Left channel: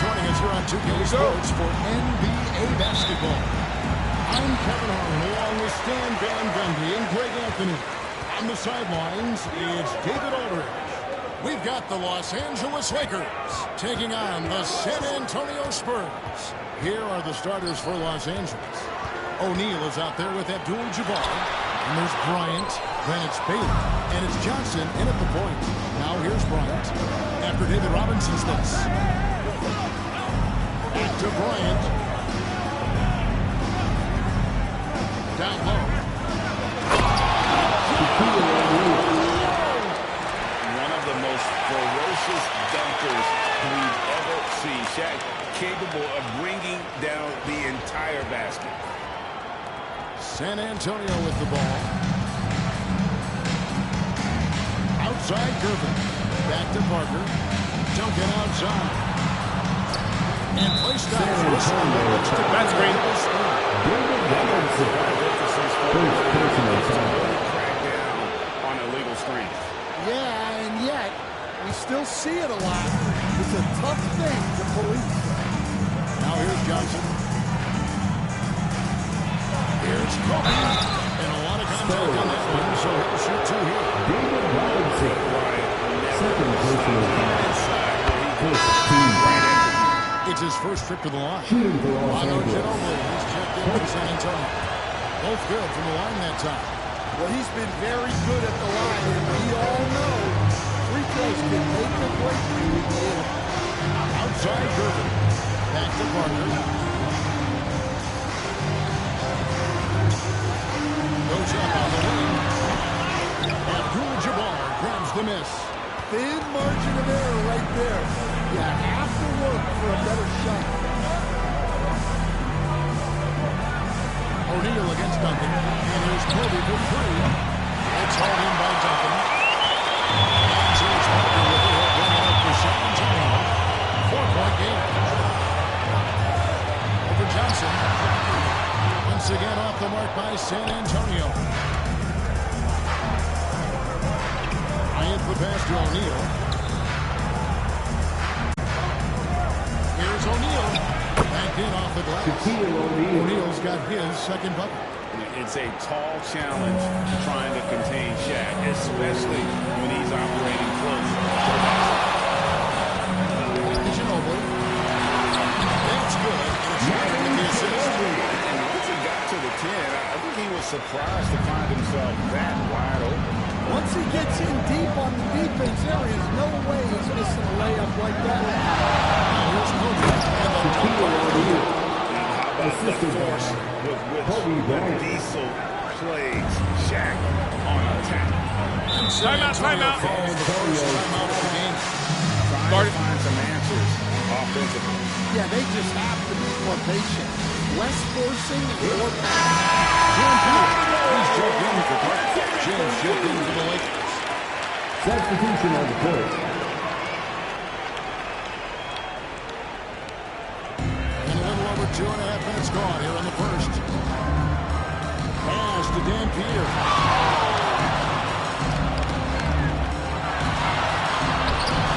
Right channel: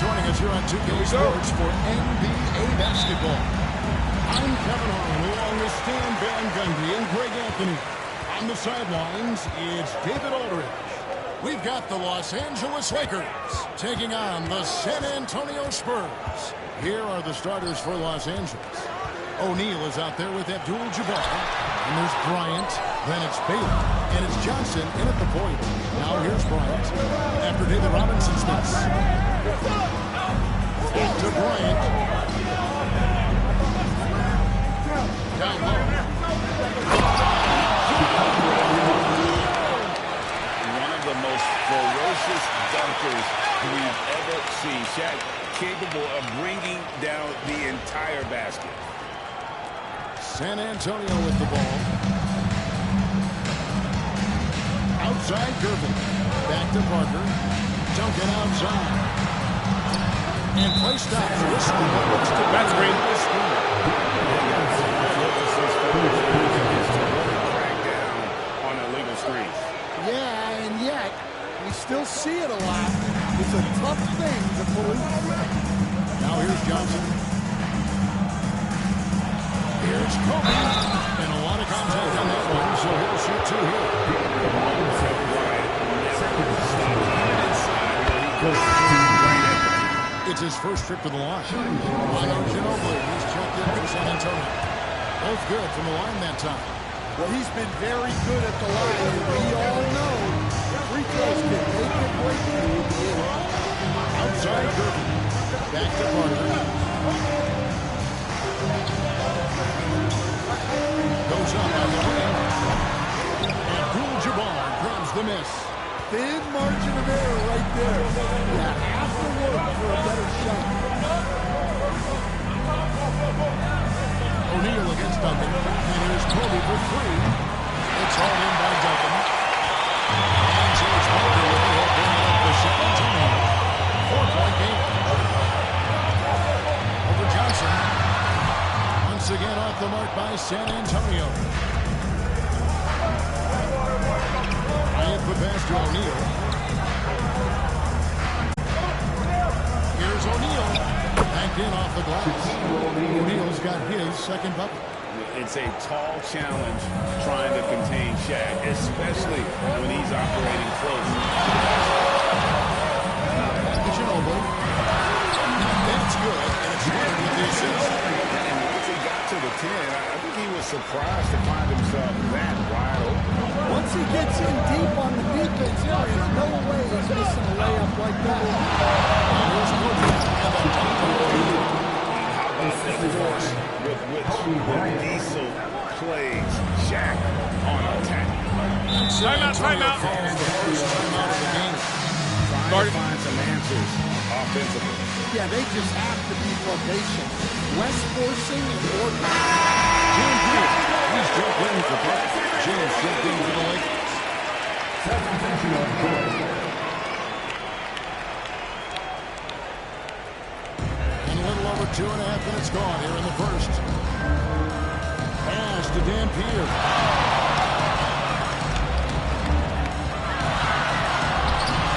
Joining us here on 2K Sports for NBA basketball. I'm Kevin Harlan along with Stan Van Gundy and Greg Anthony. On the sidelines, it's David Aldridge. We've got the Los Angeles Lakers taking on the San Antonio Spurs. Here are the starters for Los Angeles. O'Neal is out there with Abdul-Jabbar. And there's Bryant. Then it's Baylor. And it's Johnson in at the point. Now here's Bryant. After David Robinson's miss. Back to Bryant. Down low. One of the most ferocious dunkers we've ever seen. Shaq capable of bringing down the entire basket. San Antonio with the ball. Outside Gervin. Back to Parker. Duncan outside. And play stops. That's great. To really crack down on illegal screens. Yeah, and yet we still see it a lot. It's a tough thing to police. Now here's Johnson. Here's Kobe. And a lot of contact on that one, so he'll shoot two here. Bryant never stops. Even inside where he goes right at the feet. It's his first trip to the line. Manu Ginobili, he's checked in for San Antonio. Both good from the line that time. Well, he's been very good at the line, and we all know free throws can make or break you in the end. Outside Gervin. Back to Parker. Goes up on the wing. Abdul-Jabbar grabs the miss. Thin margin of error right there. You have to work for a better shot. O'Neal against Duncan. And here's Kobe for three. It's hauled in by Duncan. And George Parker with it. He'll bring it up for San Antonio. 4-point game. Over Johnson. Once again off the mark by San Antonio. Bryant the pass to O'Neal. Here's O'Neal. Backed in off the glass. O'Neal's got his second bucket. It's a tall challenge trying to contain Shaq, especially when he's operating close to the basket. Ginobili. That's good, and it's Leonard with the assist. And once he got to the 10, I think he was surprised to find himself that wide open. Once he gets in deep on the defense area, there's no way he's missing a layup like that. Now here's Kobe, and the dunk by O'Neal. And how about the force with which the Diesel plays Shaq on attack? Timeout. Calls the first timeout of the game. Trying to find some answers offensively. Yeah, they just have to be more patient. Less forcing and more passing. James Reed, he's checked in for Parker. James checked in for the Lakers. Substitution on the court. And a little over 2.5 minutes gone here in the first. Pass to Dampier.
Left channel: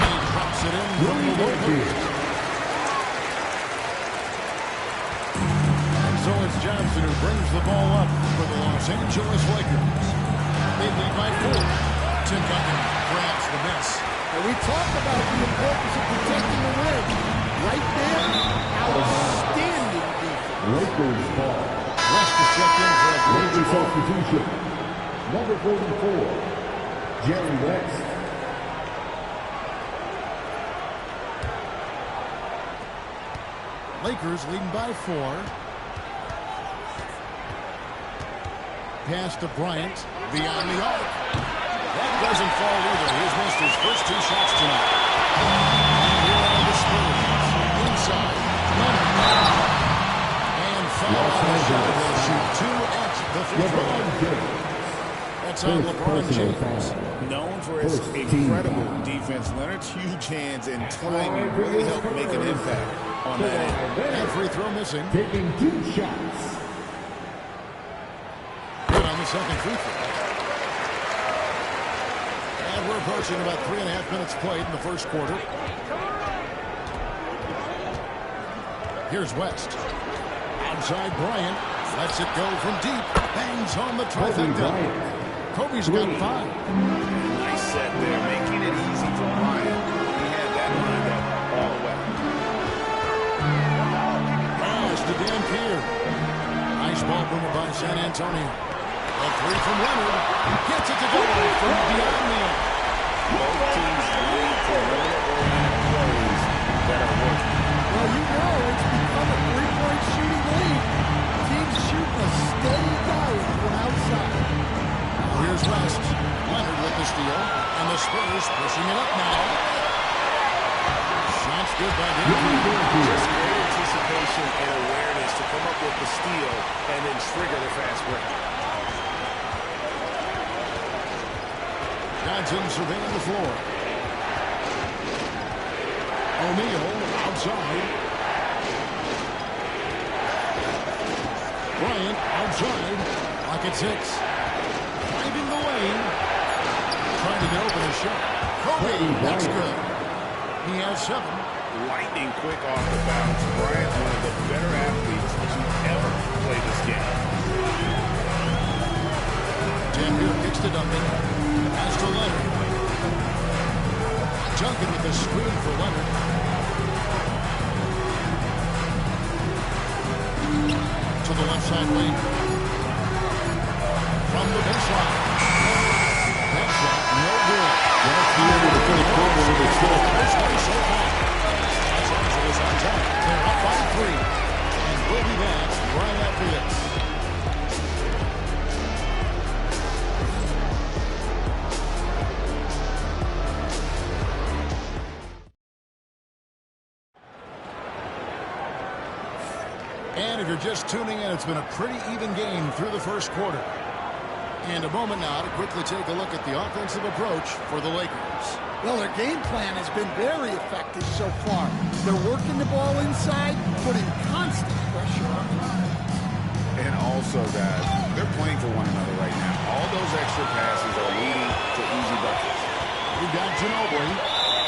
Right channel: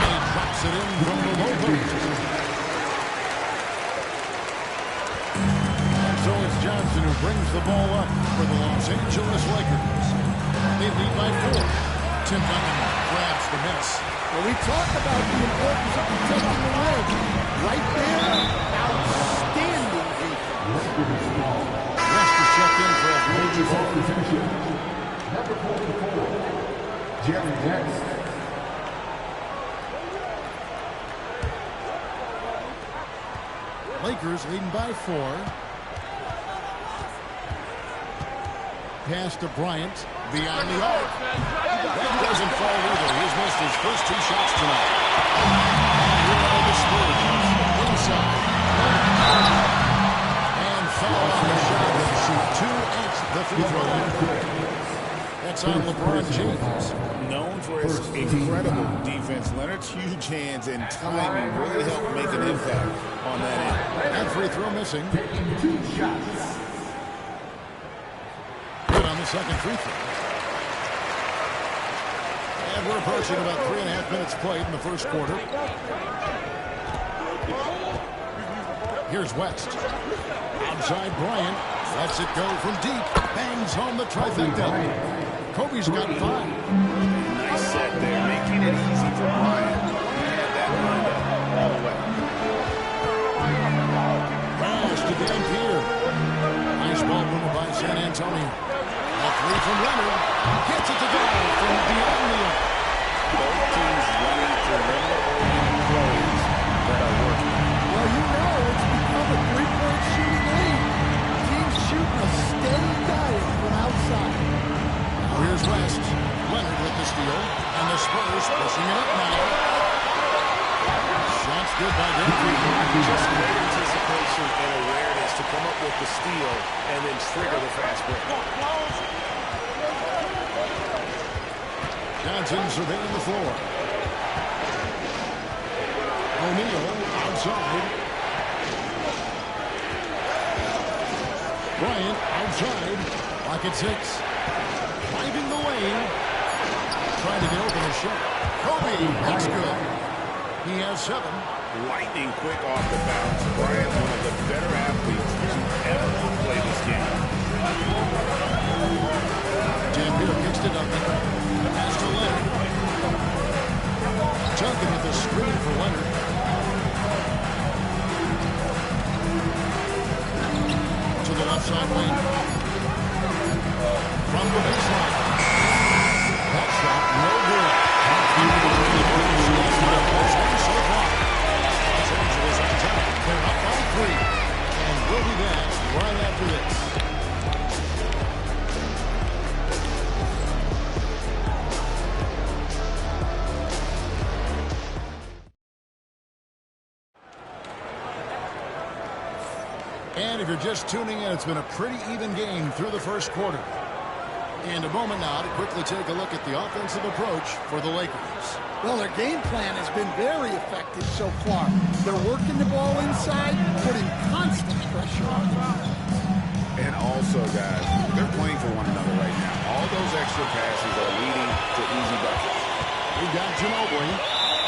He drops it in from the low post. And so it's Johnson Robinson, who brings the ball up for the Los Angeles Lakers. They lead by 4. Tim Duncan grabs the miss. And we talk about the importance of protecting the rim. Right there, outstanding defense. Lakers ball. West is checked in for a Lakers ball. substitution. Number 44, Jerry West. Lakers leading by 4. Pass to Bryant. Beyond the arc. That doesn't fall either. He's missed his first 2 shots tonight. And here are the Spurs. Inside. Leonard. And foul on the shot. He'll shoot 2 at the free throw line. That's on LeBron James. Known for his incredible defense, Leonard's huge hands and timing really helped make an impact on that end. That free throw missing. Taking 2 shots. Good on the second free throw. And we're approaching about 3.5 minutes played in the first quarter. Here's West. Outside Bryant. Lets it go from deep. Bangs home the trifecta. Kobe's got 5. Nice set there, making it easy for Bryant. He had that lined up all the way. Pass to Dan Pierre. Nice ball movement by San Antonio. A 3 from Leonard. Gets it to go from beyond the arc. Both teams running perimeter-oriented plays that are working. Well, you know it's become a 3-point shooting lead. Teams shooting a steady diet from outside. Now here's West. Leonard with the steal. And the Spurs pushing it up now. Shots good by Dan Pierre. Just great anticipation and awareness to come up with the steal and then trigger the fast break. Johnson surveying the floor. O'Neal outside. Bryant outside. Lock at 6. Driving the lane. Trying to get open a shot. Kobe, that's good. He has 7. Lightning quick off the bounce. Bryant, one of the better athletes to ever play this game. Dampier kicks to Duncan. Pass to Leonard. Duncan with the screen for Leonard. To the left side wing. From the baseline. That shot, no good. He's been a close one so far. Los Angeles on top. They're up by 3. And we'll be back right after this. And if you're just tuning in, it's been a pretty even game through the first quarter. And a moment now to quickly take a look at the offensive approach for the Lakers. Well, their game plan has been very effective so far. They're working the ball inside, putting constant pressure on the offense. And also, guys, they're playing for one another right now. All those extra passes are leading to easy buckets. We've got Ginobili.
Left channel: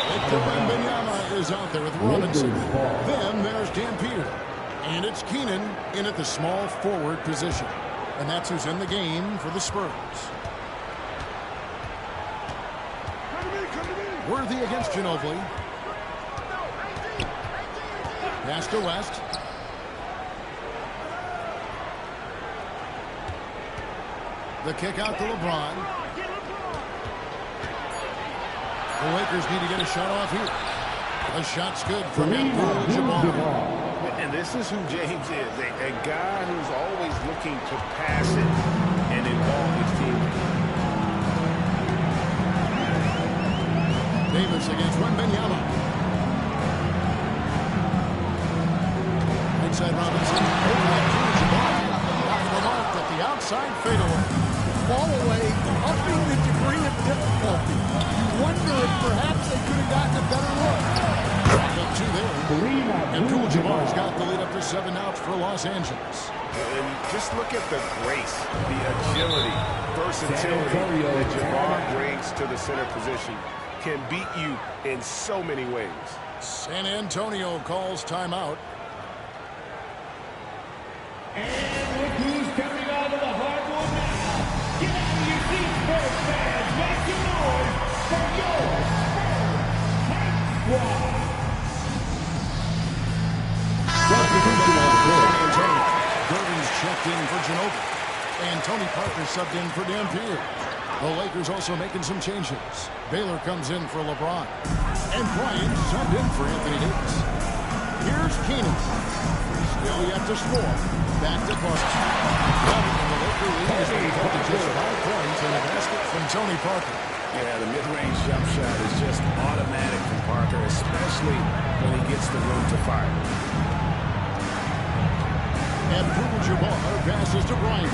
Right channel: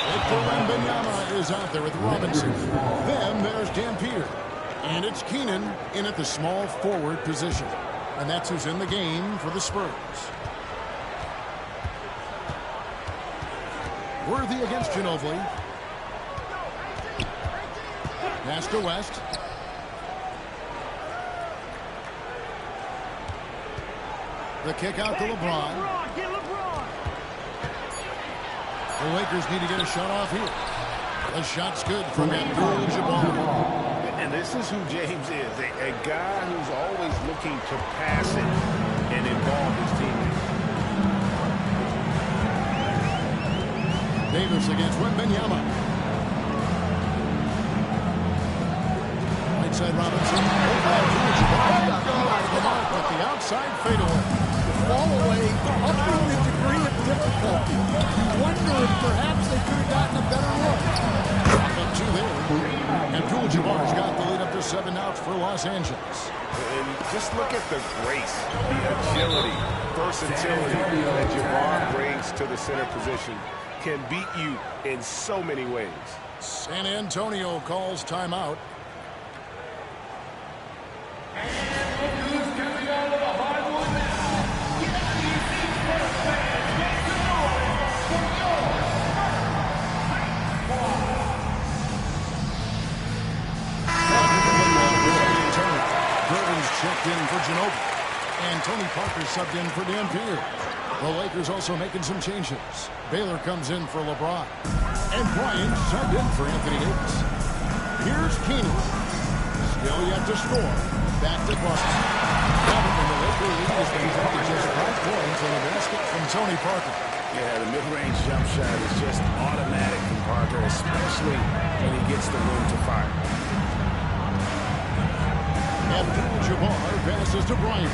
Victor Wembanyama is out there with Robinson. Then there's Dampier. And it's Keenan in at the small forward position. And that's who's in the game for the Spurs. Worthy against Ginobili. Pass to West. The kick out to LeBron. The Lakers need to get a shot off here. The shot's good from Abdul-Jabbar. And this is who James is, a guy who's always looking to pass it and involve his teammates. Davis against Wembanyama. Right side Robinson. Over Abdul-Jabbar. Off the mark with the outside fadeaway. The fall away, upping the degree of difficulty. You wonder if perhaps they could have gotten a better look. Up 2 there. Abdul-Jabbar's got the lead up to 7 now for Los Angeles. And just look at the grace, the agility, versatility that Jabbar brings to the center position. Can beat you in so many ways. San Antonio calls timeout. Gervin's checked in for Ginobili. And Tony Parker subbed in for Dampier. The Lakers also making some changes. Baylor comes in for LeBron. And Bryant subbed in for Anthony Davis. Here's Keenan. Still yet to score. Back to Parker. And the Laker lead has been cut to just 5 points on a basket from Tony Parker. Yeah, the mid-range jump shot is just automatic from Parker, especially when he gets the room to fire. Abdul-Jabbar passes to Bryant.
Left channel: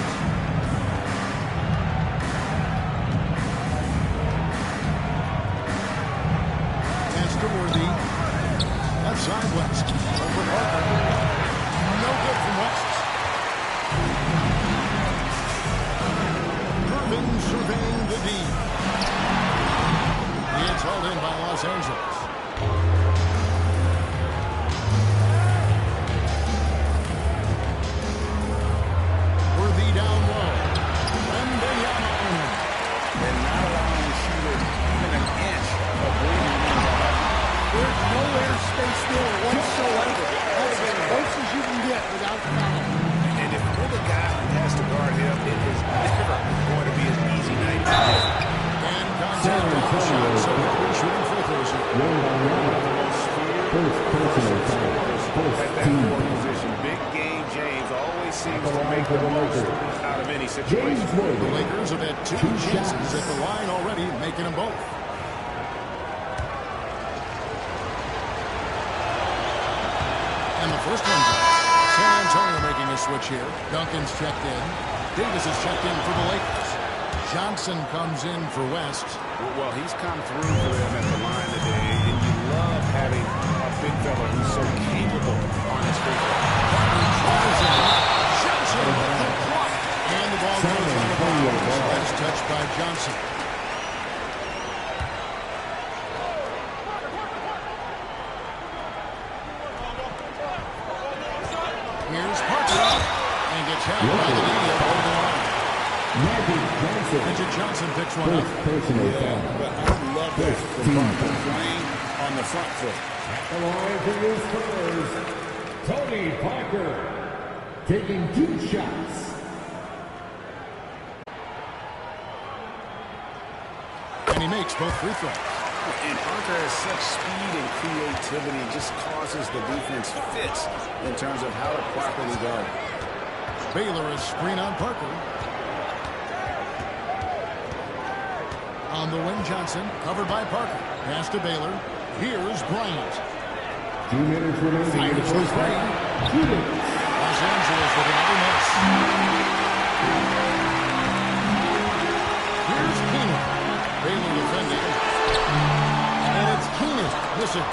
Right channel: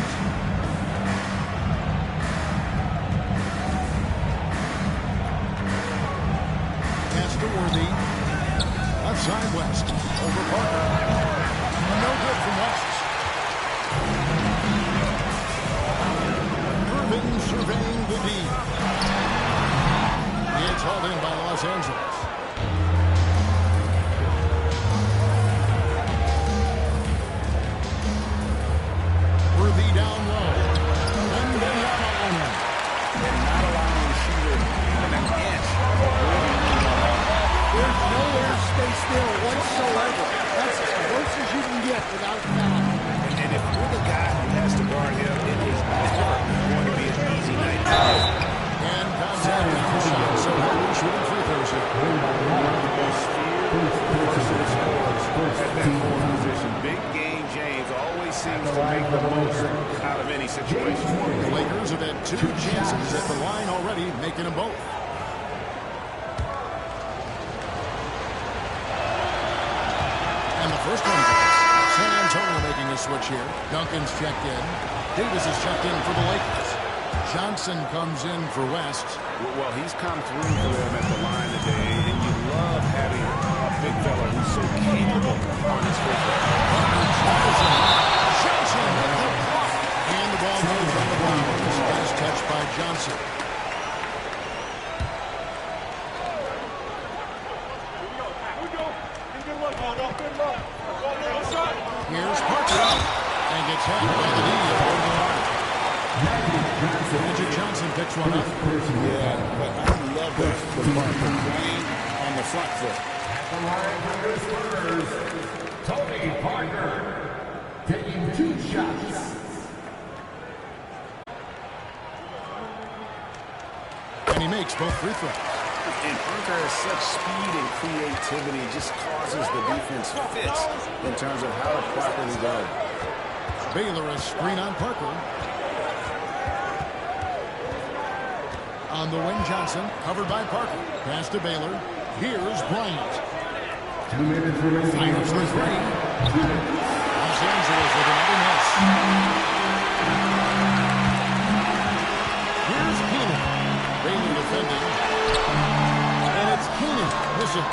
Pass to Worthy. Left side, West. Over Parker. No good from West. Irving surveying the D. It's hauled in by Los Angeles. Worthy down low. Wembanyama on him. And not allowing the shooter even an inch of breathing room on that. There's no airspace there whatsoever. That's as close as you can get without foul. And if you're the guy who has to guard him, it is never going to be an easy night for him. And contact on the shot, so he'll be shooting free throws here. One of the most feared versatile scorers at that forward position. Big game James always seems to make the most out of any situation. The Lakers have had 2 chances at the line already, making them both. And the first one goes. San Antonio making a switch here. Duncan's checked in. Davis is checked in for the Lakers. Johnson comes in for West. Well, he's come through for them at the line today, and you love having a big fella who's so capable on his free throw. Parker tries in. Johnson with the block. And the ball goes on the bounds. Last touch by Johnson. Here's Parker. And gets hacked by the D over the line. Magic Johnson picks one up. Yeah, but I love that from Parker playing on the front foot. At the line for your Spurs, Tony Parker taking 2 shots. And he makes both free throws. And Parker has such speed and creativity, it just causes the defense fits in terms of how to properly guard. Baylor a screen on Parker. On the wing, Johnson, covered by Parker. Pass to Baylor. Here's Bryant. 2 minutes remaining. Fires the three. Los Angeles with another miss. Here's Keenan. Baylor defending. And it's Keenan missing.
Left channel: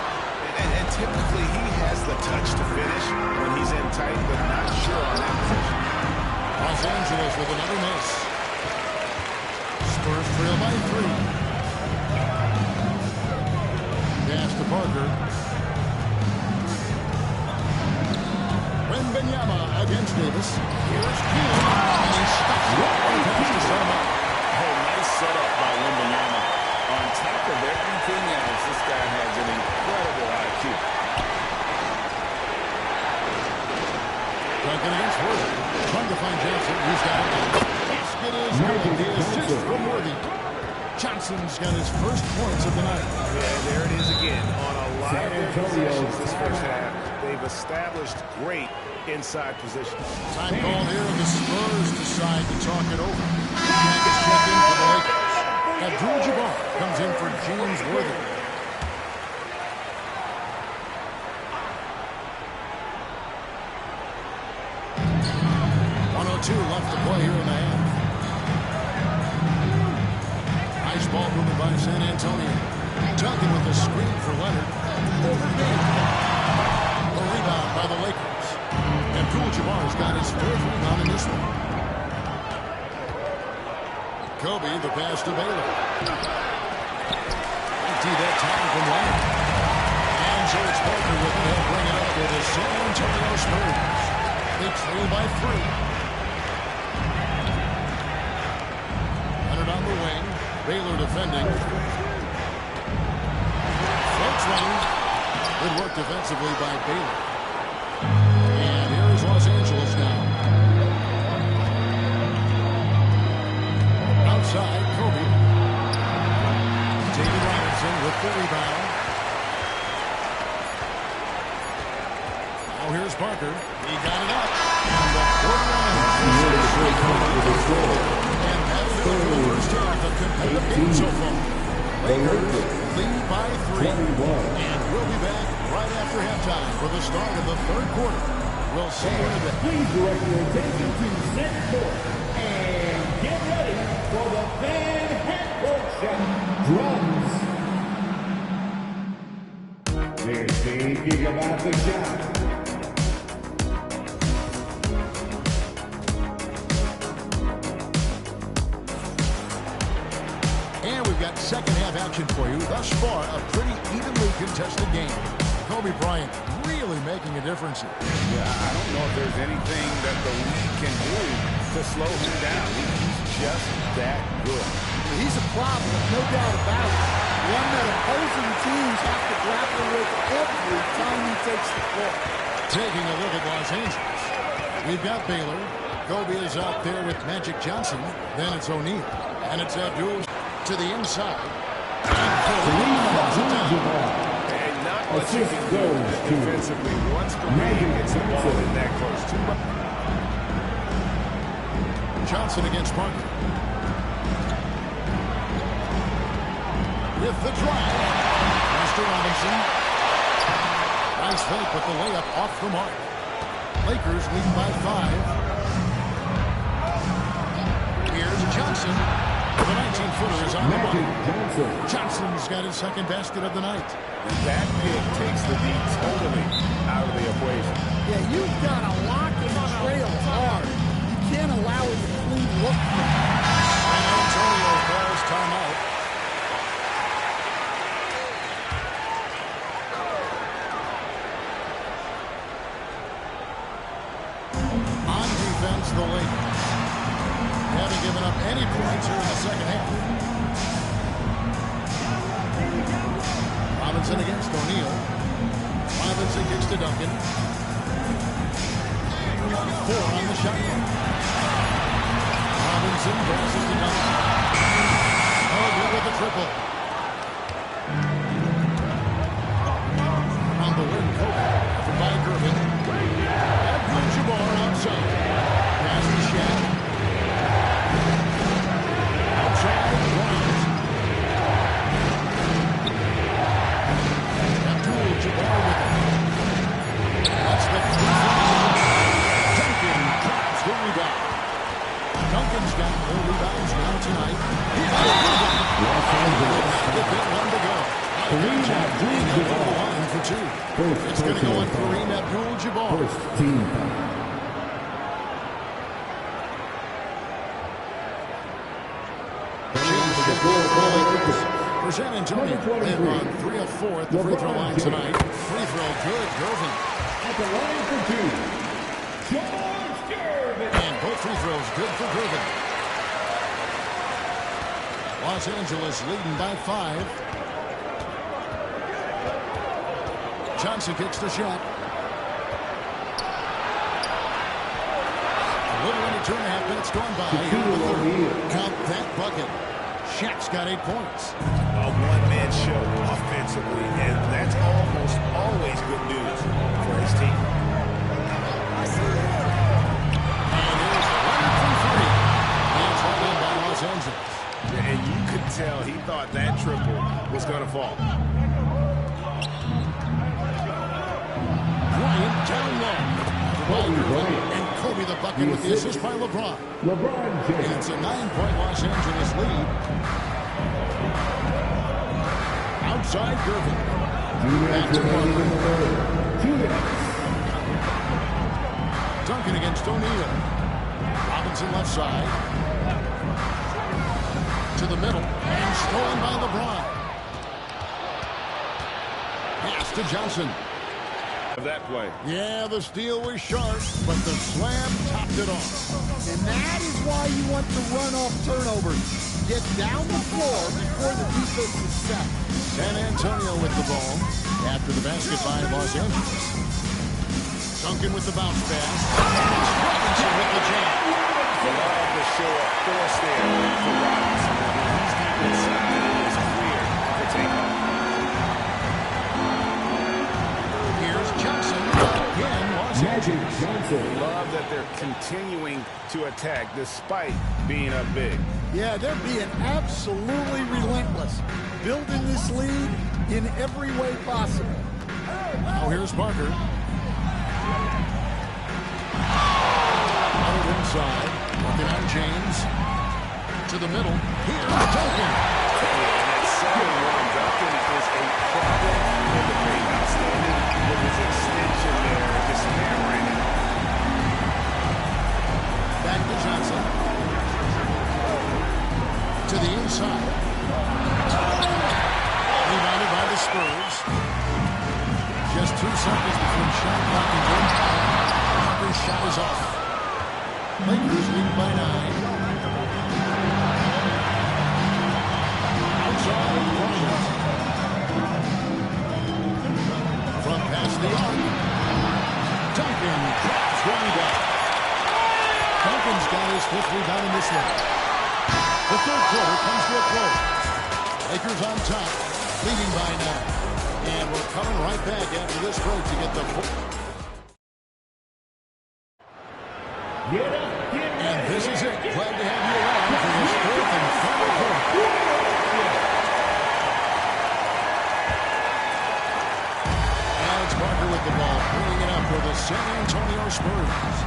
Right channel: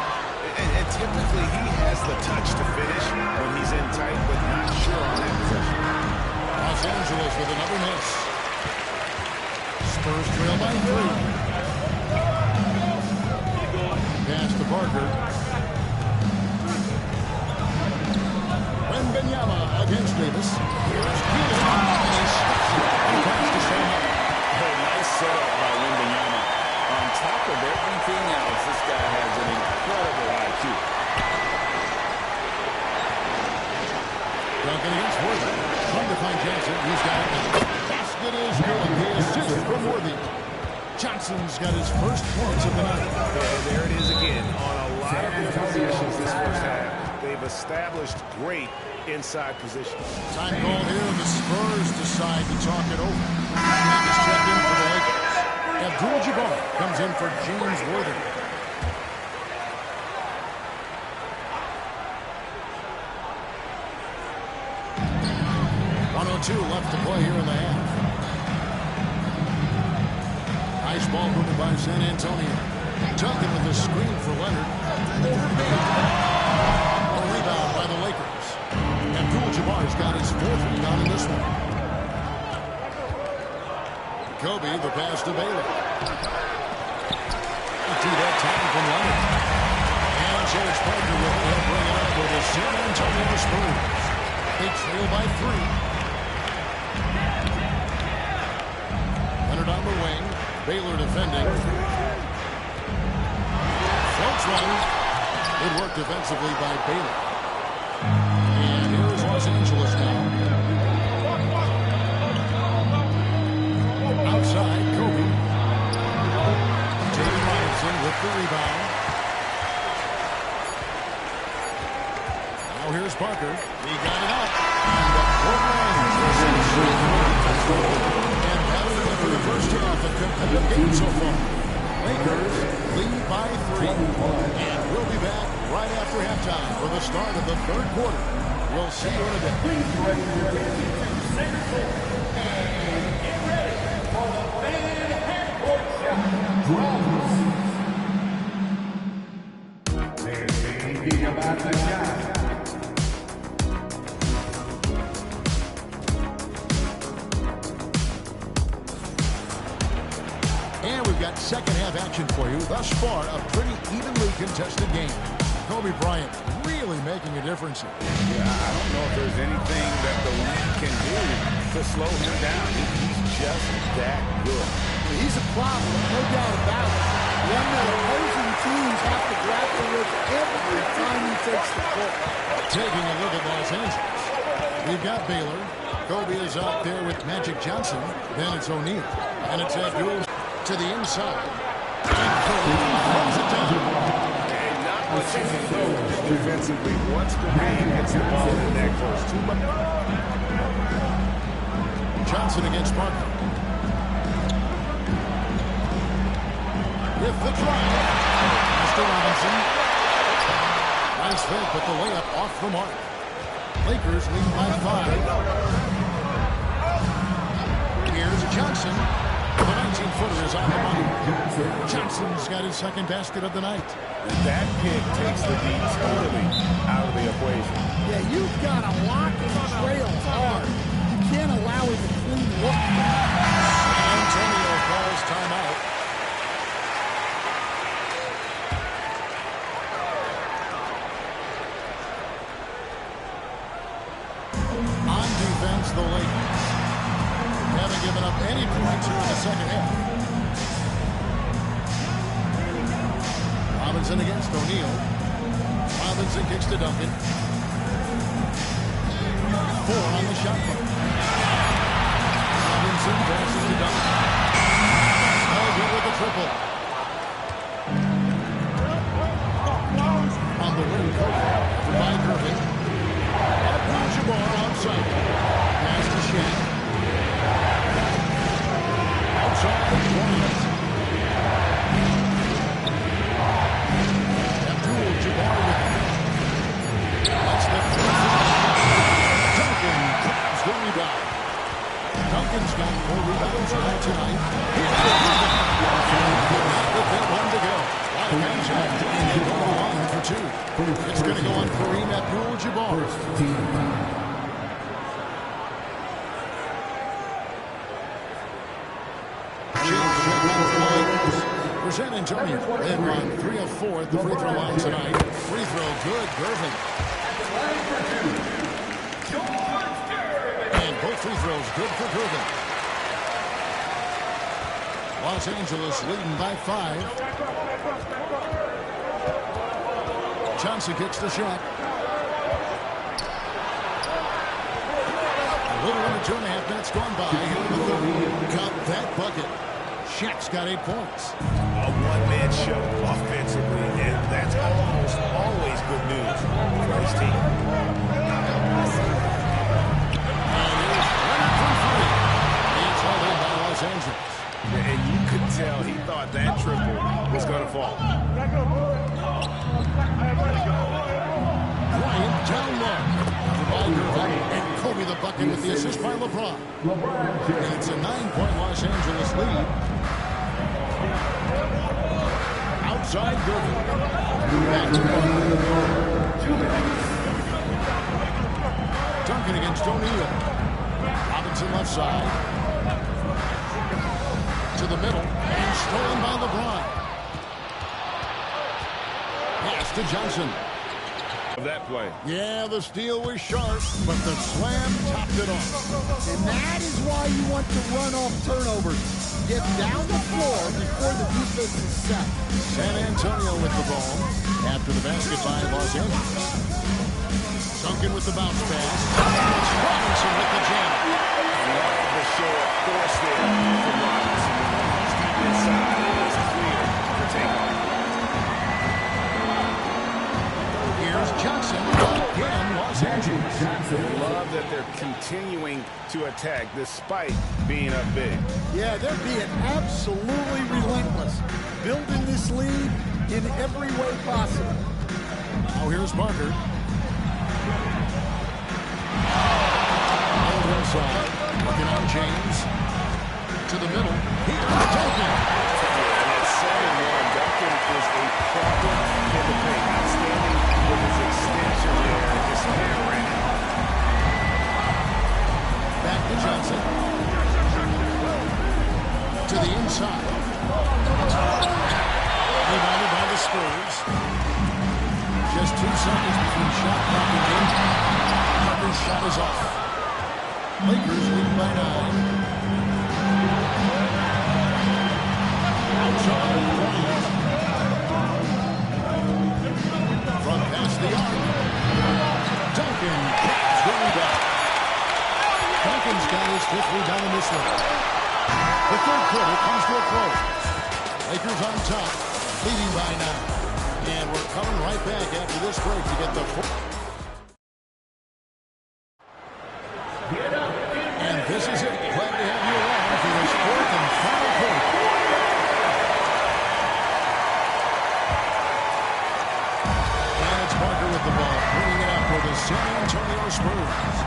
And typically he has the touch to finish when he's in tight, but not sure on that possession. Los Angeles with another miss. Spurs trail by 3. Pass to Parker. Wembanyama against Davis. Here's Keenan. And he stuffs it on a pass to set him up. Oh, nice setup by Wembanyama. On top of everything else, this guy has an incredible IQ. Duncan against Worthy. Trying to find Johnson. He's got it now. Basket is good. The assist from Worthy. Johnson's got his first points of the night. Yeah, there it is again. On a lot of their possessions this first half, they've established great inside positions. Time called here. The Spurs decide to talk it over. Shaq is checked in for the Lakers. Abdul-Jabbar comes in for James Worthy. .102 left to play here in the half. Nice ball movement by San Antonio. Duncan with the screen for Leonard. Over Baylor. A rebound by the Lakers. Abdul-Jabbar's got his 4th rebound in this one. Kobe, the pass to Baylor. Empty that time from Leonard. And so it's Parker with it. He'll bring it up for the San Antonio Spurs. They trail by 3. Leonard on the wing. Baylor defending. Floats one. Good work defensively by Baylor. And here is Los Angeles now. inside, Kobe. David Robinson with the rebound. Now here's Parker. He got it up. And the quarter ends. And that'll do it for the first half of competitive game so far. Lakers lead by 3. And we'll be back right after halftime for the start of the third quarter. We'll see you in a bit. Please direct your attention to center court and get ready for the fan half-court shot. Drums. They're thinking about the shot. And we've got second half action for you. Thus far, a pretty evenly contested game. Kobe Bryant really making a difference here. Yeah, I don't know if there's anything that the league can do to slow him down. He's just that good. He's a problem, no doubt about it. One that opposing teams have to grapple with every time he takes the court. Taking a look at Los Angeles. We've got Baylor. Kobe is out there with Magic Johnson. Then it's O'Neal. And it's Abdul to the inside. And Kobe throws it down. And not much you can do defensively once Kareem gets the ball in that close. Too much. Johnson against Parker. With the drive. Master Robinson. Nice fake, but the layup off the mark. Lakers leading by 5. Here's Johnson. The 19-footer is on the money. Johnson's got his second basket of the night. And that pick takes the D totally out of the equation. Yeah, you've got to lock and trail hard. You can't allow him to clean look. San Antonio calls timeout. On defense, the Lakers haven't given up any points here in the second half. Robinson against O'Neal. Robinson kicks to Duncan. 4 on the shot clock. Robinson passes to Duncan. Oh, good with the triple. On the wing, Kobe. Covered by Gervin. Abdul-Jabbar outside. Pass to Shaq. Outside, Bryant. Abdul-Jabbar with it. That's the three. Duncan grabs the rebound. Duncan's got 4 rebounds now tonight. Here's Gervin. And he could not get that one to go. A lot of contact. And he'll go to the line for 2. It's going to go on Kareem Abdul-Jabbar. First team foul. For San Antonio, they've run 3 of 4 at the free throw line tonight. Free throw good, Gervin. At the line for 2, George Gervin. And both free throws good for Gervin. Los Angeles leading by 5. Johnson kicks the shot. A little under 2.5 minutes gone by here in the third. Count that bucket. Shaq's got 8 points. A one-man show offensively, and that's almost always good news for his team. And here's Leonard from 3. It's hauled in by Los Angeles. And you could tell he thought that triple was going to fall. Bryant down low. Covered by Gervin. And Kobe the bucket with the assist by LeBron. And it's a 9-point Los Angeles lead. Outside Gervin. Back to Parker. Duncan against O'Neal. Robinson left side. To the middle. And stolen by LeBron. Pass to Johnson. That play. Yeah, the steal was sharp, but the slam topped it off. And that is why you want to run off turnovers. Get down the floor before the defense is set. San Antonio with the ball after the basket by Los Angeles. Duncan with the bounce pass. Robinson with the jam. Love the show of force there for Robinson. When he's deep inside, it is clear for takeoff. Here's Johnson. Again, Los Angeles. Love that they're continuing to attack despite being up big. Yeah, they're being absolutely relentless, building this lead in every way possible. Now here's Parker. Out inside, working on James. To the middle. Here's Duncan. Yeah, and at 7-1, Duncan is a problem in the paint. Outstanding with his extension there, just hammering it home. Back to Johnson. To the inside. Rebounded by the Spurs. Just 2 seconds between shot clock and game time. Parker's shot is off. Lakers lead by 9. Outside Bryant. From past the arc. Duncan grabs the rebound. Duncan's got his 5th rebound in this one. The 3rd quarter comes to a close. Lakers on top, leading by 9. And we're coming right back after this break to get the... And this is it. Glad to have you along for this 4th and final quarter. And it's Parker with the ball, bringing it up for the San Antonio Spurs.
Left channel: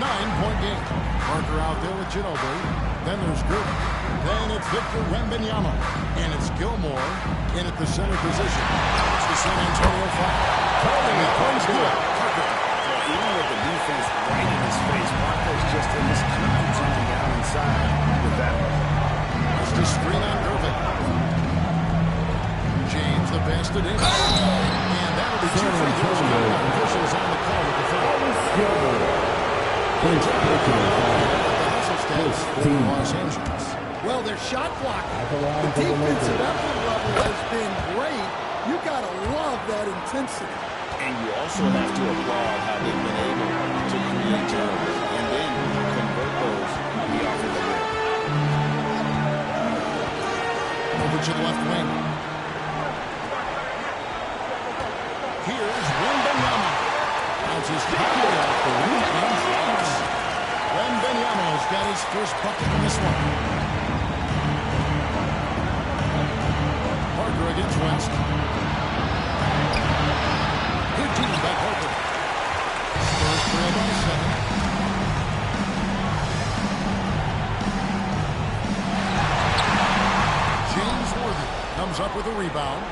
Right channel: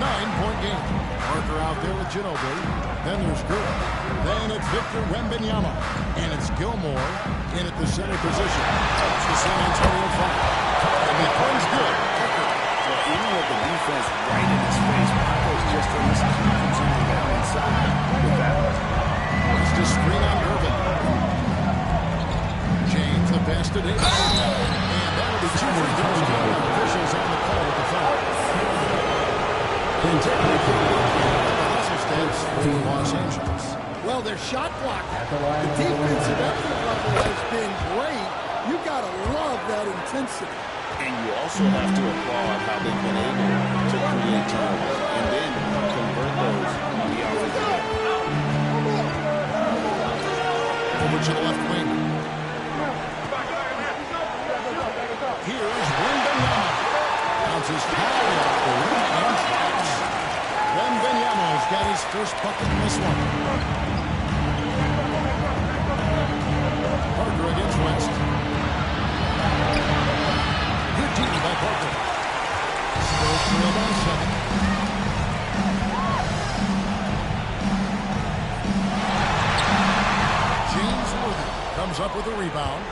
9-point game. Parker out there with Ginobili. Then there's Gervin. Then it's Victor Wembanyama. And it's Gilmore in at the center position. It's the San Antonio Fire. And that one's good. Parker. Well, even with the defense right in his face, Parker's just in this comfort zone down inside with that one. West to screen on Gervin. James, the pass to Davis. And that'll be 2 free throws coming up. Officials on the call with the foul. And taking a good look here at the hustle stats for Los Angeles. Well, their shot blocking. The defensive effort level has been great. You got to love that intensity. And you also have to applaud how they've been able to create turnovers and then convert those on the offensive end. Over to the left wing. Here's Wembanyama. Bounces high off the rim and drops. Wembanyama's got his first bucket in this one. Parker against West. Good team by Parker. Spurs trail by 7. James Worthy comes up with a rebound.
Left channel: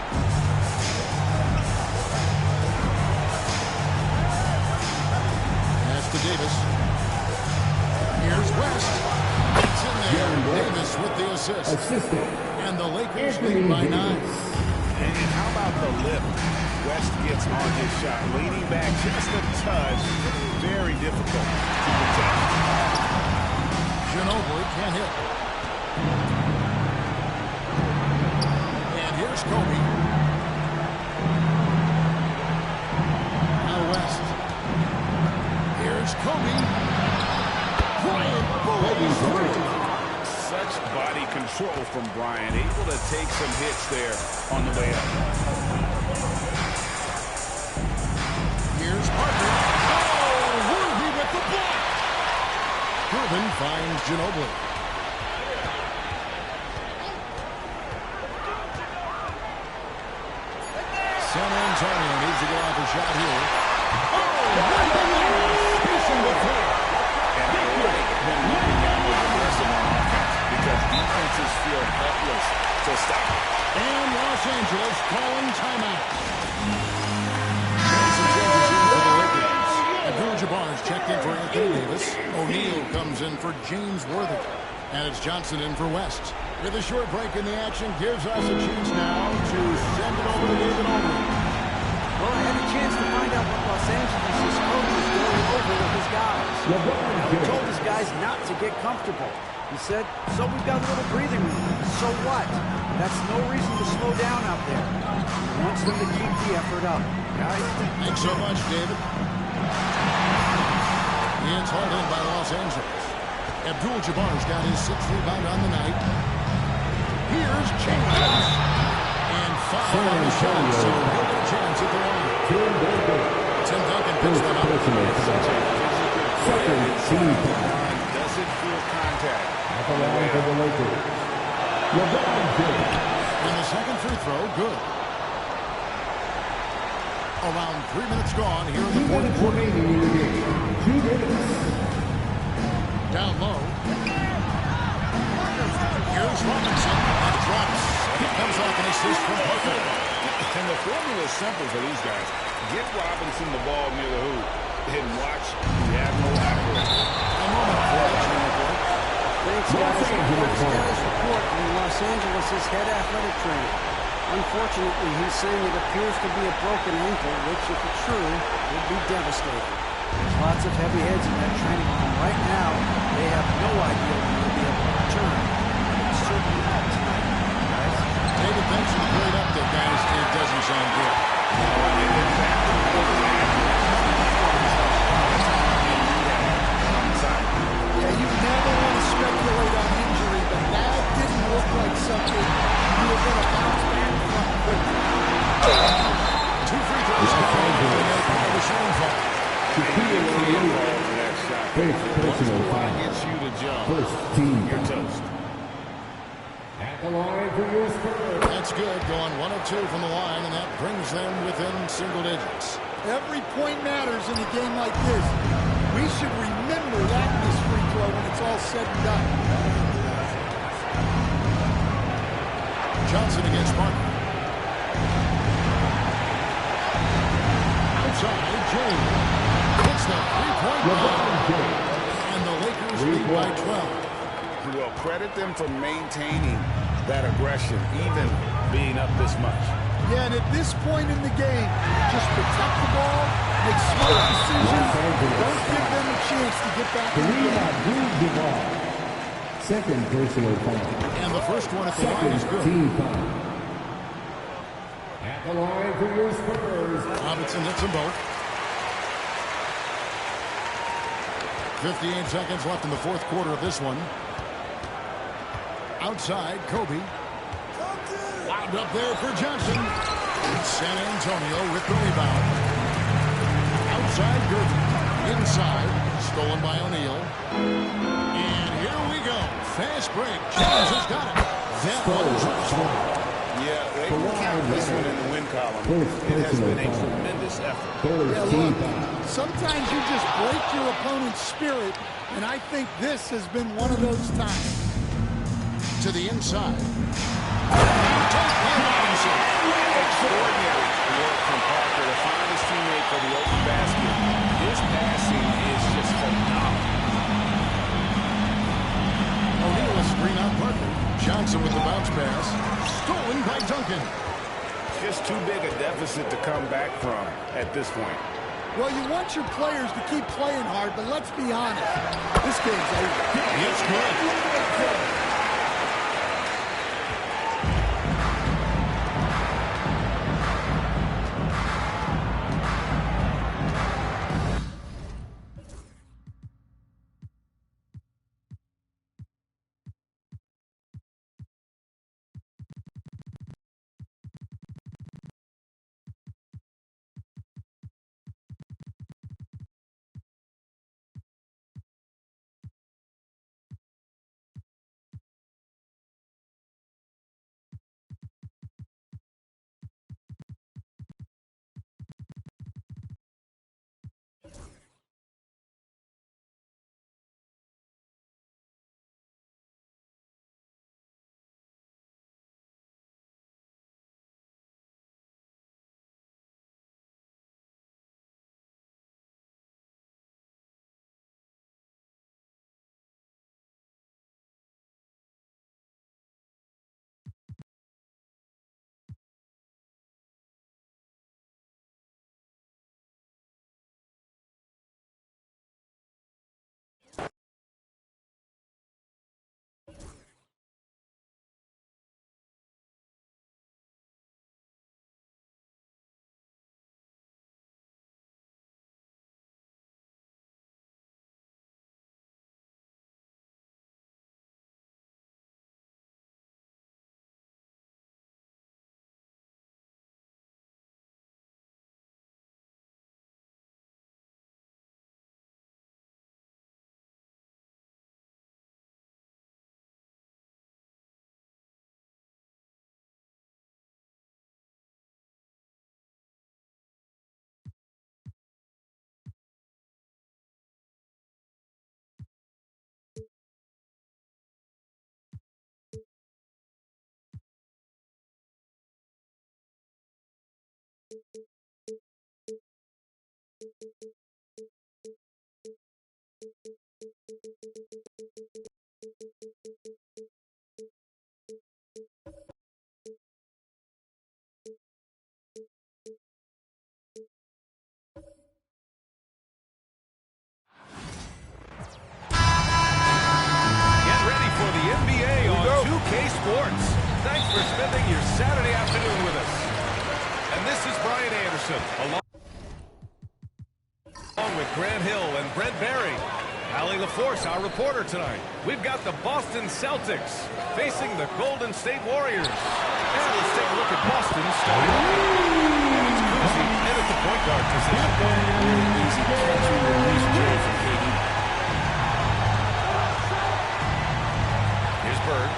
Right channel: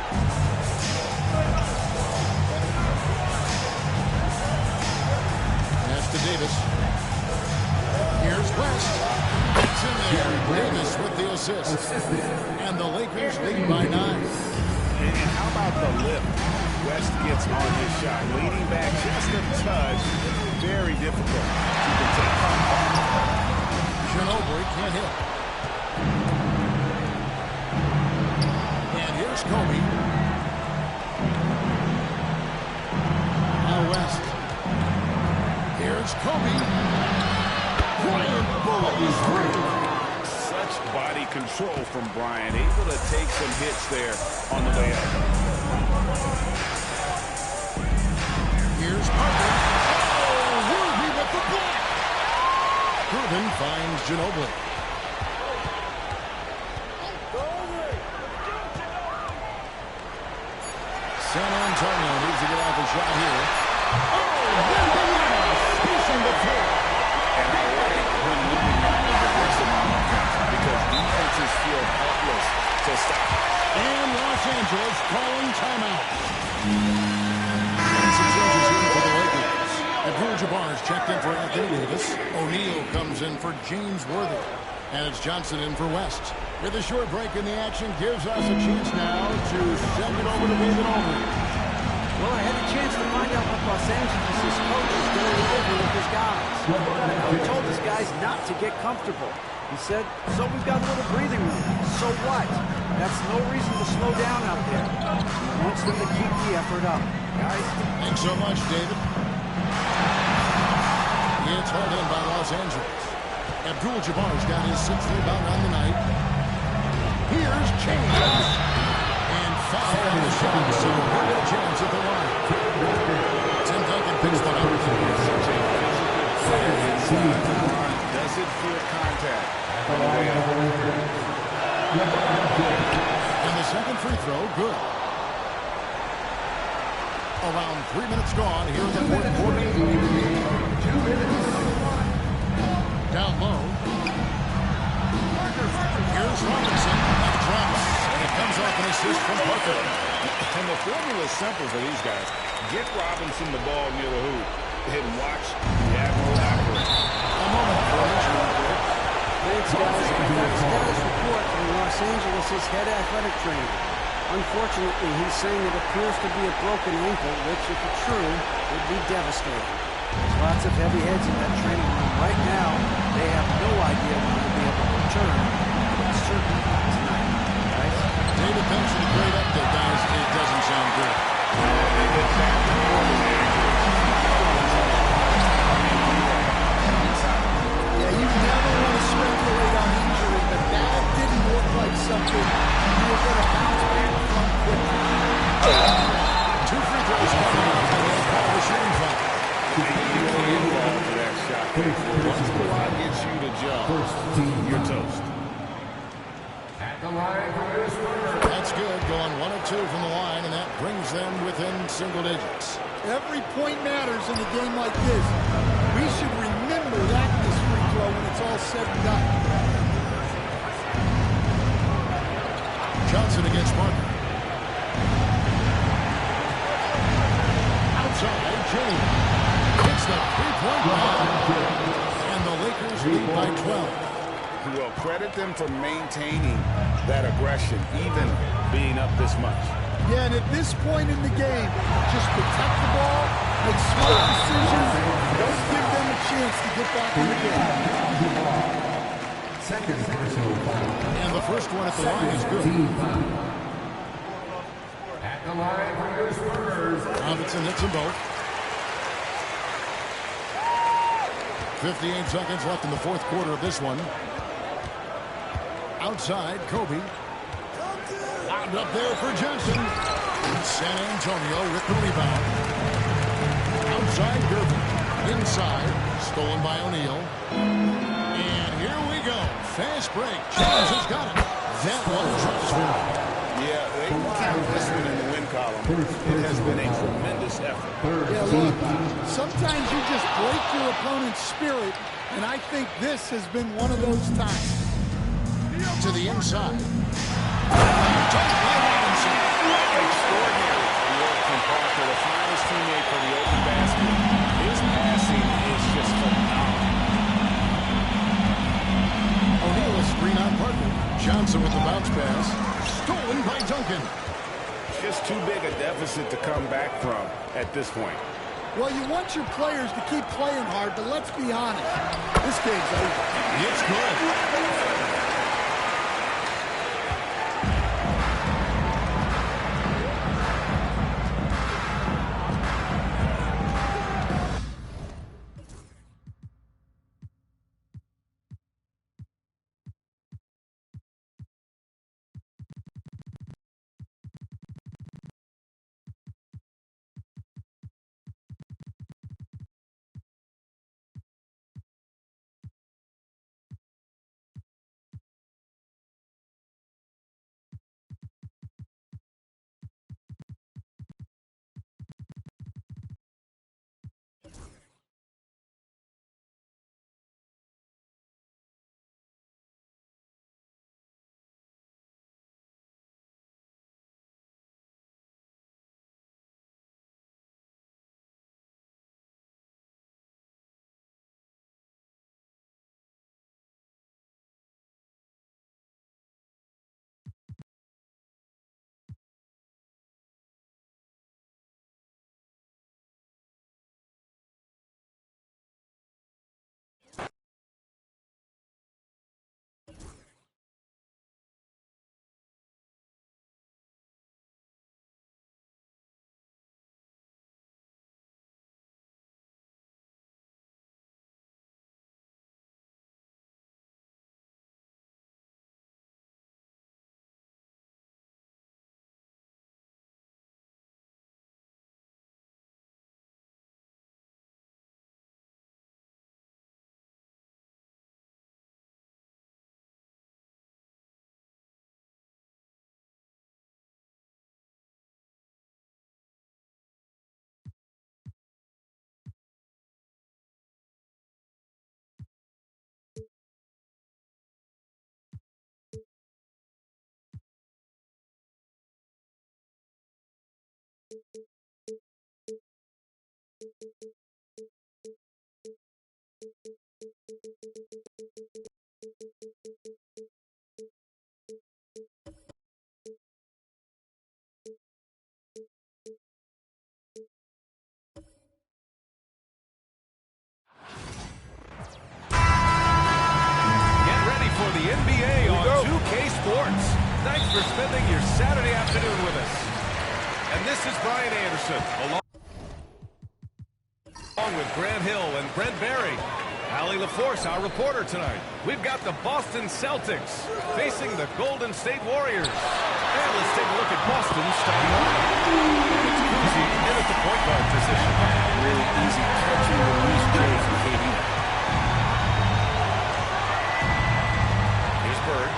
Pass to Davis. Here's West. It's in there. Davis with the assist. And the Lakers lead by 9. And how about the lift West gets on his shot? Leaning back just a touch. Very difficult to contest. Ginobili can't hit. And here's Kobe. Now West. Here's Kobe. Bryant bullies through. Such body control from Bryant. Able to take some hits there on the way up. Here's Parker. Oh, Worthy with the block. Gervin finds Ginobili. San Antonio needs to get off a shot here. Oh, Wembanyama spacing the floor. And I like when Wembanyama is aggressive on offense because defenses feel helpless to stop it. And Los Angeles calling timeout. And some changes here for the Lakers. Abdul-Jabbar's checked in for Anthony Davis. O'Neal comes in for James Worthy. And it's Johnson in for West. With a short break in the action, gives us a chance now to send it over to David Aldridge. Well, I had a chance to find out what Los Angeles' coach is going over with his guys. Now, he told his guys not to get comfortable. He said, so we've got a little breathing room. So what? That's no reason to slow down out there. He wants them to keep the effort up. Guys? Thanks so much, David. It's hauled in by Los Angeles. Abdul-Jabbar's got his 6th rebound on the night. Here's James. And foul on the shot, so he'll get a chance at the line. Tim Duncan picks one up. It's such a physical player inside the line. Doesn't feel contact on the way up. And the second free throw, good. Around 3 minutes gone here in the fourth quarter. Down low. Here's Robinson. That drops. And it comes off an assist from Parker. And the formula is simple for these guys. Get Robinson the ball near the hoop and watch the Admiral operate. A moment for an injury report. Thanks, guys. I got a status report from Los Angeles' head athletic trainer. Unfortunately, he's saying it appears to be a broken ankle, which, if it's true, would be devastating. There's lots of heavy heads in that training room right now. They have no idea when he'll be able to return, but it's certainly not tonight. Guys? David, thanks for the great update, guys. It doesn't sound good. No, and that report is accurate. He's going to spend a lot of time in rehab and on the sideline. Yeah, you never want to speculate on injury, but that didn't look like something you were going to bounce back from quickly. 2 free throws coming up, and they'll call the shooting foul. You can't fall for that shot. Once the line gets you to jump, you're toast. At the line for your Spurs. That's good, going 1 of 2 from the line, and that brings them within single digits. Every point matters in a game like this. We should remember that in this free throw when it's all said and done. Johnson against Parker. Outside, James hits the three-point line, and the Lakers lead by 12. Well, credit them for maintaining that aggression, even being up this much. Yeah, and at this point in the game, just protect the ball, make smart decisions, don't give them a chance to get back in the game. Second personal foul. And the first one at the line is good. At the line for your Spurs. Robinson hits them both. 58 seconds left in the fourth quarter of this one. Outside, Kobe. Wound up there for Johnson. San Antonio with the rebound. Outside, Gervin. Inside, stolen by O'Neal. And here we go. Fast break. James has got it. That one drops for him. Yeah, they can count this one in the win column. It has been a tremendous effort. Yeah, look, sometimes you just break your opponent's spirit, and I think this has been one of those times. To the inside. Dunk by Robinson. Extraordinary work from Parker to find his teammate for the open basket. His passing is just phenomenal. O'Neal a screen on Parker. Johnson with the bounce pass. Stolen by Duncan. Just too big a deficit to come back from at this point. Well, you want your players to keep playing hard, but let's be honest. This game's over. It's good. For the NBA on 2K Sports. Thanks for spending your Saturday afternoon with us. And this is Brian Anderson, along with Grant Hill and Brent Barry. Allie LaForce, our reporter tonight. We've got the Boston Celtics facing the Golden State Warriors. And let's take a look at Boston starting off. And it's Kuzi in at the point guard position. Really easy catch and release J from KD. Here's Bird.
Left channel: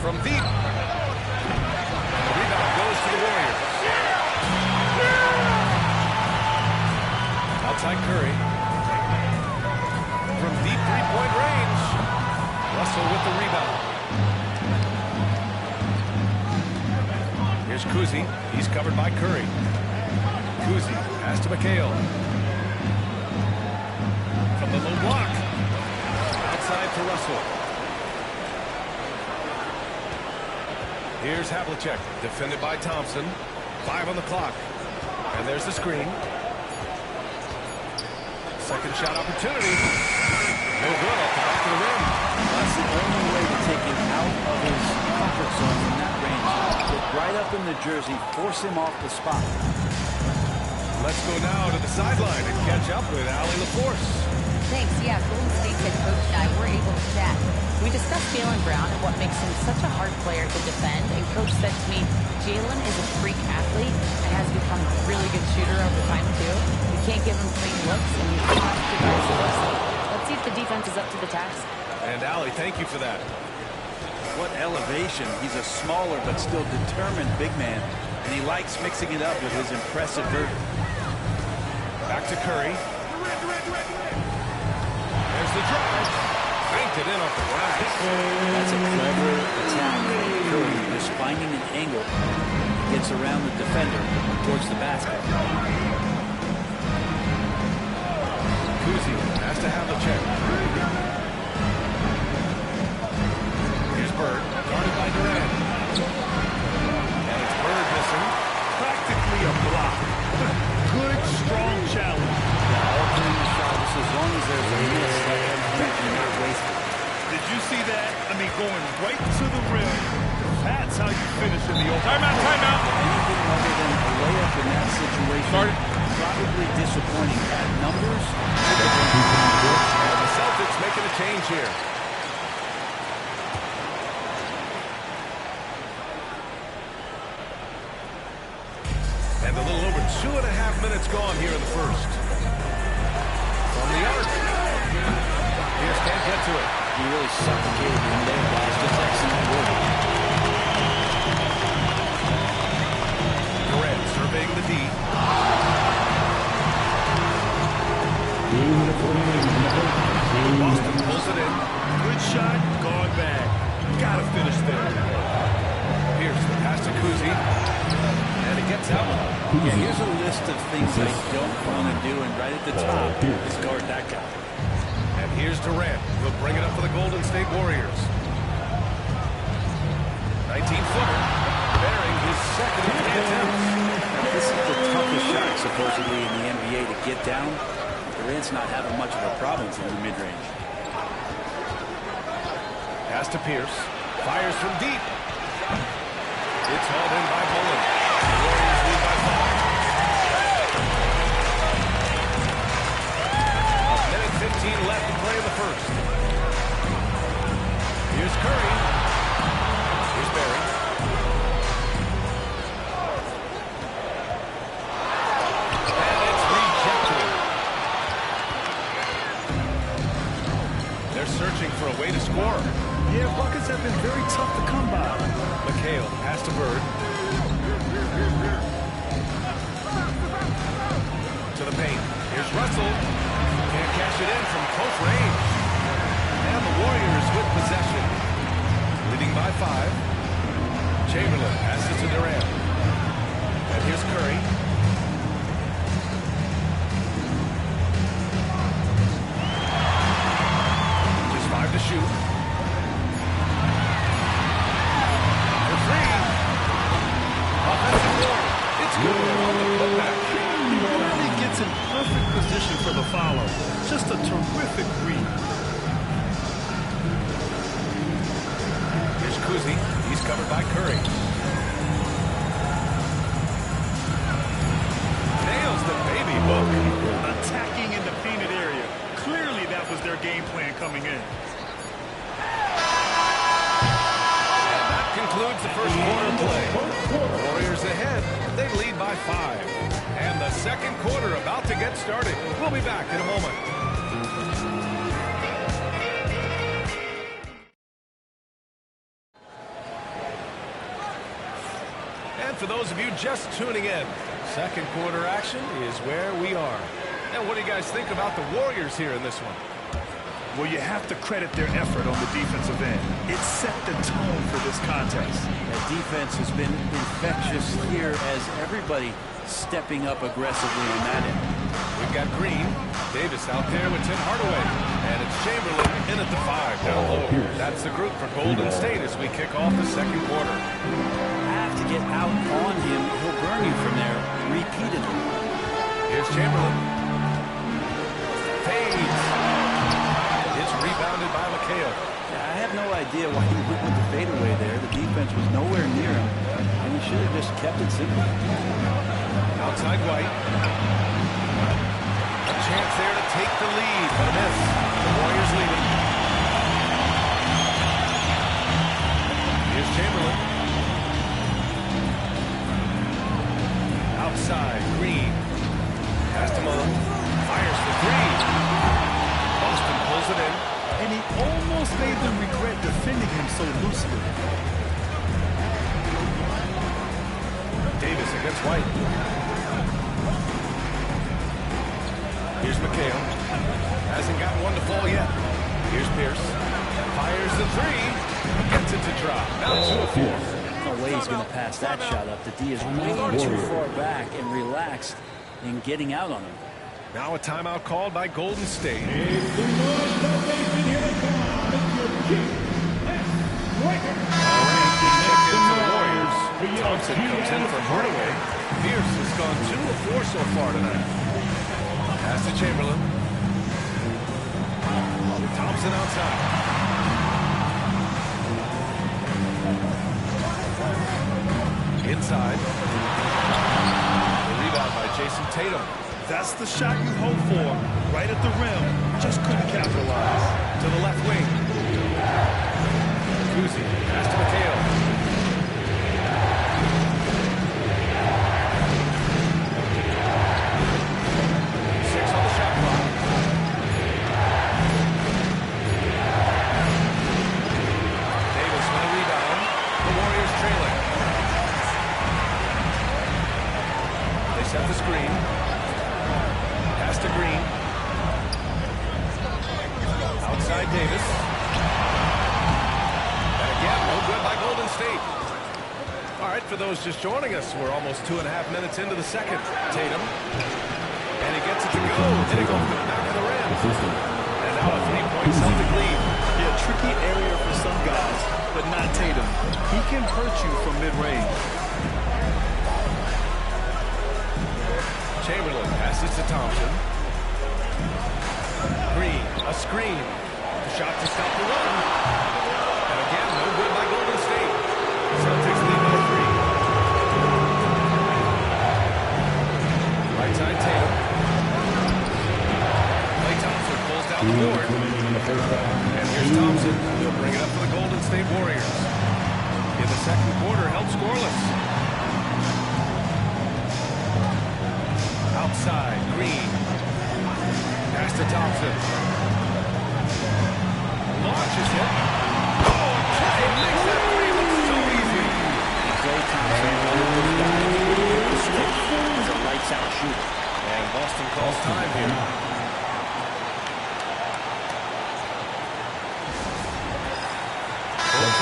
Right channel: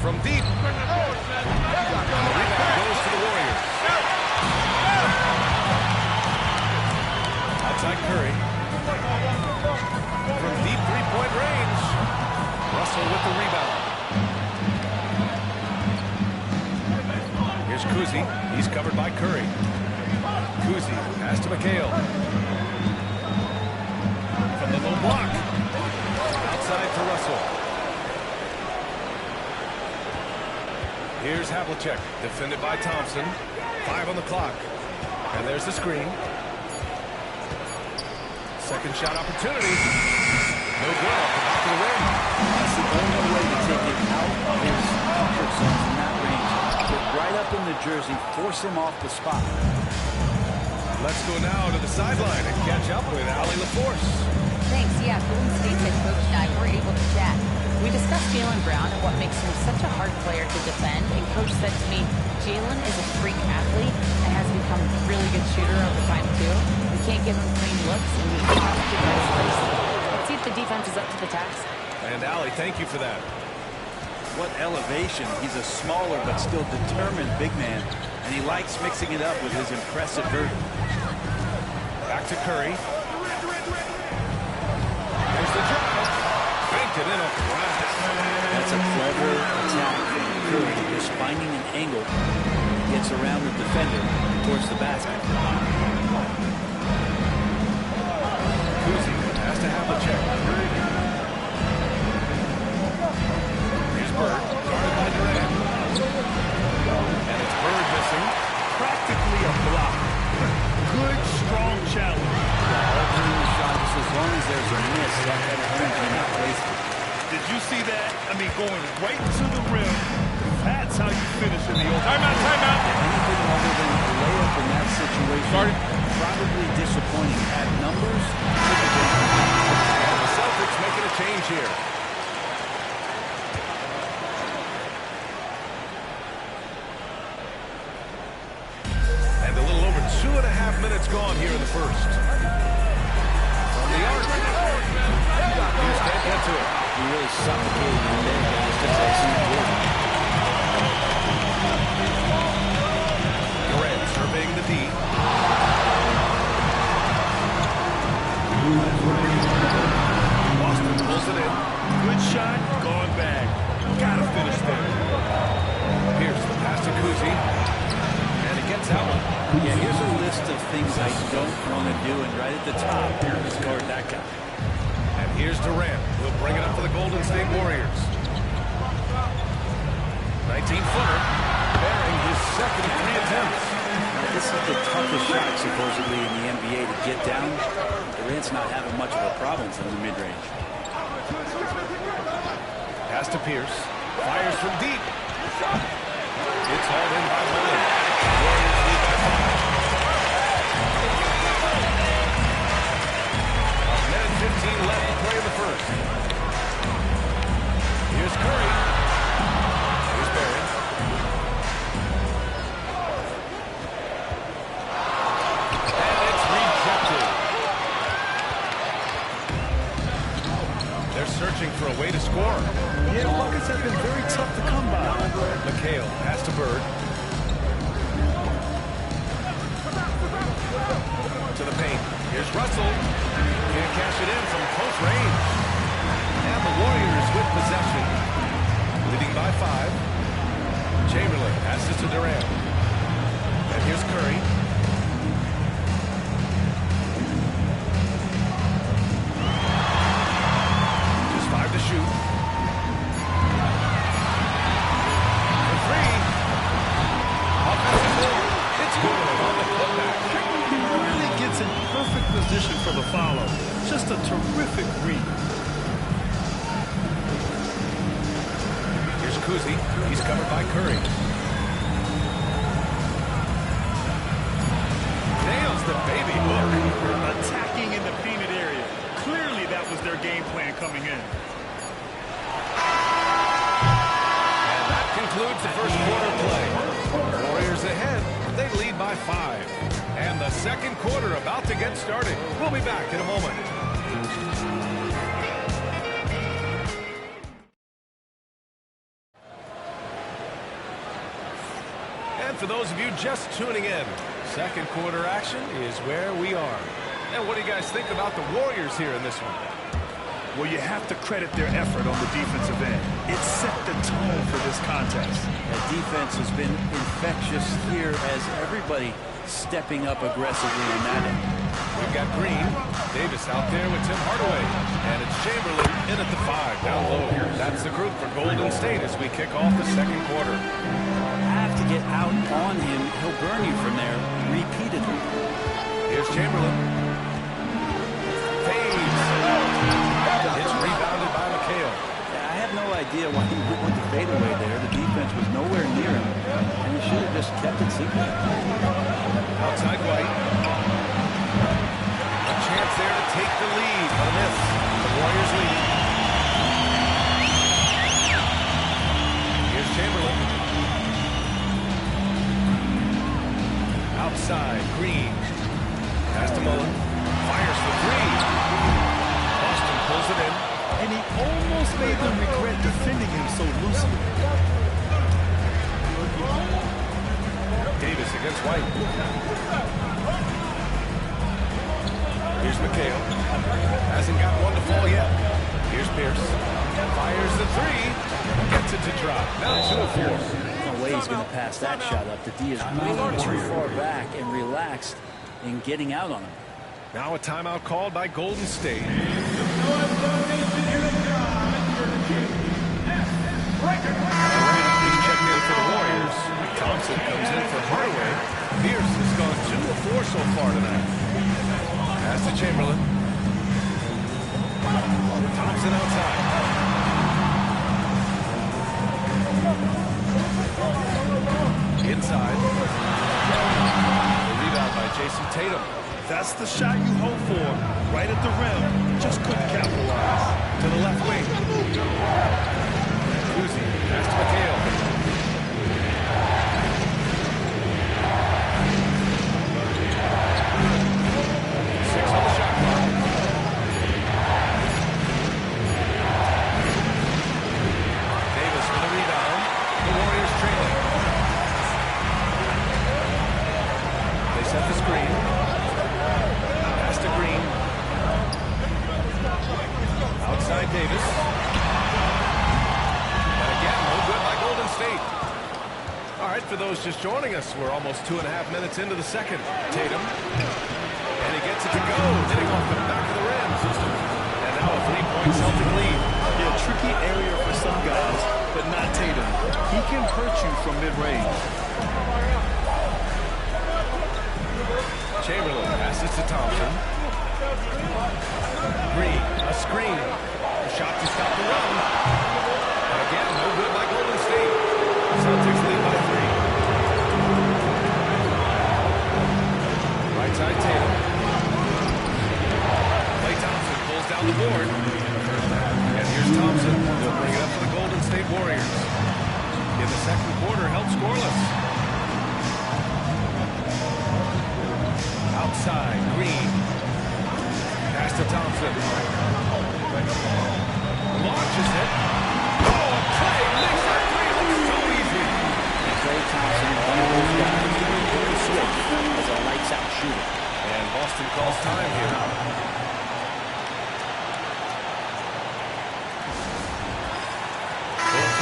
From deep. And the rebound goes to the Warriors. Outside Curry. From deep three-point range. Russell with the rebound. Here's Kuzi. He's covered by Curry. Kuzi pass to McHale. From the low block. Outside for Russell. Here's Havlicek, defended by Thompson. 5 on the clock. And there's the screen. Second shot opportunity. No good off the back of the rim. That's the only way to take him out of his comfort zone from that range. Get right up in the jersey, force him off the spot. Let's go now to the sideline and catch up with Allie LaForce. Thanks. Yeah, Golden State head coach and I were able to chat. We discussed Jaylen Brown and what makes him such a hard player to defend. And coach said to me, Jaylen is a freak athlete and has become a really good shooter over time too. We can't give him clean looks, and we have to guard him closely. Let's see if the defense is up to the task. And Allie, thank you for that. What elevation. He's a smaller but still determined big man. And he likes mixing it up with his impressive vert. Back to Curry. There's the drive. Banked it in off the glass. That's a clever attack from Curry. Just finding an angle. Gets around the defender towards the basket. Kuzi has to have a check. Here's Bird, guarded by Durant. And it's Bird missing. Practically a block. Good, strong challenge. Yeah, altering the shot just as long as there's a miss, that kind of energy not wasted. Did you see that? I mean, going right to the rim. That's how you finish in the open. Timeout, timeout. Anything other than a layup in that situation, probably disappointing. At numbers, typically. And the Celtics making a change here. And a little over 2.5 minutes gone here in the first. From the arc. Pierce can't get to it. He really suffocated him there, guys. Just excellent work. Durant surveying the D. Boston pulls it in. Good shot, gone back. Gotta finish there. Pierce, the pass to Kuzi. And he gets that one. Yeah, here's a list of things I don't want to do, and right at the top is guard that guy. And here's Durant. He'll bring it up for the Golden State Warriors. 19-footer, bearing his second of 3 attempts. Now, this is the toughest shot, supposedly, in the NBA to get down. Durant's not having much of a problem from the mid-range. Pass to Pierce. Fires from deep. It's hauled in by Bullen. The Warriors lead by 5. 1:15 left to play in the first. Here's Curry. Here's Barry. And it's rejected. They're searching for a way to score. Yeah, buckets have been very tough to come by. McHale, pass to Bird. To the paint. Here's Russell. Can't cash it in from close range. And the Warriors with possession, leading by 5. Chamberlain passes to Durant. And here's Curry. Just 5 to shoot. For 3. Offensive board. It's good on the putback. He really gets in perfect position for the follow. Just a terrific read. Here's Kuzi. He's covered by Curry. Nails the baby hook. Attacking in the painted area. Clearly that was their game plan coming in. And that concludes the first quarter play. Warriors ahead. They lead by 5. And the second quarter about to get started. We'll be back in a moment. And for those of you just tuning in, second quarter action is where we are. And what do you guys think about the Warriors here in this one? Well, you have to credit their effort on the defensive end. It set the tone for this contest. That defense has been infectious here as everybody stepping up aggressively on that end. We've got Green. Davis out there with Tim Hardaway. And it's Chamberlain in at the 5, down low. That's the group for Golden State as we kick off the second quarter. Have to get out on him. He'll burn you from there repeatedly. Here's Chamberlain. Fades. It's rebounded by McHale. Yeah, I have no idea why he went with the fadeaway there. The defense was nowhere near him, and he should have just kept it simple. Outside White. A chance there to take the lead, but a miss. The Warriors leading. Here's Chamberlain. Outside, Green. Pass to Mullen. Fires for 3. Boston pulls it in. And he almost made them regret defending him so loosely. Davis against White. Here's McHale. Hasn't got one to fall yet. Here's Pierce. Fires the 3. Gets it to drop. Now 2 of 4. No way he's going to pass that shot up. The D is way too far back and relaxed in getting out on him. Now a timeout called by Golden State. It's the North Nation. Here they come. Durant, he's checked in for the Warriors. Thompson comes in for Hardaway. Pierce has gone 2 of 4 so far tonight. Pass to Chamberlain. Thompson outside. Inside. The rebound by Jason Tatum. That's the shot you hope for. Right at the rim. Just couldn't capitalize. To the left wing. Kuzi. Pass to McHale. 6 on the shot clock. Davis with a rebound. The Warriors trailing. They set the screen. Pass to Green. Outside Davis. And again, no good by Golden State. All right, for those just joining us, we're almost 2.5 minutes into the second. Tatum. And he gets it to go, hitting off the back of the rim. And now a 3-point Celtic lead. Yeah, tricky area for some guys, but not Tatum. He can hurt you from mid-range. Chamberlain passes to Thompson. Green, a screen. A shot to stop the run. And again, no good by Golden State. Celtics lead by 3. Right side Tatum. Klay Thompson pulls down the board. And here's Thompson. He'll bring it up for the Golden State Warriors. In the second quarter, held scoreless. Outside, Green. Pass to Thompson. Launches it. Oh, and Klay makes that 3 look so easy. Klay Thompson, one of those guys who will hit the switch as a lights-out shooter. And Boston calls time here.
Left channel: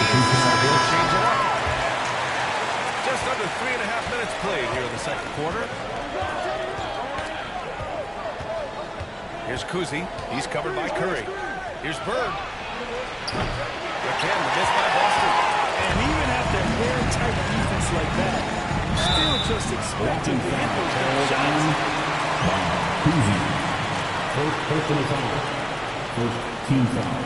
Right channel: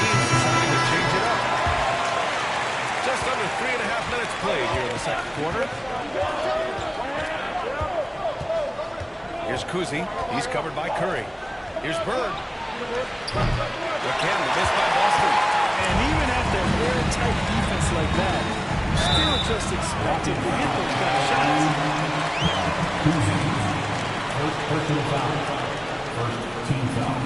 teams deciding to change it up. Just under 3.5 minutes played here in the second quarter. Here's Kuzi. He's covered by Curry. Here's Bird. Again, the miss by Boston. And even after airtight defense like that, still just expect him to hit those kind of shots. First personal foul. First team foul.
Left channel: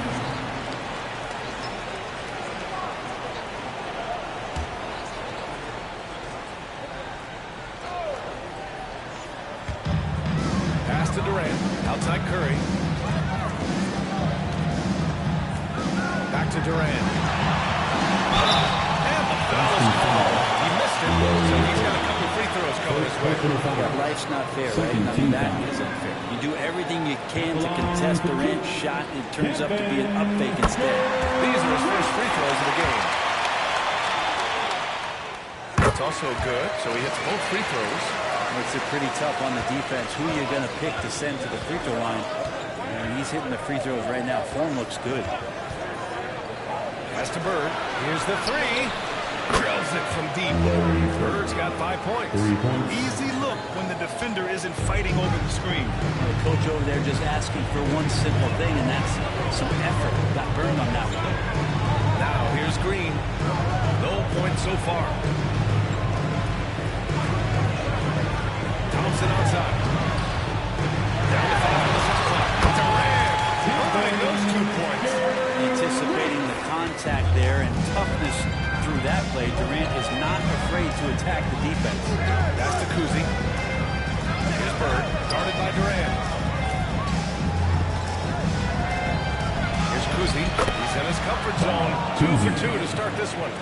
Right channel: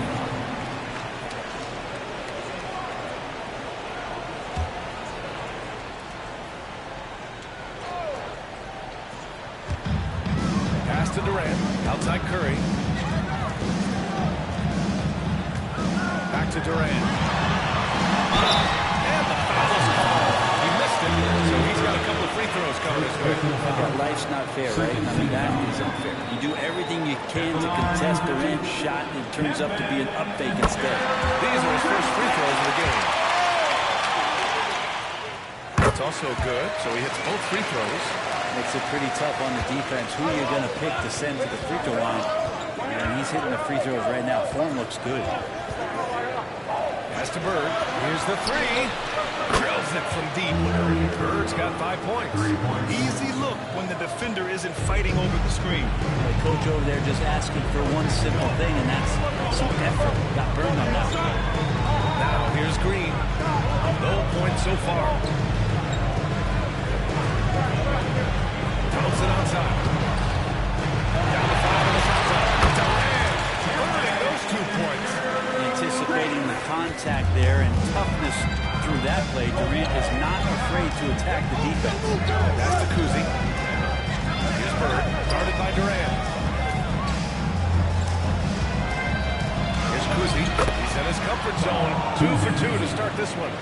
Pass to Durant. Outside Curry. Back to Durant. And the foul is called. He missed it, so he's got a couple of free throws coming his way. Yeah, life's not fair, right? I mean, that is unfair. You do everything you can to contest Durant's shot, and it turns up to be an up fake instead. These are his first free throws of the game. That's also good, so he hits both free throws. Makes it pretty tough on the defense. Who you're going to pick to send to the free throw line. And he's hitting the free throws right now. Form looks good. Pass to Bird. Here's the three. Drills it from deep. Bird's got 5 points. Easy look when the defender isn't fighting over the screen. The coach over there just asking for one simple thing, and that's some effort. Got burned on that one. Now here's Green. No points so far. Thompson outside. Down to 5 on the shot clock. Durant earning those 2 points. Anticipating the contact there and toughness through that play, Durant is not afraid to attack the defense. That's to Kuzi. Here's Bird, guarded by Durant. Here's Kuzi. He's in his comfort zone. 2 for 2 to start this one.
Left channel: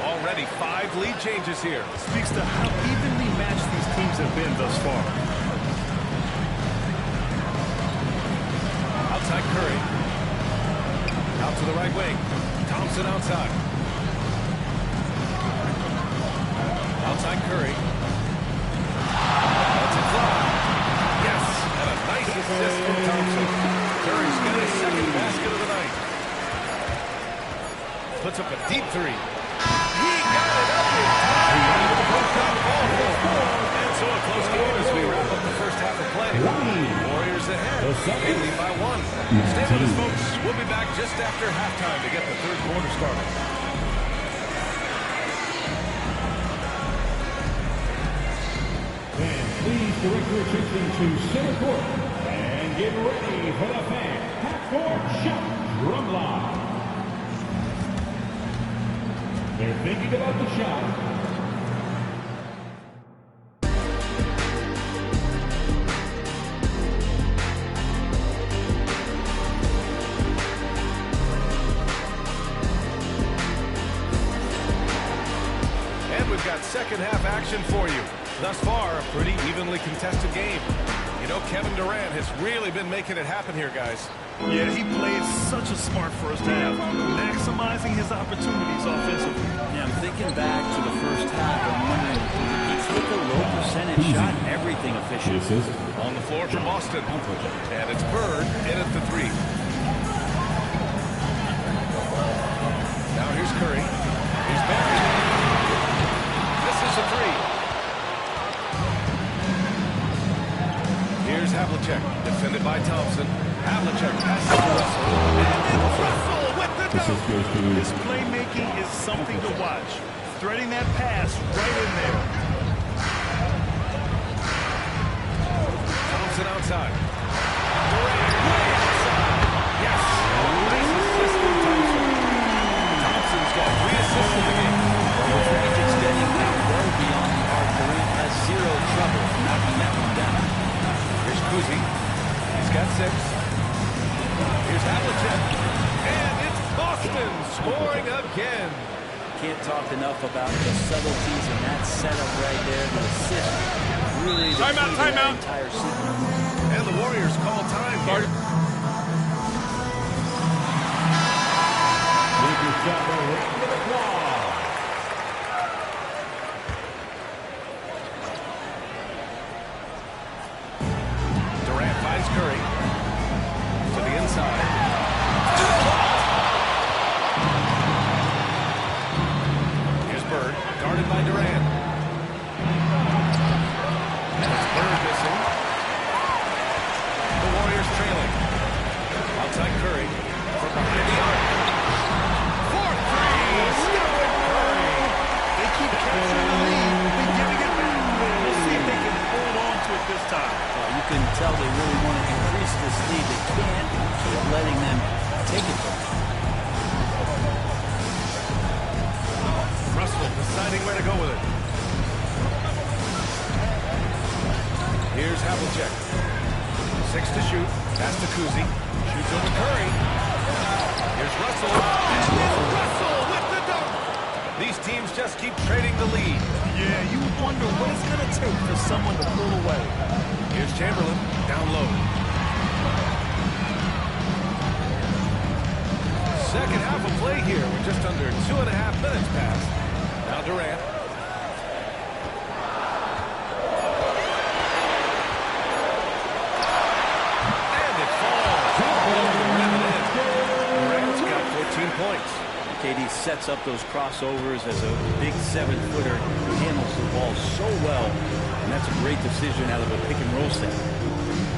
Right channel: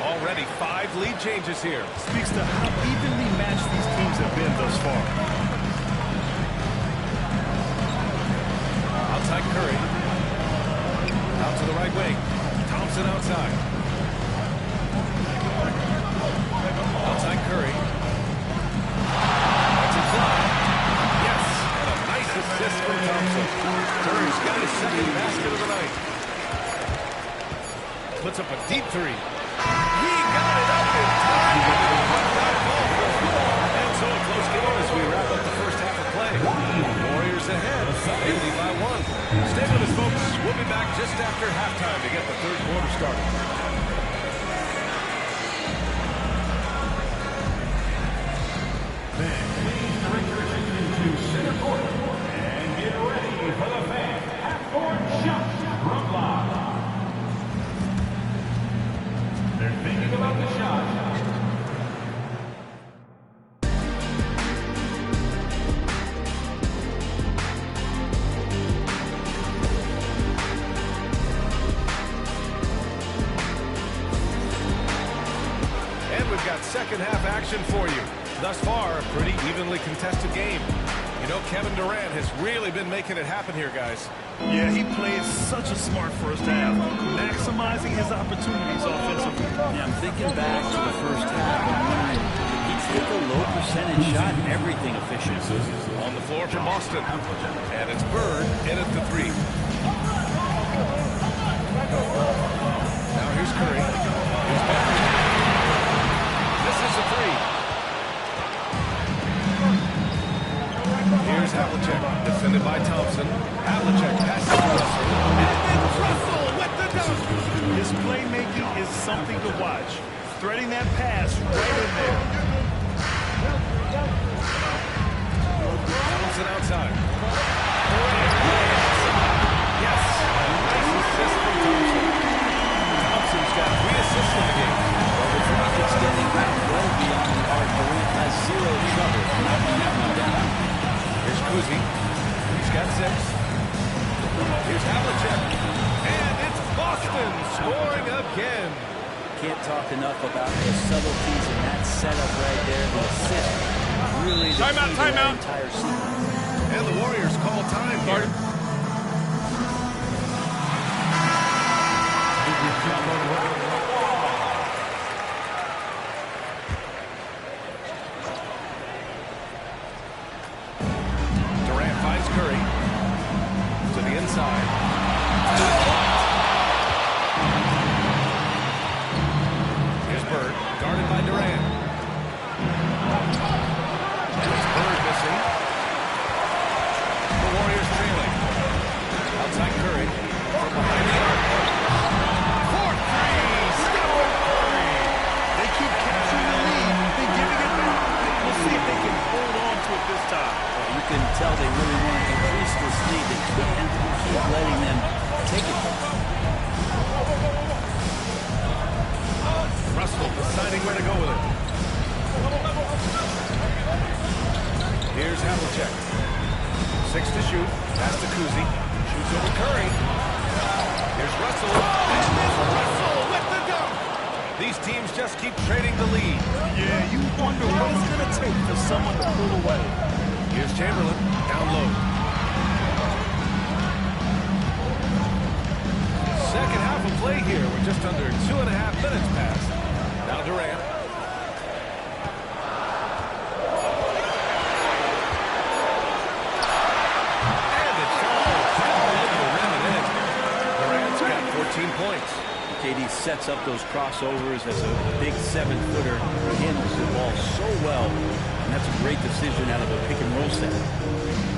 Already 5 lead changes here. Speaks to how evenly matched these teams have been thus far. Outside Curry. Out to the right wing. Thompson outside. Outside Curry. Lets it fly. Yes, and a nice assist from Thompson. Curry's got his second basket of the night. Puts up a deep three. He got it up in time. Would not fall for him. And so a close game as we wrap up the first half of play. Warriors ahead. They lead by 1. Stay with us, folks. We'll be back just after halftime to get the third quarter started. Please direct your attention to center court and get ready for the fan half-court shot drum line. They're thinking about the shot. And we've got second half action for you. Thus far, a pretty evenly contested game. You know, Kevin Durant has really been making it happen here, guys. Yeah, he played such a smart first half, maximizing his opportunities offensively. Yeah, I'm thinking back to the first half. I'm wondering, did he take a low percentage shot? Everything efficient. On the floor for Boston. And it's Bird in at the 3. Now here's Curry. He's buried. This is a 3. Here's Havlicek, defended by Thompson. Havlicek passes to Russell. And then Russell with the dunk. His playmaking is something to watch. Threading that pass right in there. Thompson outside. Durant way outside. Yes, and a nice assist from Thompson. Thompson's got 3 assists in the game. Well, with range extending out well beyond the arc, Durant has 0 trouble knocking that one down. Here's Kuzi. He's got 6. Here's Havlicek. And it's Boston scoring again. Can't talk enough about the subtleties in that setup right there. The assist, really the key to that entire sequence. And the Warriors call time here. Major shot around the wall. Durant finds Curry to the inside. Guarded by Durant. And it's Bird missing. The Warriors trailing. Outside Curry. From behind the arc. 4-3. Stephen Curry. They keep capturing the lead and giving it back. We'll see if they can hold on to it this time. Well, you can tell they really want to increase this lead. They can't keep letting them take it from them. Russell deciding where to go with it. Here's Havlicek. 6 to shoot. Pass to Kuzi. Shoots over Curry. Here's Russell. And then Russell with the dunk. These teams just keep trading the lead. Yeah, you wonder what it's going to take for someone to pull away. Here's Chamberlain. Down low. Second half of play here. We're just under 2.5 minutes past. Now Durant. And it falls all over the rim and in. Durant's got 14 points. KD sets up those crossovers as a big 7-footer. He handles the ball so well, and that's a great decision out of a pick-and-roll set.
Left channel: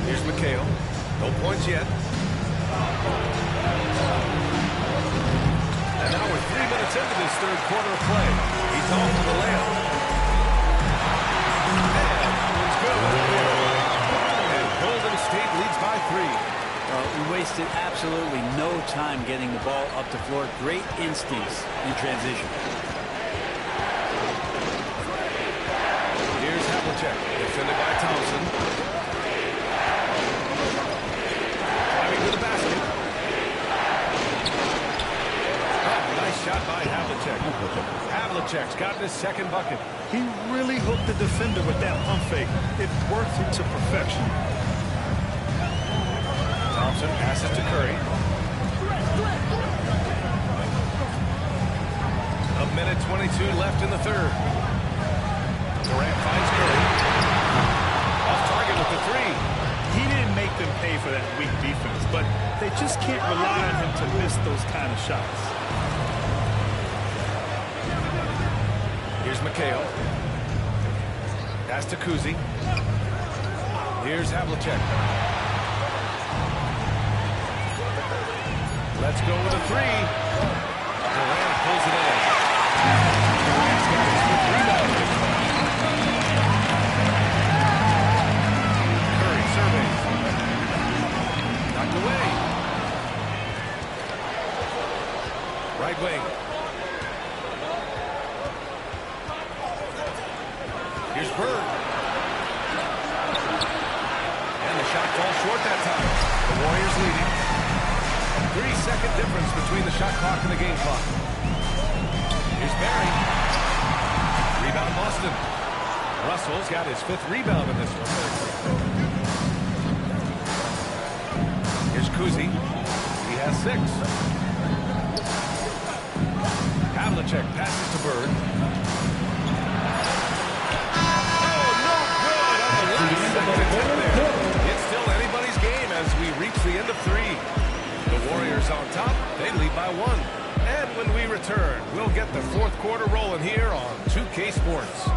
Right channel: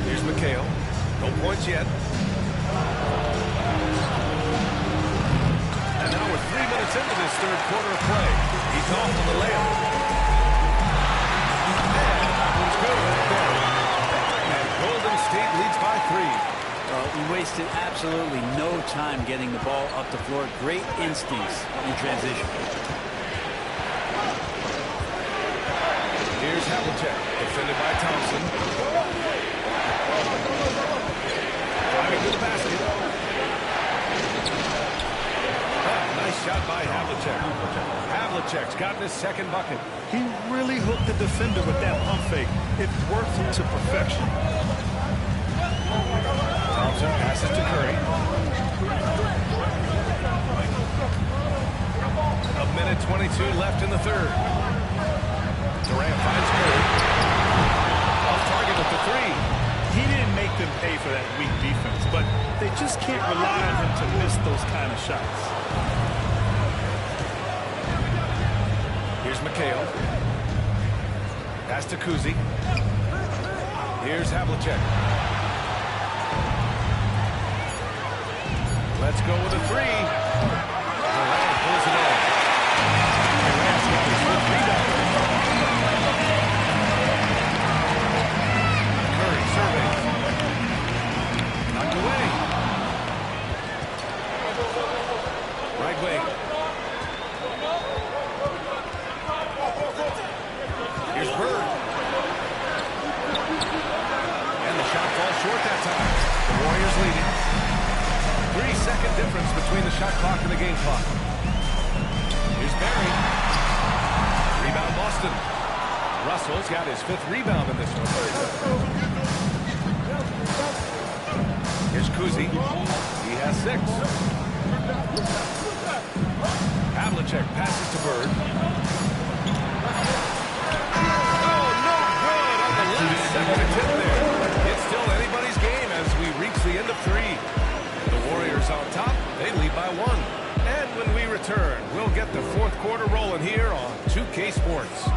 Here's McHale. No points yet. And now we're 3 minutes into this third quarter of play. He's off on the layup. And that one's good. There. And Golden State leads by 3. We wasted absolutely no time getting the ball up the floor. Great instincts in transition. Here's Havlicek, defended by Thompson. Driving to the basket. Oh, nice shot by Havlicek. Havlicek's gotten his second bucket. He really hooked the defender with that pump fake. It worked to perfection. Thompson passes to Curry. A minute 22 left in the third. Durant finds Curry. Off target with the 3. He didn't make them pay for that weak defense, but they just can't rely on him to miss those kind of shots. Here's McHale. Pass to Kuzi. Here's Havlicek. Let's go with a 3. Durant pulls it in. Durant's got his 5th rebound. Curry surveys. Knocked away. Right wing. Here's Bird. And the shot falls short that time. The Warriors leading. 3-second difference between the shot clock and the game clock. Here's Barry. Rebound Boston. Russell's got his 5th rebound in this one. Here's Kuzi. He has 6. Havlicek passes to Bird. Oh, no good on the last second attempt there. It's still anybody's game as we reach the end of 3. The Warriors on top. They lead by 1. And when we return, we'll get the fourth quarter rolling here on 2K Sports.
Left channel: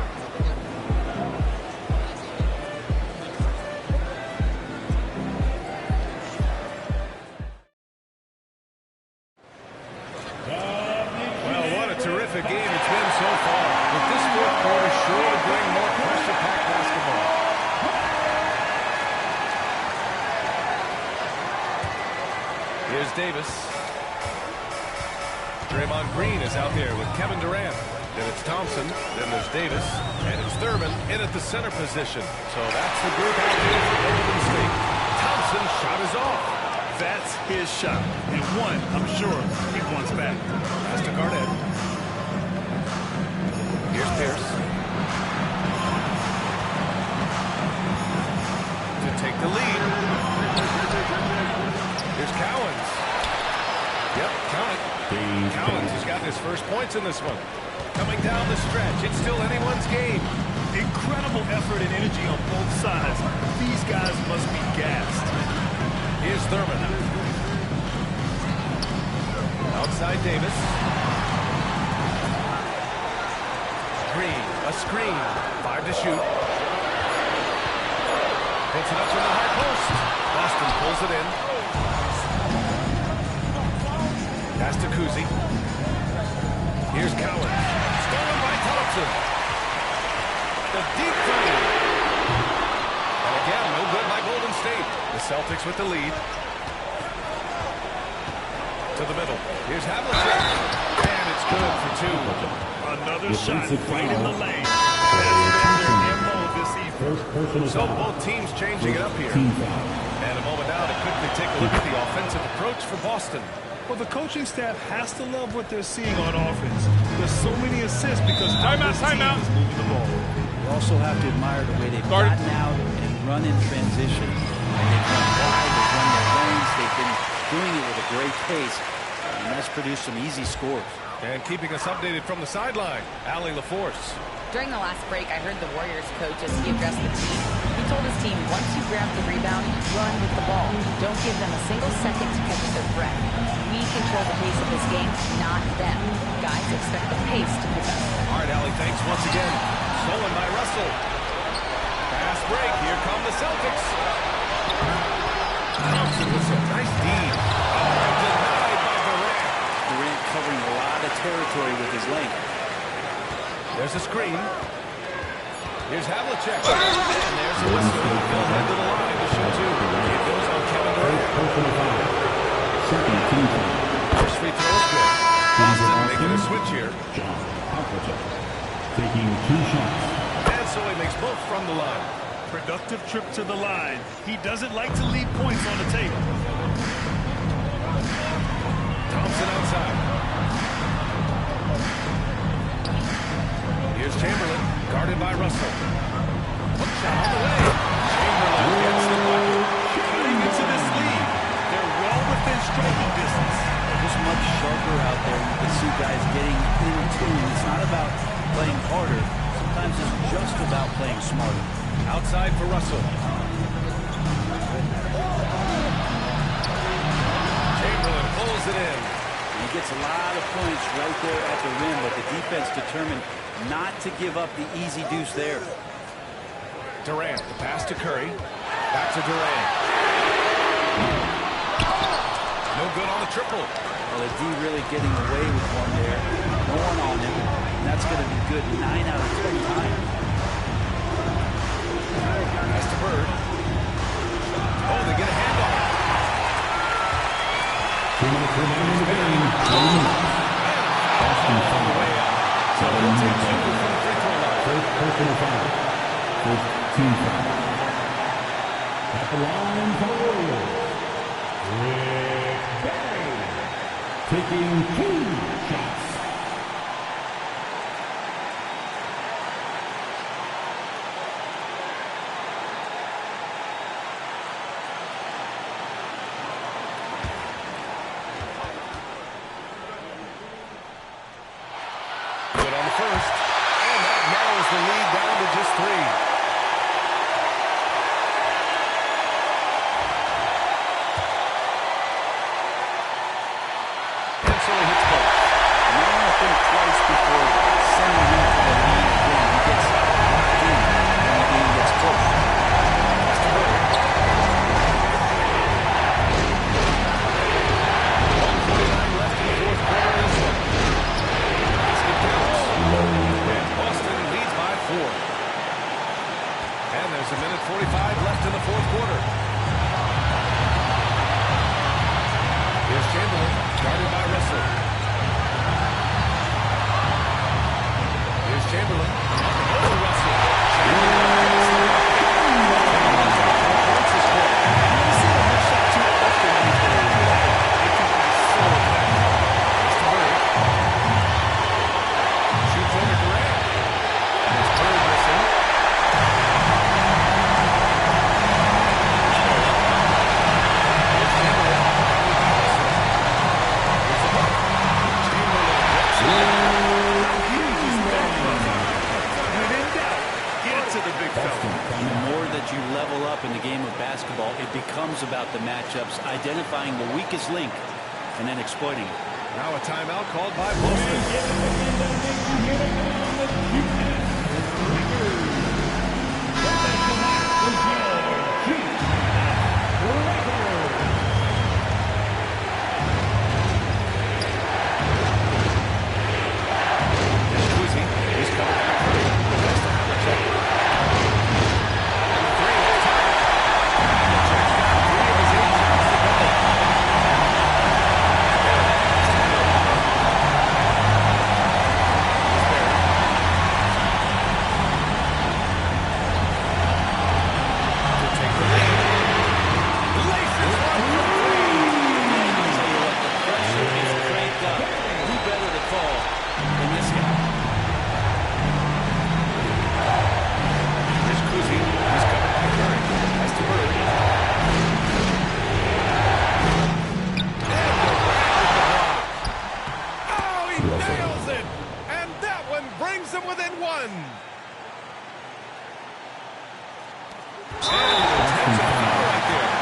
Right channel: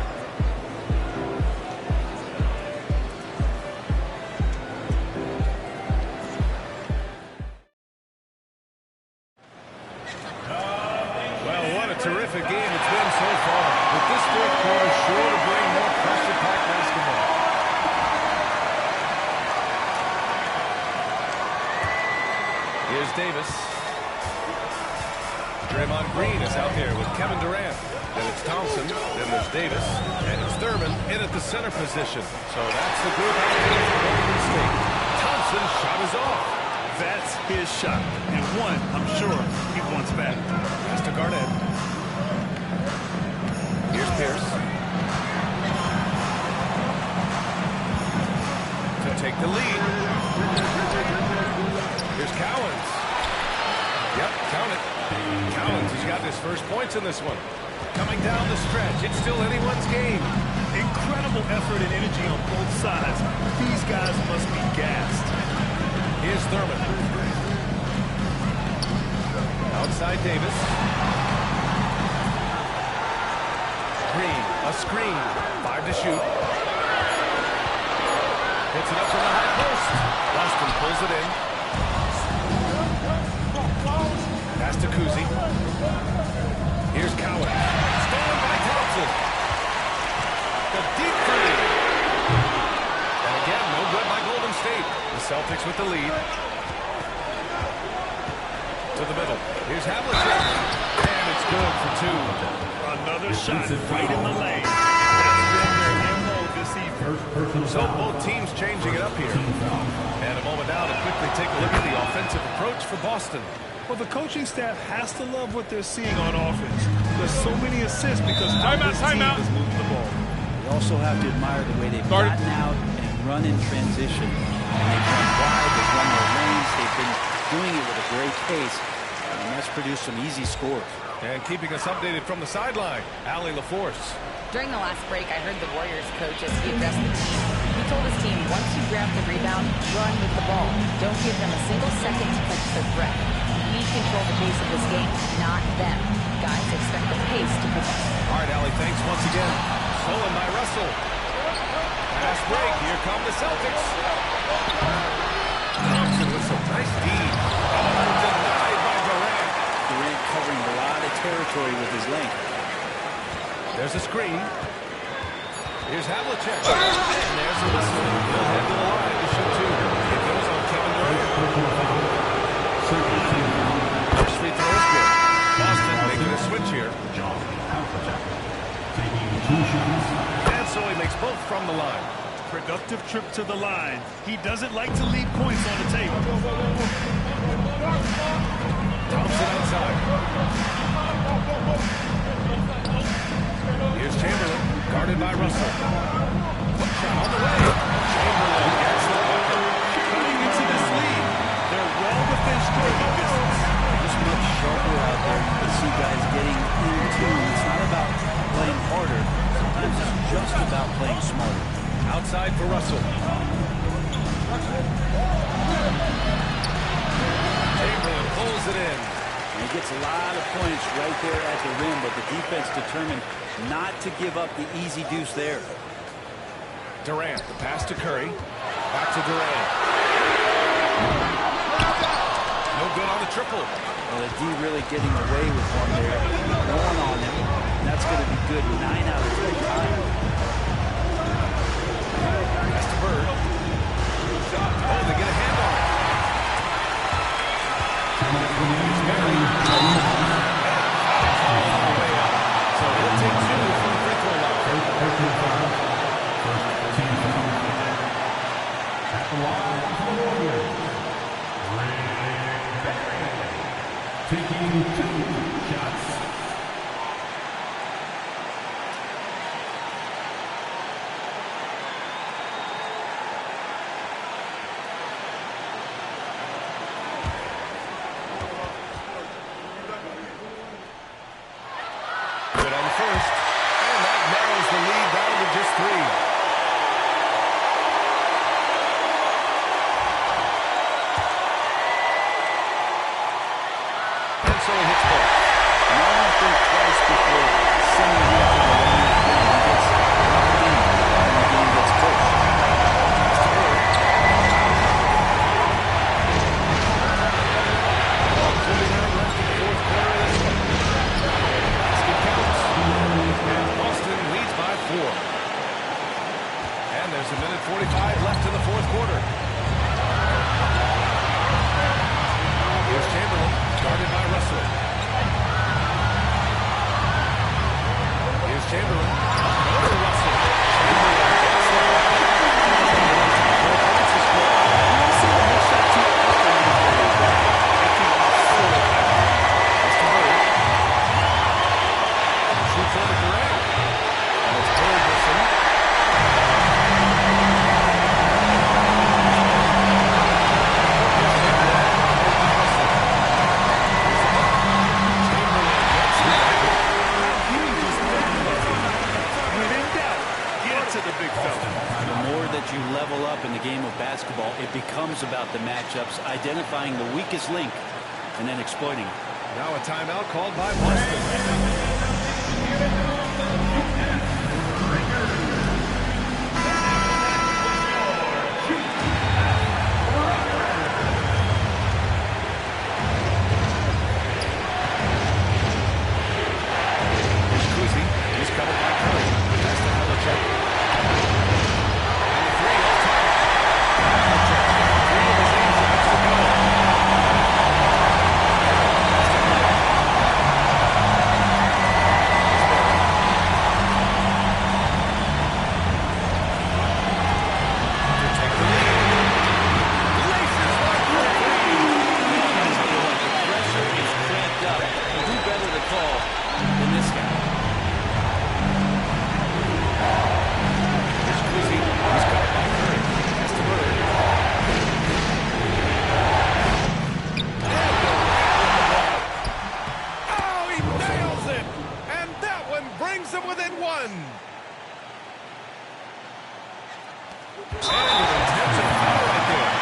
Well, what a terrific game it's been so far. With this fourth quarter sure to bring more pressure-packed basketball. Here's Davis. Draymond Green is out there with Kevin Durant. Then it's Thompson. Then there's Davis. And it's Thurman in at the center position. So that's the group out there for Golden State. Thompson's shot is off. That's his shot. And one, I'm sure, he wants back. Pass to Garnett. Here's Pierce. To take the lead. Here's Cowens. Yep, count it. Cowens has got his first points in this one. Coming down the stretch, it's still anyone's game. Incredible effort and energy on both sides. These guys must be gassed. Here's Thurman. Outside Davis. Green, a screen. 5 to shoot. Puts it up from the high post. Boston pulls it in. Pass to Kuzi. Here's Cowan. Stolen by Thompson. The deep three. And again, no good by Golden State. The Celtics with the lead. To the middle. Here's Havlicek. And it's good for 2. Another shot right in the lane. That's been their MO this evening. So both teams changing it up here. And a moment now to quickly take a look at the offensive approach for Boston. Well, the coaching staff has to love what they're seeing on offense. There's so many assists because now this team is moving the ball. They also have to admire the way they've gotten out and run in transition. And they've run wide, they've run their lanes, they've been doing it with a great pace. And that's produced some easy scores. And keeping us updated from the sideline, Allie LaForce. During the last break, I heard the Warriors coach as he addressed the team. He told his team, once you grab the rebound, run with the ball. Don't give them a single second to catch their breath. We control the pace of this game, not them. Guys, expect the pace to pick up. All right, Allie, thanks once again. Stolen by Russell. Fast break. Here come the Celtics. Thompson with some nice D. Oh, denied by Durant. Durant covering a lot of territory with his length. There's a screen. Here's Havlicek. And there's a whistle. He'll head to the line to shoot 2. It goes on Kevin Durant. First free throw is good. Boston making a switch here. Taking 2 shots. And so he makes both from the line. Productive trip to the line. He doesn't like to leave points on the table. Thompson outside. Here's Chamberlain, guarded by Russell. Hook shot on the way. Chamberlain gets the bucket. Cutting into this lead. They're well within striking distance. Just much sharper out there. You can see guys getting in tune. It's not about playing harder. Sometimes it's just about playing smarter. Outside for Russell. Chamberlain pulls it in. And he gets a lot of points right there at the rim, but the defense determined not to give up the easy deuce there. Durant, the pass to Curry. Back to Durant. No good on the triple. Well, the D really getting away with one there. Going on him. And that's going to be good 9 out of 10 times. Pass to Bird. Oh, they get a hand on it. And a foul call on the way up. So he'll take 2 from the free throw line. First personal foul. First team foul. At the line for the Warriors, Rick Barry. Taking 2 shots. Good on the first. And that narrows the lead down to just 3. So he hits both. You don't want to think twice before sending him to the line again. He gets locked in when the game gets close. Pass to Bird. 1:49 left in the fourth quarter of this one. Basket counts. And Boston leads by 4. And there's a minute 45 left in the fourth quarter. Here's Chamberlain, guarded by Russell. Here's Chamberlain, up and over Russell. Chamberlain gets the bucket. Chamberlain's got 4 points this quarter. You don't see a mid shot too often these days, but hey, it can be so effective. That's to Bird. Shoots over Durant. And it's Bird missing. Here's Chamberlain, guarded by Russell. Here's the hook. Chamberlain gets the bucket. How huge is that bucket? When in doubt, get to the big fella. The more that you level up in the game of basketball, it becomes about the matchups, identifying the weakest link, and then exploiting it. Now a timeout called by Boston. this guy. Here's Kuzi. He's covered by Curry. Pass to Bird. And Durant with the block. Oh, he nails it. And that one brings him within one. And an intentional foul right there.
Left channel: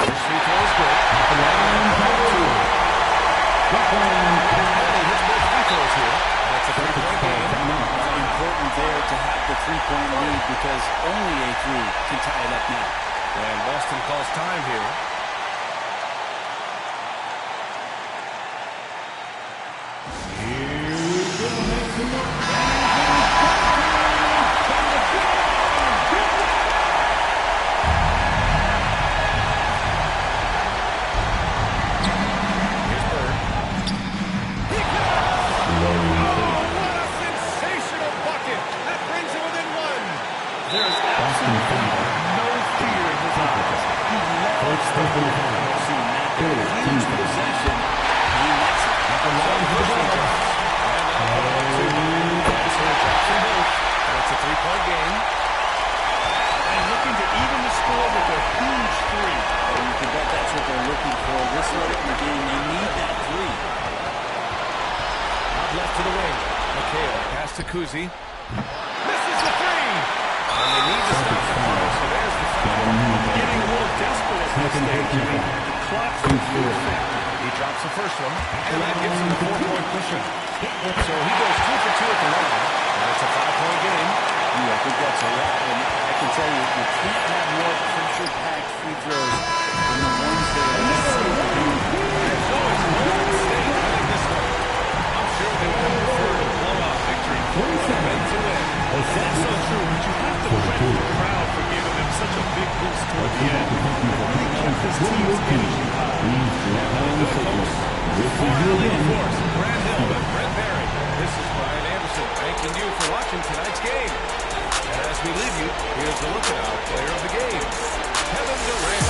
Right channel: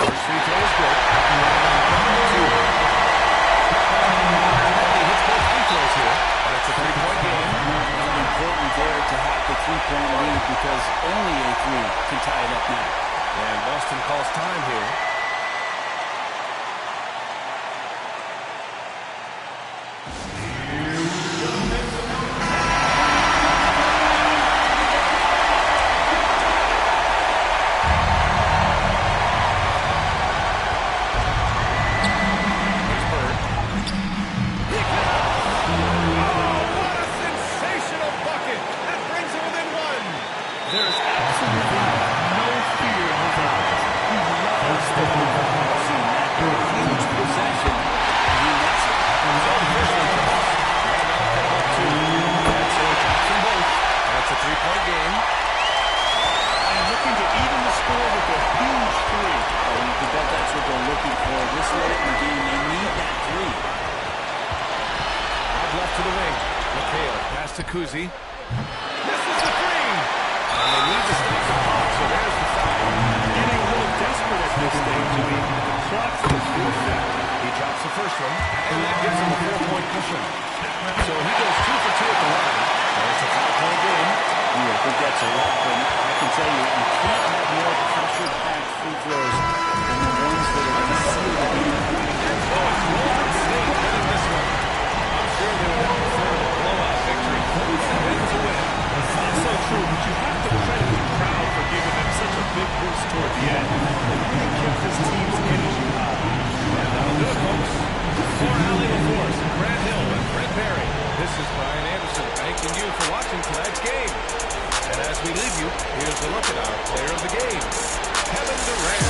First free throw is good. And he hits both free throws here. And it's a three-point game. Well, important there to have the three-point lead because only a three can tie it up now. And Boston calls time here. There is absolutely no fear in his eyes. He loves the ball. We've seen that in a huge possession. He nets it. So the first one drops. And that'll put him up two. And so he drops them both. And it's a three-point game. And looking to even the score with a huge three. Oh, you can bet that's what they're looking for. This late in the game, they need that three. Out left to the wing. McHale, pass to Kuzi. Misses the three. And they need to stop the clock, so there's the foul. Getting a little desperate at this stage. I mean, the clock's a big factor. He drops the first one, and that gives him a 4-point cushion. So he goes 2 for 2 at the line, and it's a 5-point game. I think that's a wrap, and I can tell you, you can't have more pressure-packed free throws than the ones that are going to seal the game. And so it's Golden State winning this one. I'm sure they would have preferred a blowout victory, but a win's a win. That's so true, but you have to credit the crowd for giving them such a big boost toward the end. They really kept this team's energy high. And that'll do it, folks. For Allie LaForce, Grant Hill, and Brent Barry, this is Brian Anderson thanking you for watching tonight's game. And as we leave you, here's a look at our player of the game, Kevin Durant.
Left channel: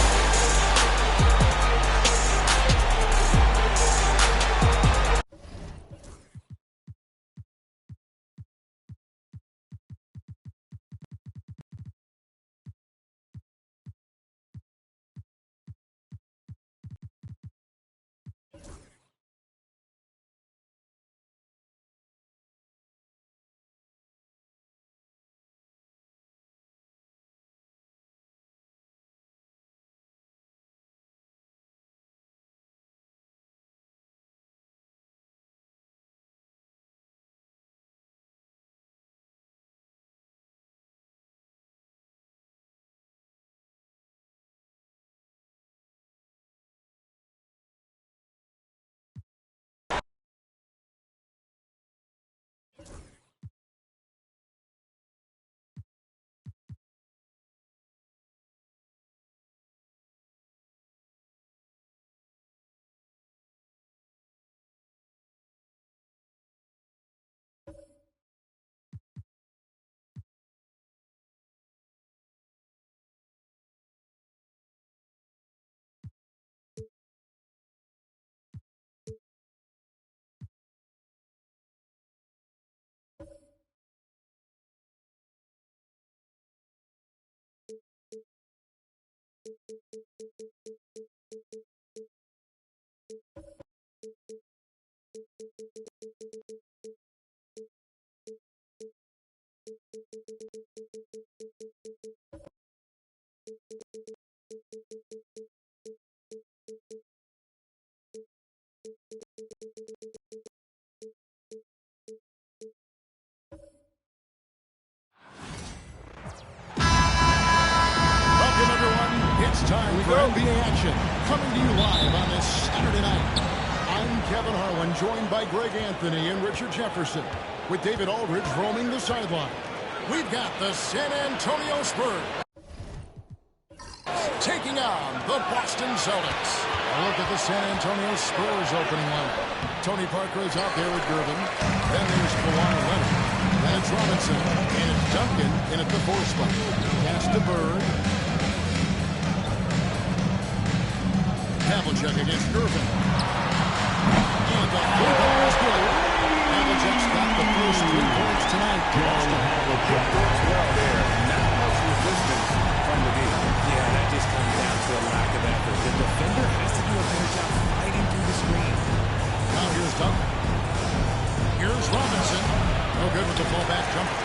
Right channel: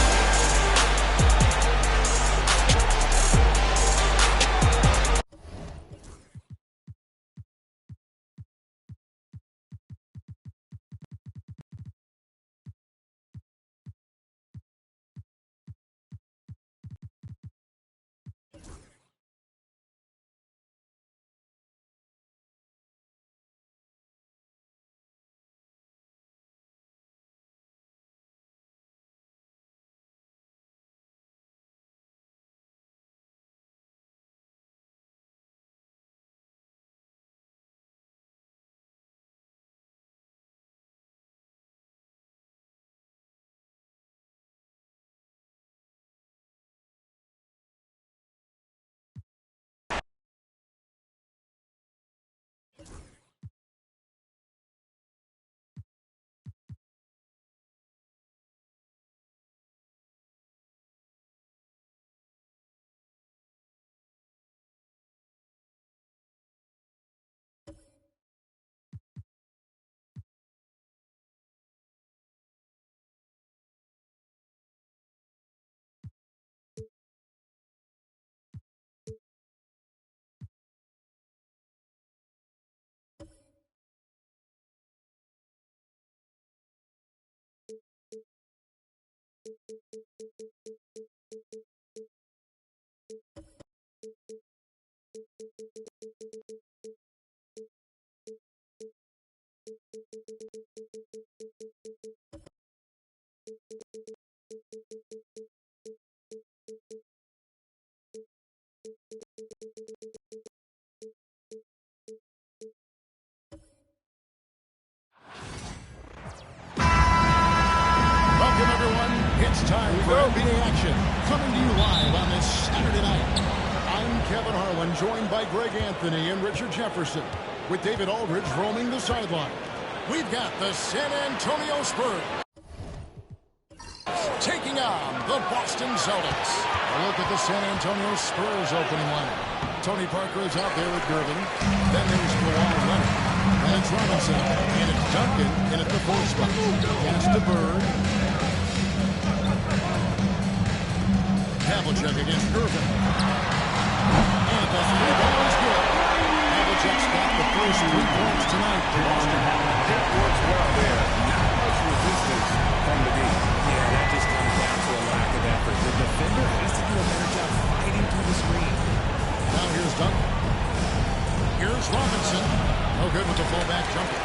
Welcome, everyone. It's time for NBA action. Coming to you live on this Saturday night. I'm Kevin Harlan, joined by Greg Anthony and Richard Jefferson, with David Aldridge roaming the sideline. We've got the San Antonio Spurs taking on the Boston Celtics. A look at the San Antonio Spurs opening lineup. Tony Parker is out there with Gervin. Then there's Kawhi Leonard. Then it's Robinson. And it's Duncan in at the 4 spot. Pass to Bird. Havlicek against Irvin. And the three ball is good. Havlicek's got the first 3 points tonight for Boston. It works well there. Not much resistance from the D. Yeah, that just comes down to a lack of effort. The defender has to do a better job fighting through the screen. Now here's Duncan. Here's Robinson. No good with the fullback jumper.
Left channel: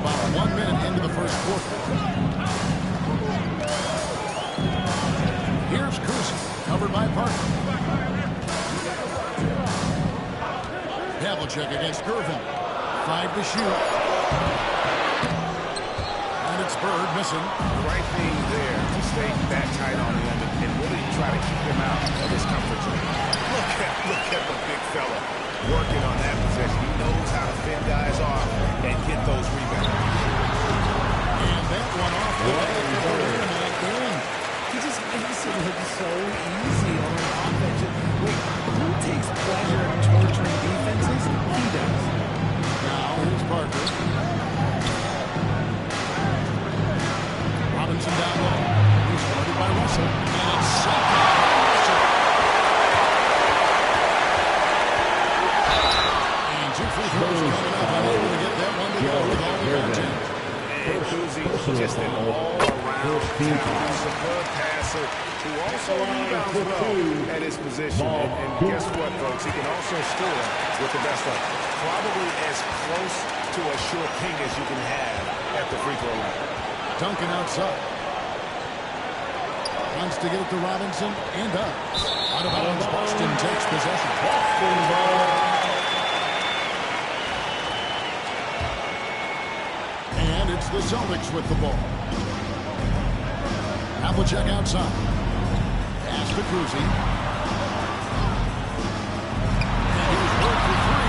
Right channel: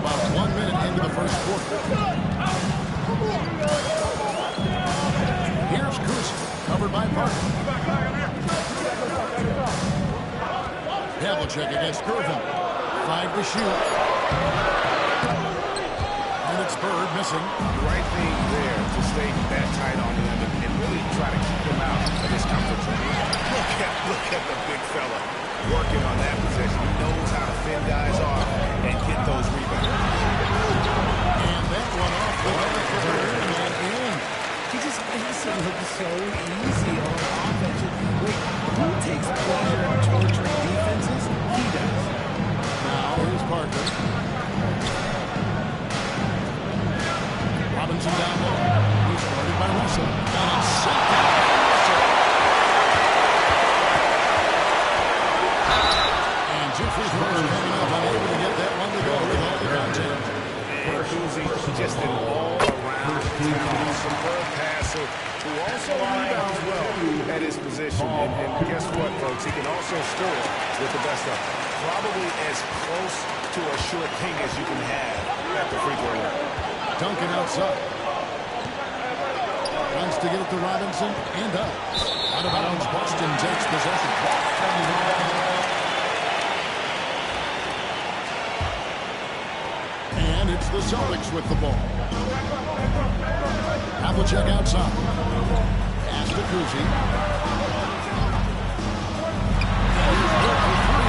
About 1 minute into the first quarter. Here's Kuzi, covered by Parker. Havlicek against Irvin. 5 to shoot. And it's Bird missing. The right thing there to stay that tight on the end and really try to keep him out of his comfort zone. Look at the big fella working on that possession. He knows how to fend guys off and get those rebounds. And that one off the back of the rim and in. He just makes it look so easy on offense. Wait, who takes pleasure in torturing defenses? He does. Now here's Parker. Robinson down low. He's guarded by Russell. And it's sent down by Russell. And 2 free throws coming up. Unable to get that one to go with all the contact. And Kuzi, just an all-around talent, superb passer who also rebounds well at his position. And guess what, folks? He can also score with the best of them. Probably as close to a sure thing as you can have at the free throw line. Duncan outside. Wants to get it to Robinson and does. Out of bounds, Boston takes possession. And it's the Celtics with the ball. Havlicek outside. Pass to Kuzi. And here's Bird for 3.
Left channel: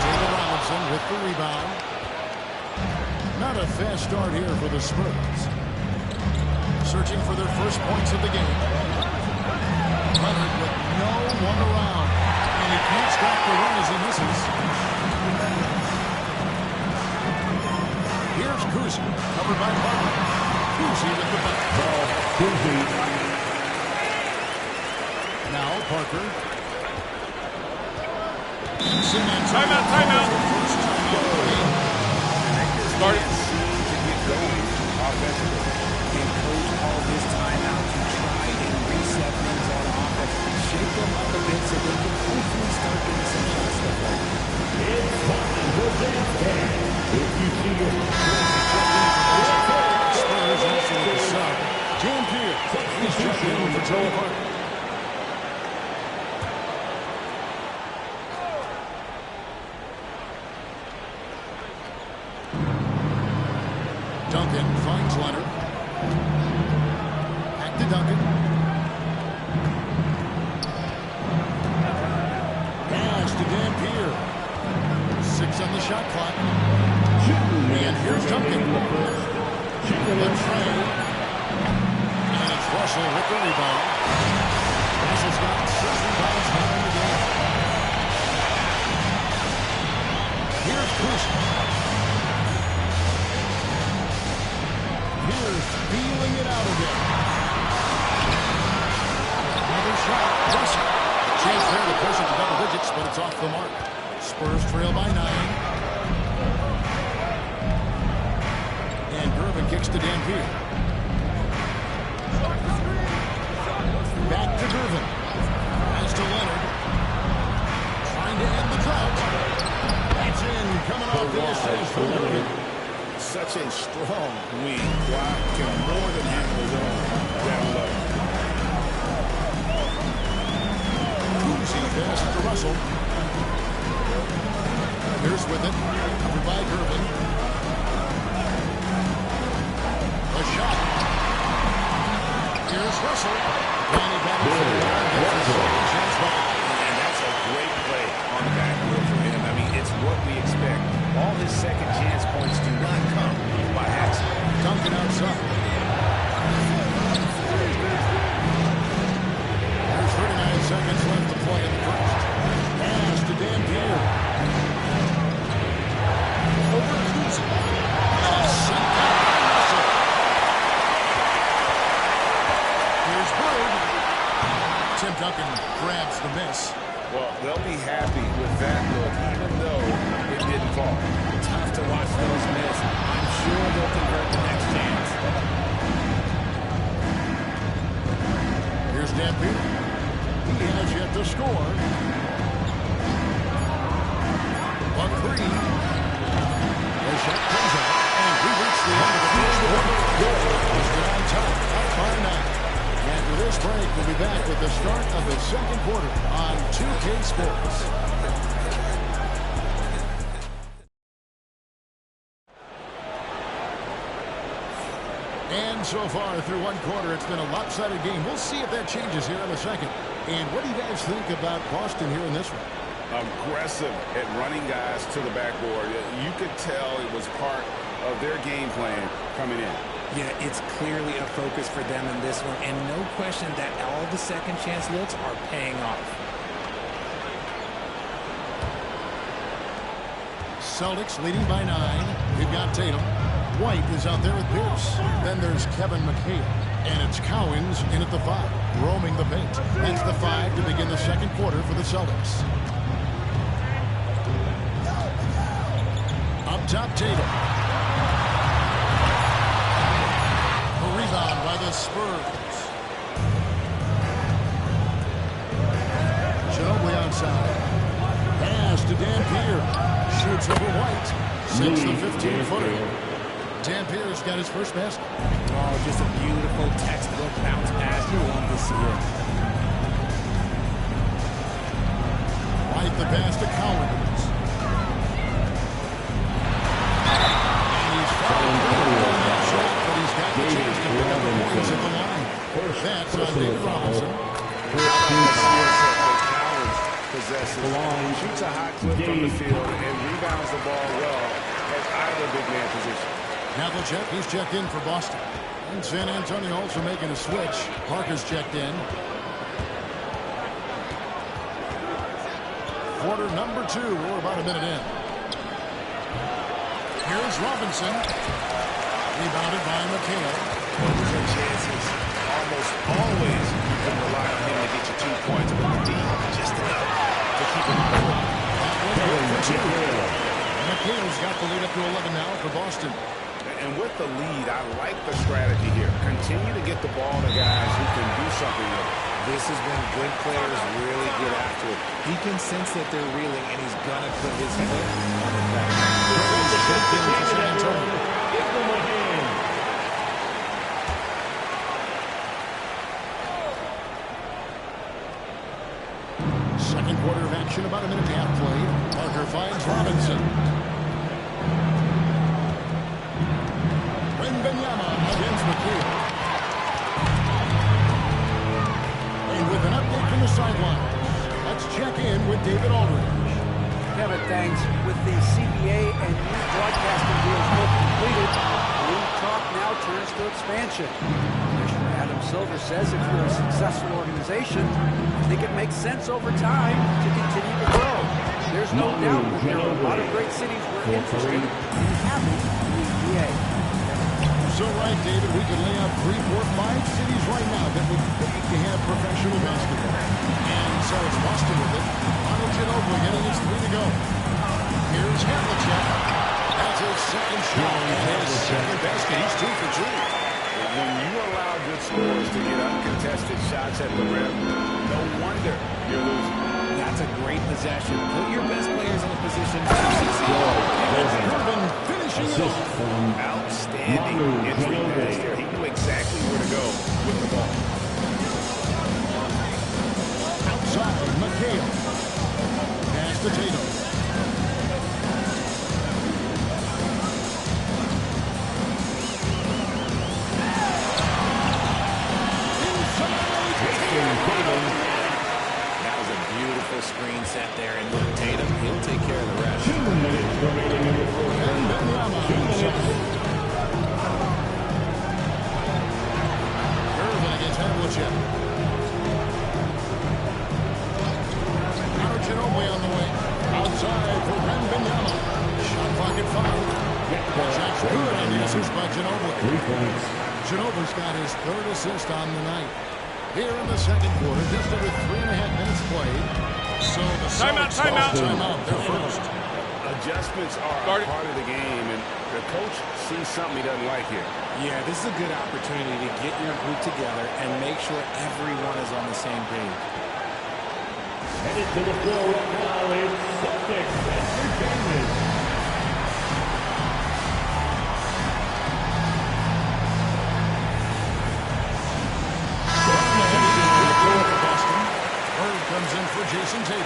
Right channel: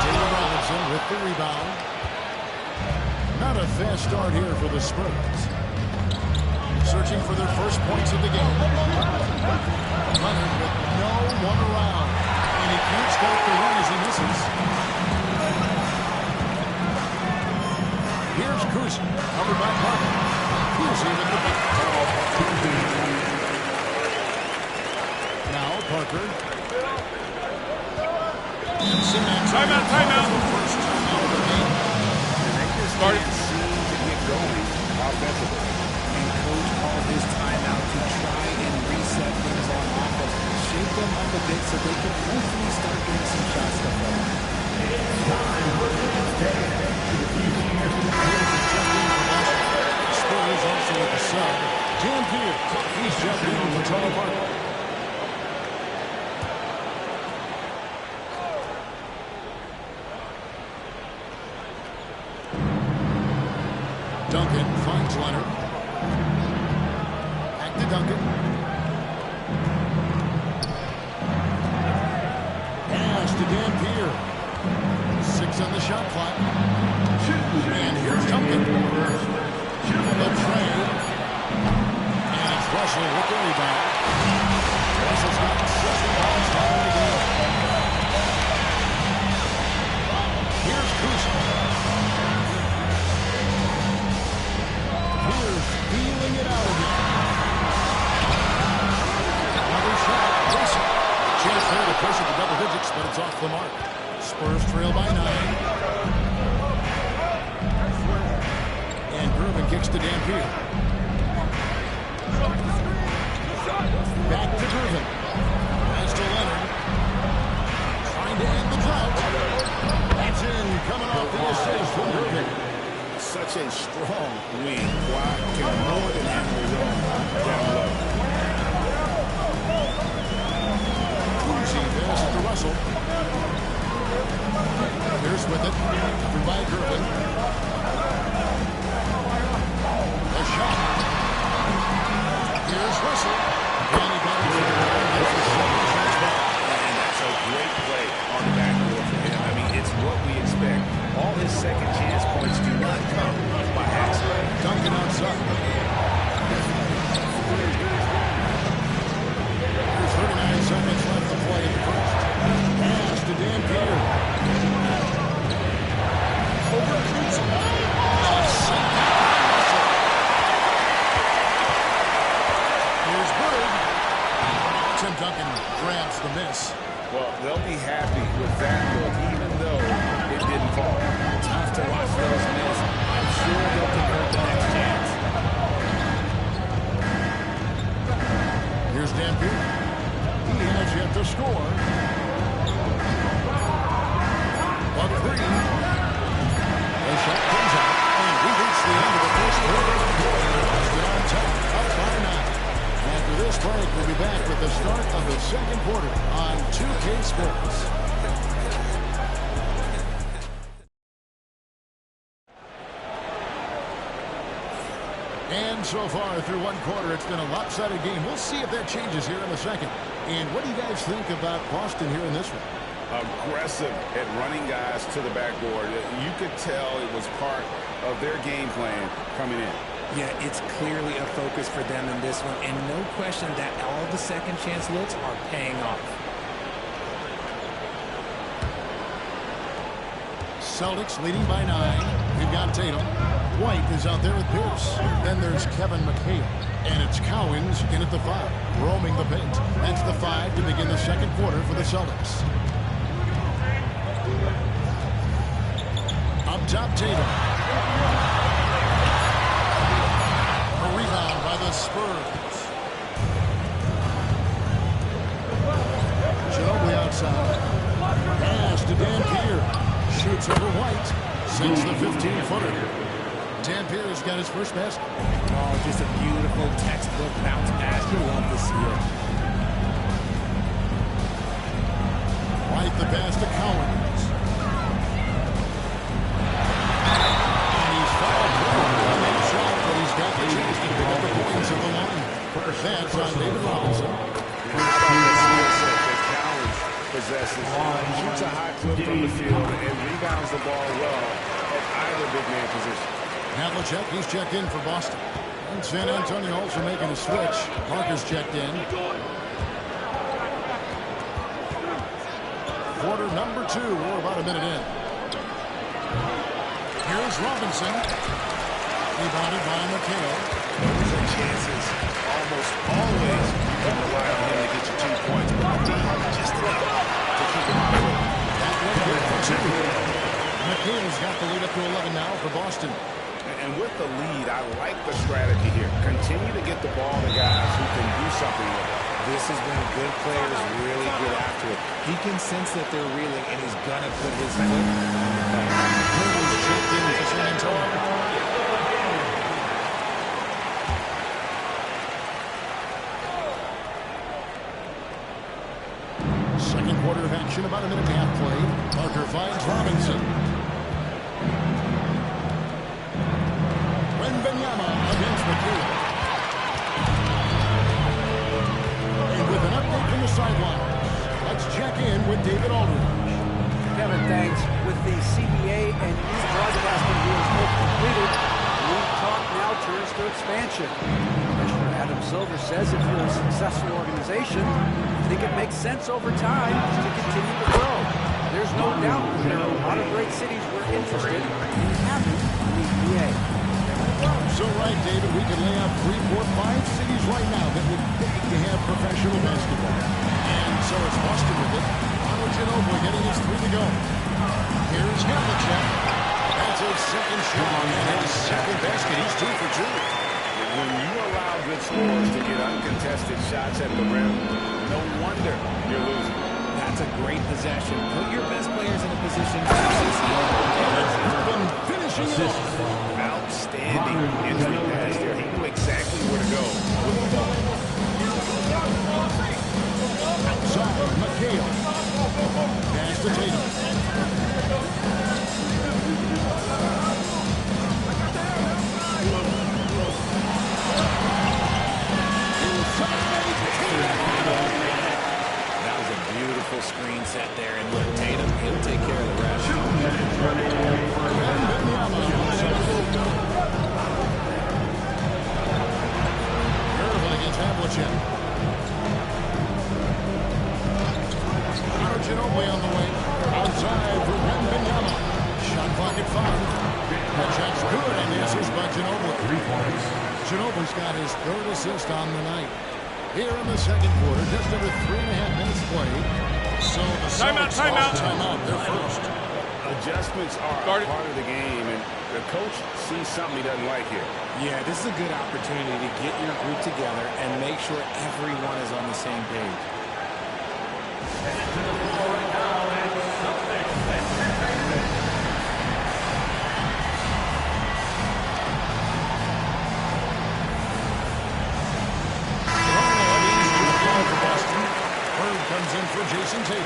Taylor Robinson with the rebound. Not a fast start here for the Spurs. Searching for their first points of the game. Leonard with no one around. And he can't stop the run as he misses. Here's Kuzi, covered by Parker. Kuzi with the bucket. Kuzi. Now Parker. Timeout. The first timeout of the game. And they just can't seem to get going offensively. And coach called his timeout to try and reset things on offense. Shake them up a bit so they can hopefully start getting some shots to fall. Spurs also with the sub. Dampier. He's checked in for Tony Parker. Duncan finds Leonard. Back to Duncan. Pass to Dampier. 6 on the shot clock. And here's Duncan. The tray. And it's Russell with the rebound. Russell's got 6 rebounds down in the game. Here's Kuzi. Here's feeling it out again. Another shot. Russell. Chance there to push it to double digits, but it's off the mark. Spurs trail by 9. And Irvin kicks to Dampier. Back to Irvin. Pass to Leonard. Trying to end the drought. That's in. Coming off the assist from Irvin. Such a strong wing. Kawhi can more than handle his own down low. Kuzi passes to Russell. Here's with it. Covered by Irvin. A shot. Here's Russell. And he battles for the ball and gets the second chance ball. And that's a great play on the backboard for him. I mean, it's what we expect. All his second chance points do not come by accident. Duncan outside. There's 39 seconds left to play in the first. Pass to Dampier. Over Kuzi. And it's sent down by Russell. is Bird. Tim Duncan grabs the miss. Well, they'll be happy with that look, even though it didn't fall. Tough to watch those miss. I'm sure they'll convert the next chance. Here's Dampier. He has yet to score. A three. The shot comes out, and we reach the end of the first quarter. Boston on top, up by 9. After this break, we'll be back with the start of the second quarter on 2K Sports. And so far through one quarter, it's been a lopsided game. We'll see if that changes here in a second. And what do you guys think about Boston here in this one? Aggressive at running guys to the backboard. You could tell it was part of their game plan coming in. Yeah, it's clearly a focus for them in this one, and no question that all the second chance looks are paying off. Celtics leading by 9. We've got Tatum. White is out there with Pierce. Then there's Kevin McHale. And it's Cowens in at the 5, roaming the paint. That's the 5 to begin the second quarter for the Celtics. Up top, Tatum. A rebound by the Spurs. Ginobili outside. Pass to Dampier. Shoots over White. Sinks the 15-footer. Dampier's got his first basket. Oh, just a beautiful textbook bounce pass. You love to see it. White the pass to Cowens. And he's fouled on that shot, but he's got the chance to pick up the points at the line. That's on David Robinson. How about the skill set that Cowens possesses? Shoots a high clip from the field and rebounds the ball well at either big man position. Havlicek, he's checked in for Boston. And San Antonio also making a switch. Parker's checked in. Quarter number 2. We're about a minute in. Here's Robinson. Rebounded by McHale. Those are chances. Almost always you can rely on him to get you 2 points, but the D just enough to keep him out of it. That one good for 2. McHale's got the lead up to 11 now for Boston. And with the lead, I like the strategy here. Continue to get the ball to guys who can do something with it. This is when good players really get after it. He can sense that they're reeling, and he's going to put his foot on the pedal. Curry's checked in for San Antonio. Second quarter of action, about a minute and a half played. Parker finds Robinson. Wembanyama against McHale. And with an update from the sidelines, let's check in with David Aldridge. Kevin, thanks. With the CBA and new broadcasting deals both completed, league talk now turns to expansion. Commissioner Adam Silver says if you're a successful organization, I think it makes sense over time to continue to grow. There's no doubt that there are a lot of great cities we're interested in having in the EBA. So right, David, we could lay out 3, 4, 5 cities right now that would beg to have professional basketball. And so it's Boston with it. Arnold Ginobili getting his 3 to go. Here's Havlicek. That's his second shot and his second basket. He's 2 for 2. When you allow good scorers to get uncontested shots at the rim, no wonder you're losing. That's a great possession. Put your best players in a position to succeed. And it's Durbin finishing it off. Outstanding entry pass there. He knew exactly where to go with the ball. Outside, McHale. Pass to Tatum. Inside, Tatum. That was a beautiful screen set there. And look, Tatum, he'll take care of the rest. 2 minutes remaining for Wembanyama. Irvin against Havlicek. Arnold Ginobili on the way. Outside for Wembanyama. Shot clock at 5. That shot's good on the assist by Ginobili. 3 points. Ginobili's got his 3rd assist on the night. Here in the second quarter, just over 3.5 minutes played. So the timeout. They're first. Adjustments are a part of the game, and the coach sees something he doesn't like here. Yeah, this is a good opportunity to get your group together and make sure everyone is on the same page. Headed to the floor right now, it's Celtics Entertainment. For Boston. Herb comes in for Jason Tatum.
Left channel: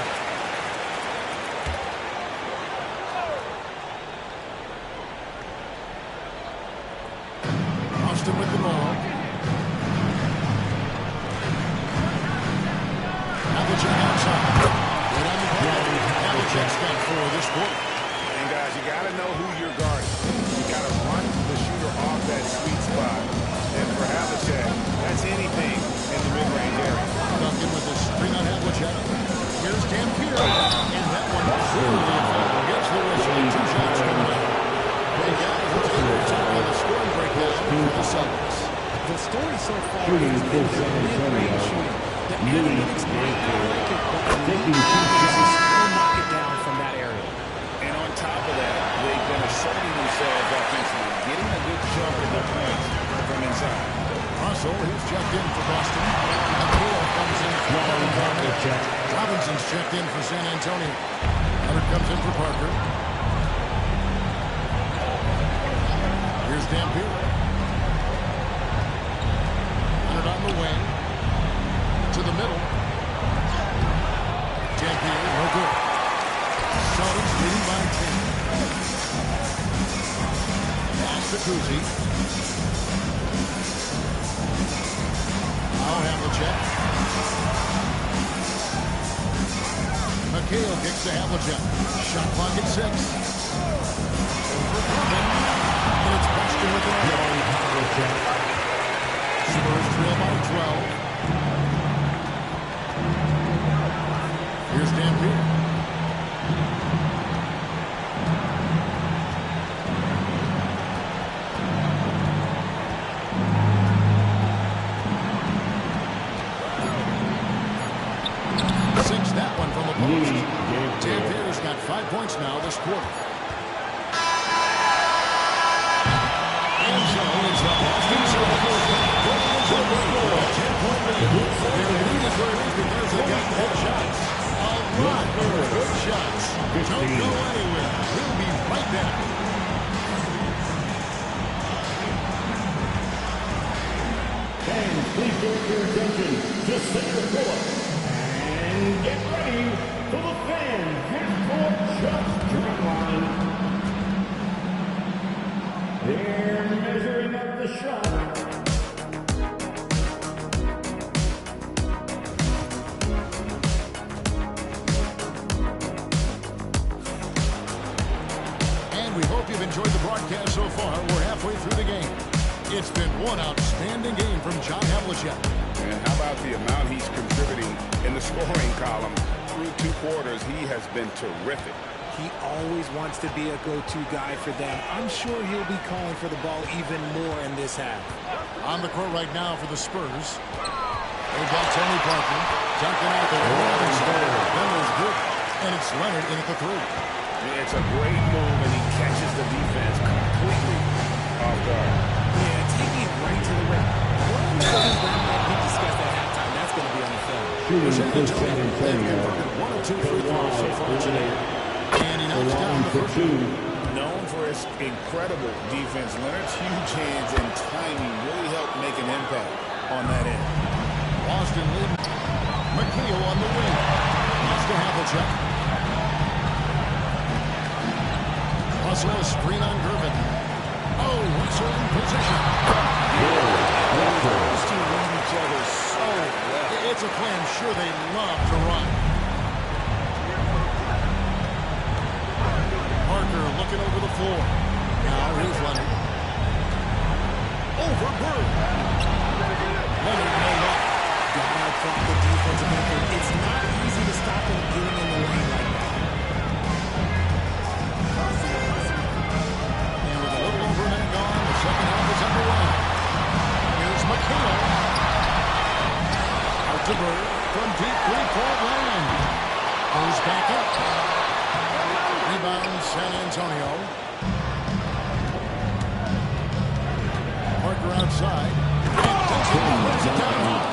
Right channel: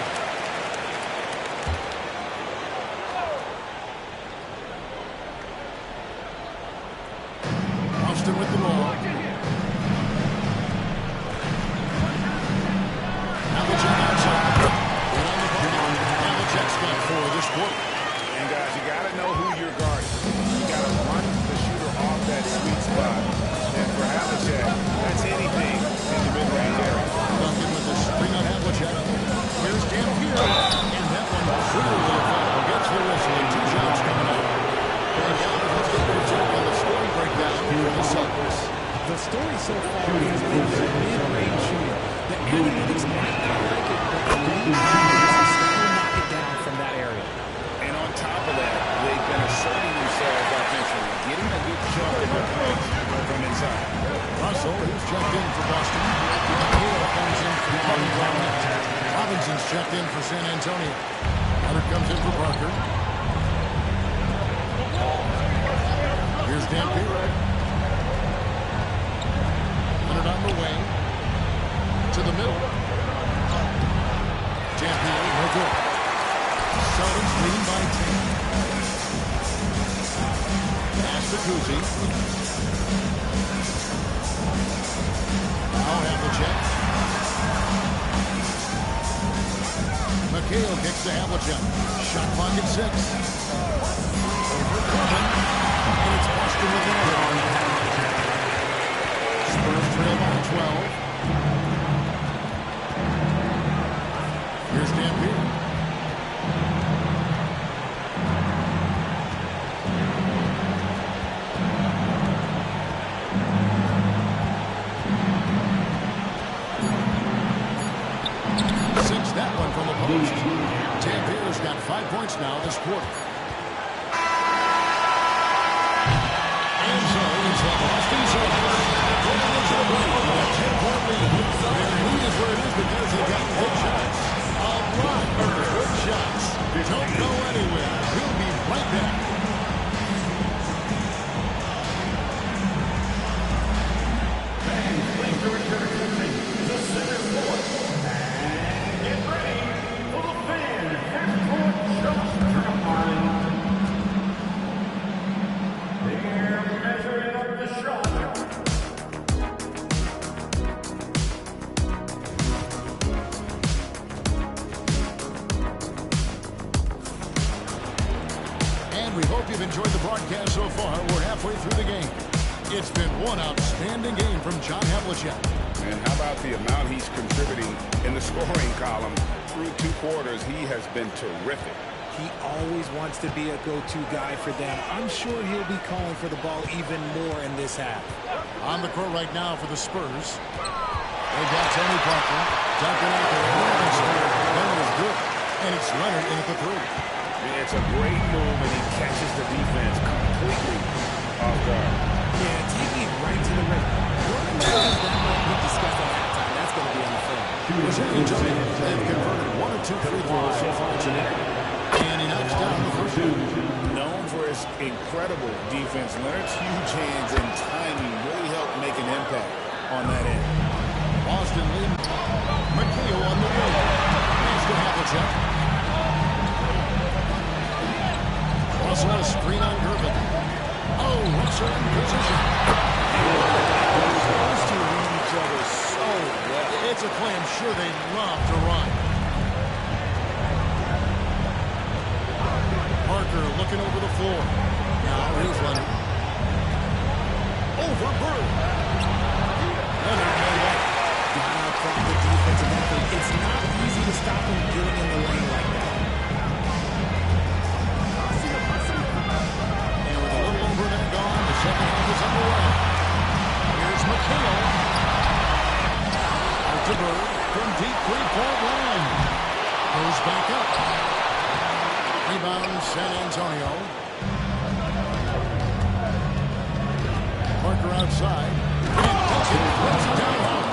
Boston with the ball. Havlicek outside. Right on the bucket. Havlicek's got 4 this quarter. And guys, you got to know who you're guarding. You got to run the shooter off that sweet spot. And for Havlicek, that's anything in the mid-range area. Duncan with the screen on Havlicek. Here's Dampier. And that one clearly a foul. Gets the whistle and 2 shots coming out. And guys, let's get your take on the scoring breakdown for the Celtics. The story so far has been their mid-range shooting. The analytics might not like it, but the league is still knock it down from that area. And on top of that, they've been asserting themselves offensively, getting a good chunk of their points from inside. Russell is checked in for Boston. McHale comes in for Parker. Robinson's checked in for San Antonio. Hubbard comes in for Parker. Here's Dampier. Leonard on the wing. To the middle. Dampier, no good. Celtics leading by 10. Pass to Kuzi. Now Havlicek. McHale kicks to Havlicek. Shot clock at 6. Over Corbin. And it's Boston with another one. Spurs trail by 12. Here's Dampier. That one from the post. Dampier's got 5 points now this quarter. And so it's the Boston Celtics going into the break with a 10-point lead. Their lead is where it is because they've got good shots. A lot of good shots. Don't go anywhere. We'll be right back. Fans, please direct your attention to center court. Get ready for the fan half-court just turn line. They're measuring up the shot. And we hope you've enjoyed the broadcast so far. We're halfway through the game. It's been one outstanding game from John Havlicek. And how about the amount he's contributing in the scoring column? Through 2 quarters, he has been terrific. He always wants to be a go-to guy for them. I'm sure he'll be calling for the ball even more in this half. On the court right now for the Spurs. They've got Tony Parker. Duncan out there with Robinson. Then there's Good. And it's Leonard in at the 3. It's a great move, and he catches the defense completely off guard. Yeah, taking it right to the rim. One of the things that might be discussed at halftime, that's going to be on the film. San Antonio, they've converted 1 of 2 free throws so far today. And he knocks down the first one. Known for his incredible defense, Leonard's huge hands and timing really helped make an impact on that end. Boston leading. McHale on the wing. Pass to Havlicek. Russell a screen on Gervin. Oh, Russell in position. Those two read each other so well. It's a play I'm sure they love to run. Parker looking over the floor. Now here's Leonard. Over Bird. Leonard no luck. Gotta applaud the defensive effort. It's not easy to stop him getting in the lane like that. And with a little over a minute gone, the second half is underway. Here's McHale. to Bird from deep three-point land. Goes back up. Rebound, San Antonio. Parker outside. And Duncan throws it down hard.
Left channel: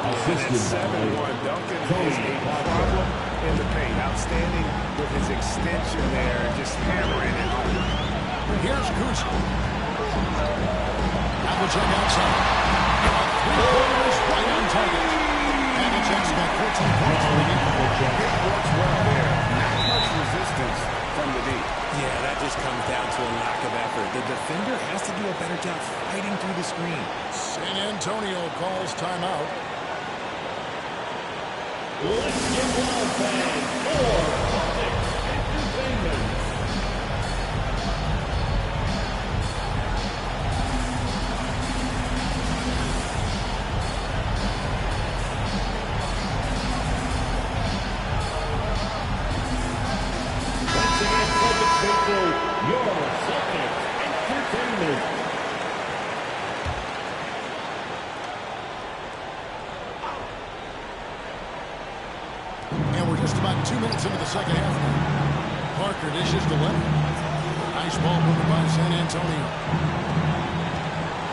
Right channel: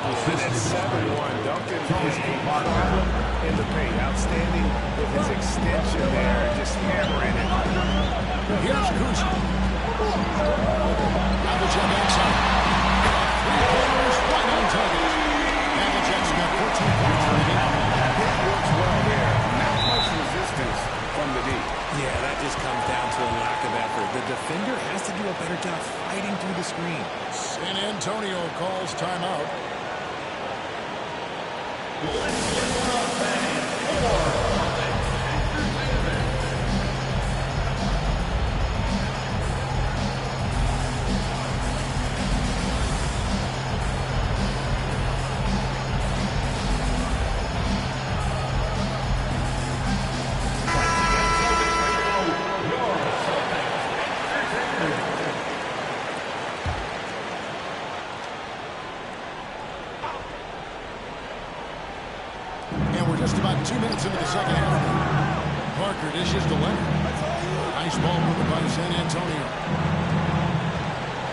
And at 7-1, Duncan is a problem in the paint. Outstanding with his extension there, just hammering it. Here's Kuzma. Havlicek outside. A three-pointer is right on target. Havlicek's got 14 points for the game. It works well there. Not much resistance from the D. Yeah, that just comes down to a lack of effort. The defender has to do a better job fighting through the screen. San Antonio calls timeout. Let's get loud, fans, for entertainment. Once again, Celtics faithful, your Celtics entertainment. And we're just about 2 minutes into the second half now. Parker dishes to Leonard. Nice ball movement by San Antonio.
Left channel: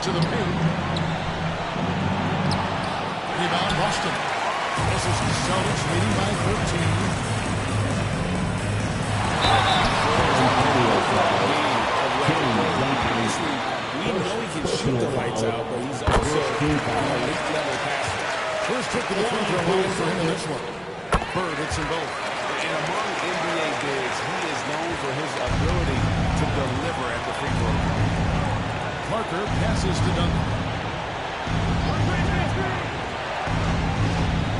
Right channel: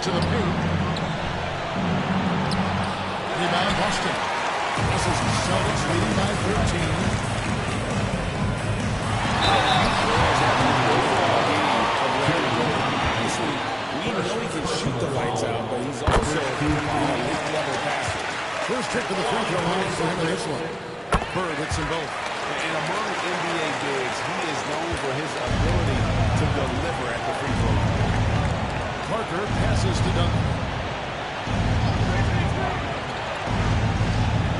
To the paint. Rebound Boston. This is the Celtics leading by 13. Obviously, we know he can shoot the lights out, but he's also an elite-level passer. First hit to the free throw line for him in this one. Bird hits them both. And among NBA bigs, he is known for his ability to deliver at the free throw line. Parker passes to Duncan.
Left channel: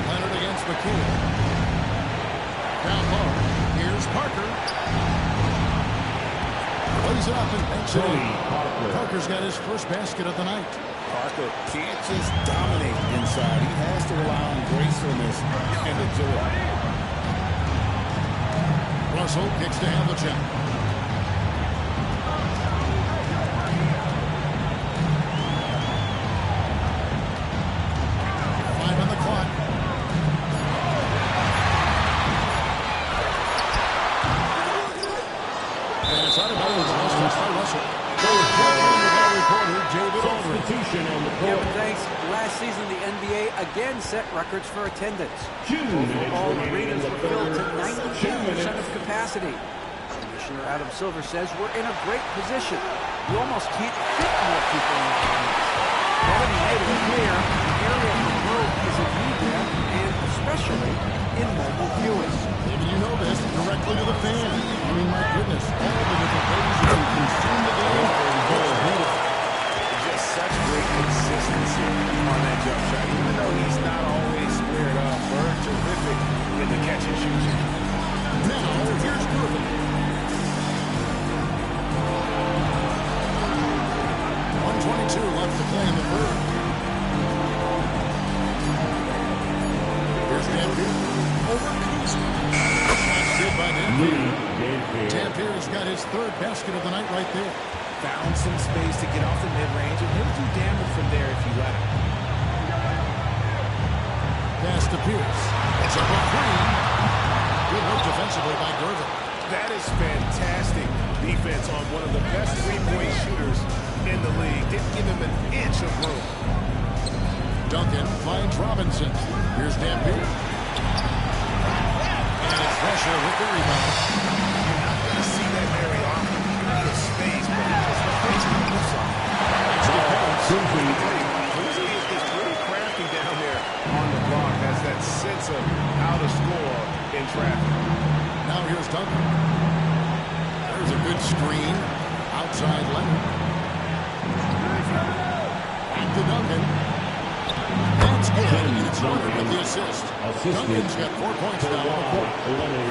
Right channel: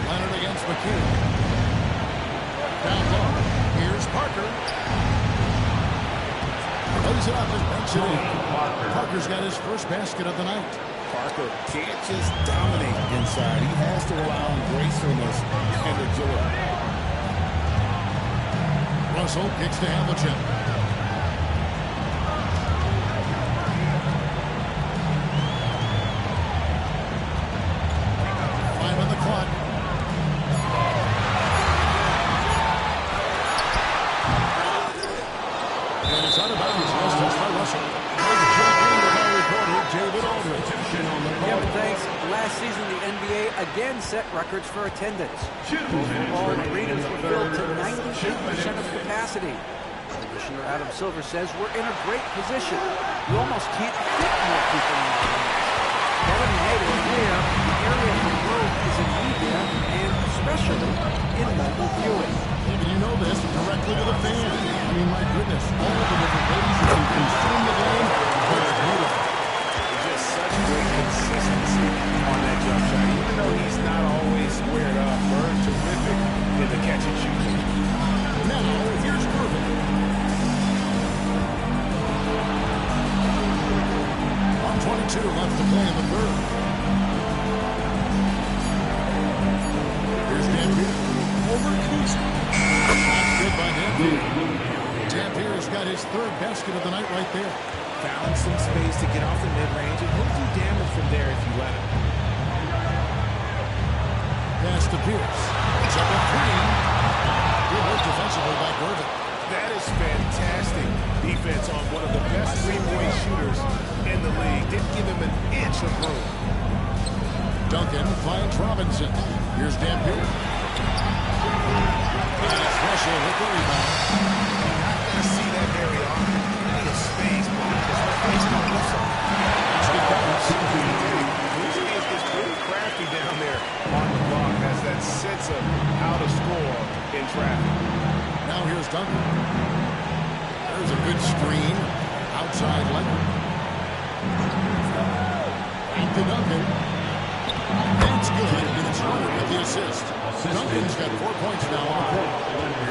Leonard against McKee. Down low. Here's Parker. Lays it up and banks it in. Parker's got his first basket of the night. Parker can't just dominate inside. He has to rely on gracefulness and agility. Russell kicks to Havlicek. Five on the clock. And it's out of bounds. Last touch by Russell. Reporter David Aldridge. Yeah, but thanks. Last season, the NBA again set records for attendance. Overall, arenas were filled to 98% of capacity. Commissioner Adam Silver says we're in a great position. You almost can't fit more people in the arenas. Kevin made it clear the area for growth is a need there, and especially in mobile viewing. David, you know this directly to the fan. I mean, my goodness, all the different ways you can consume the game. It's beautiful. Just such great consistency on that jump shot. Even though he's not always squared up, Bird terrific in the catch and shoot game. Now, here's Irvin. 1:22 left to play in the third. Here's Dampier over Kuzma. That's good by Dampier. Dampier's got his third basket of the night right there. Found some space to get off the mid-range, and he'll do damage from there if you let him. Pass to Pierce. It's up a three. Good work defensively by Gervin. That is fantastic defense on one of the best three-point shooters in the league. Didn't give him an inch of room. Duncan finds Robinson. Here's Dampier. And it's Russell with the rebound. You're not going to see that very often. Plenty of space, but he just let face come with something. Basket counts. Kuzma is pretty crafty down there on the block. Has that sense of how to score in traffic. Now here's Duncan. There's a good screen. Outside Leonard. Back to Duncan. That's good, and it's Leonard with the assist. Duncan's got 4 points now on the court.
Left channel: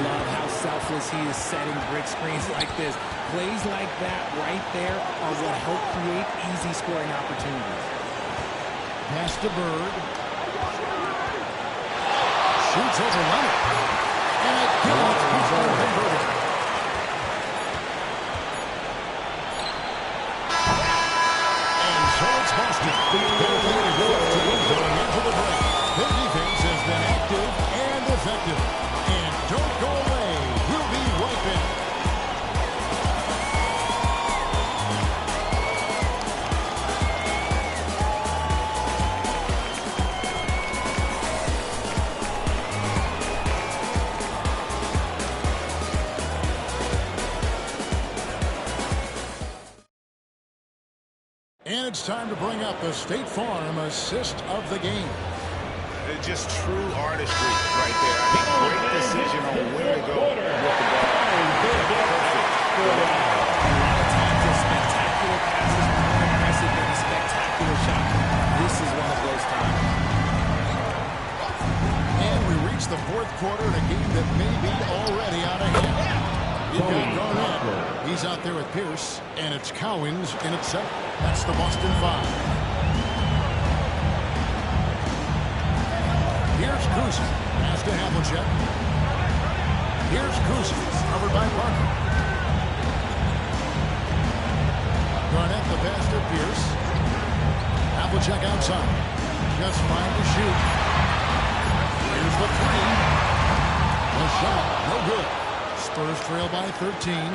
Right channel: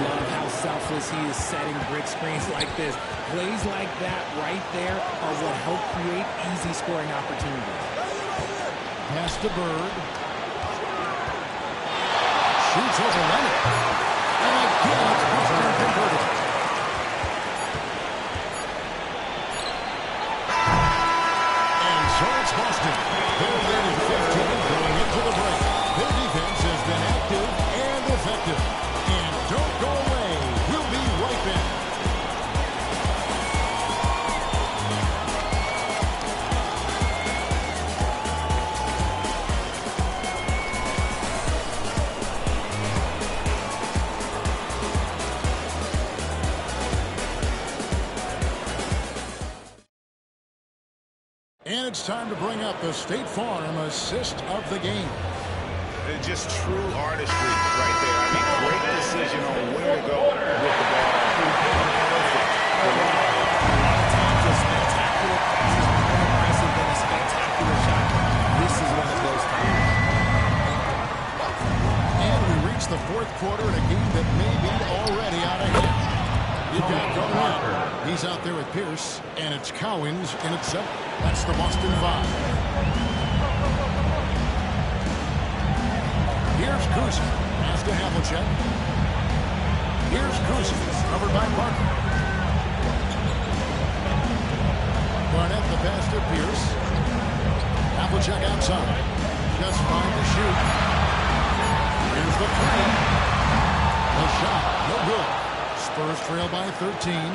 Love how selfless he is setting brick screens like this. Plays like that right there are what help create easy scoring opportunities. Pass to Bird. Shoots over Leonard. And again, it's Boston converted. And so it's Boston. They're leading 15 going into the break. Their defense is And it's time to bring up the State Farm assist of the game. Just true artistry right there. I mean, great decision on where to go with the ball. Perfect. A lot of times a spectacular pass is more impressive than a spectacular shot. This is one of those times. And we reach the fourth quarter in a game that may be already out of hand. You've got Garnett. He's out there with Pierce, and it's Cowens in at center. That's the Boston 5. Here's Kuzi. Pass to Havlicek. Here's Kuzi. Covered by Parker. Garnett the pass to Pierce. Havlicek outside. Just fine to shoot. Here's the three. The shot. No good. Spurs trail by 13.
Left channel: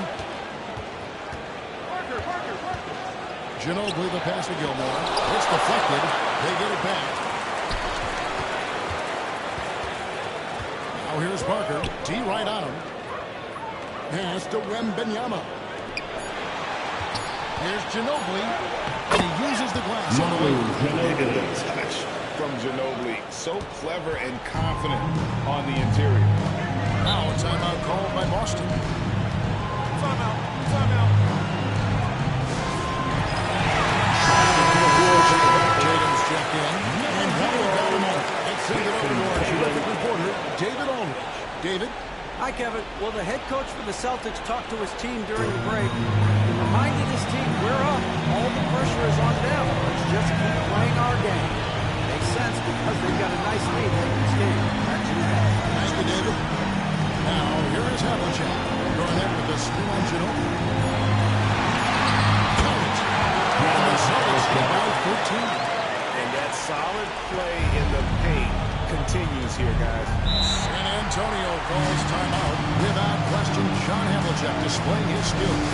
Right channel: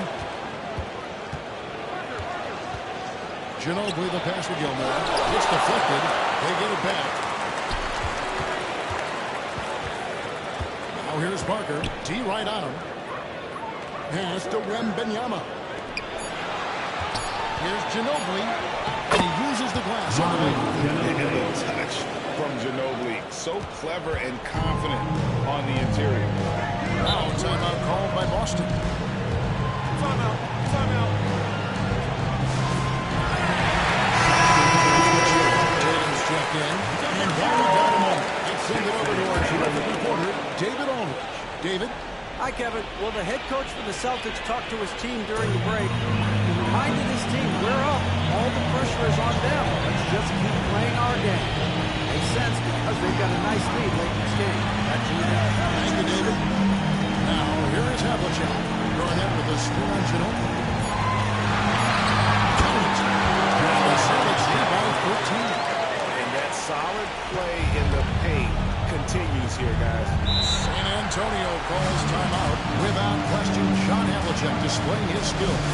Ginobili the pass to Gilmore. It's deflected. They get it back. Now here's Parker. D right on him. Pass to Wembanyama. Here's Ginobili. And he uses the glass on the wing. And the touch from Ginobili. So clever and confident on the interior. Now a timeout called by Boston. Timeout. Timeout. Tatum's checked in. And while we got him on, let's send it over to our terrific reporter, David Aldridge. David? Hi, Kevin. Well, the head coach for the Celtics talked to his team during the break. He reminded his team, we're up. All the pressure is on them. Let's just keep playing our game. Makes sense because they've got a nice lead late in this game. Back to you guys. Thank you, David. Now, here is Havlicek. Garnett with the screen on Ginobili. Count it. And the Celtics lead by 13. And that solid play in the paint continues here, guys. San Antonio calls timeout. Without question, John Havlicek displaying his skills.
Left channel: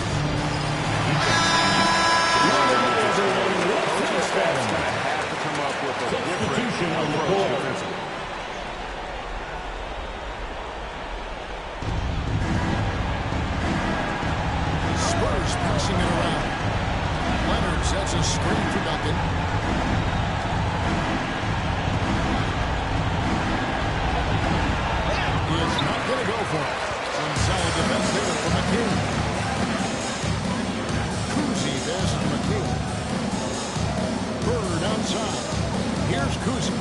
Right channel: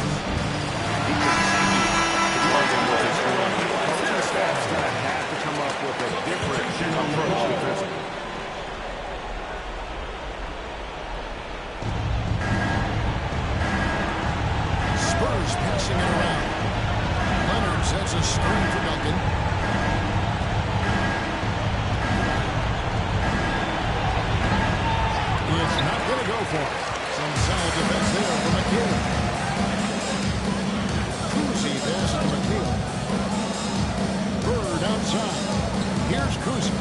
He continues to run them with his scoring. The coaching staff's going to have to come up with a different approach defensively. Spurs passing it around. Leonard sets a screen for Duncan. It's not going to go for it. Some solid defense there for McHale. Kuzi passes to McHale. Bird outside. Here's Kuzi.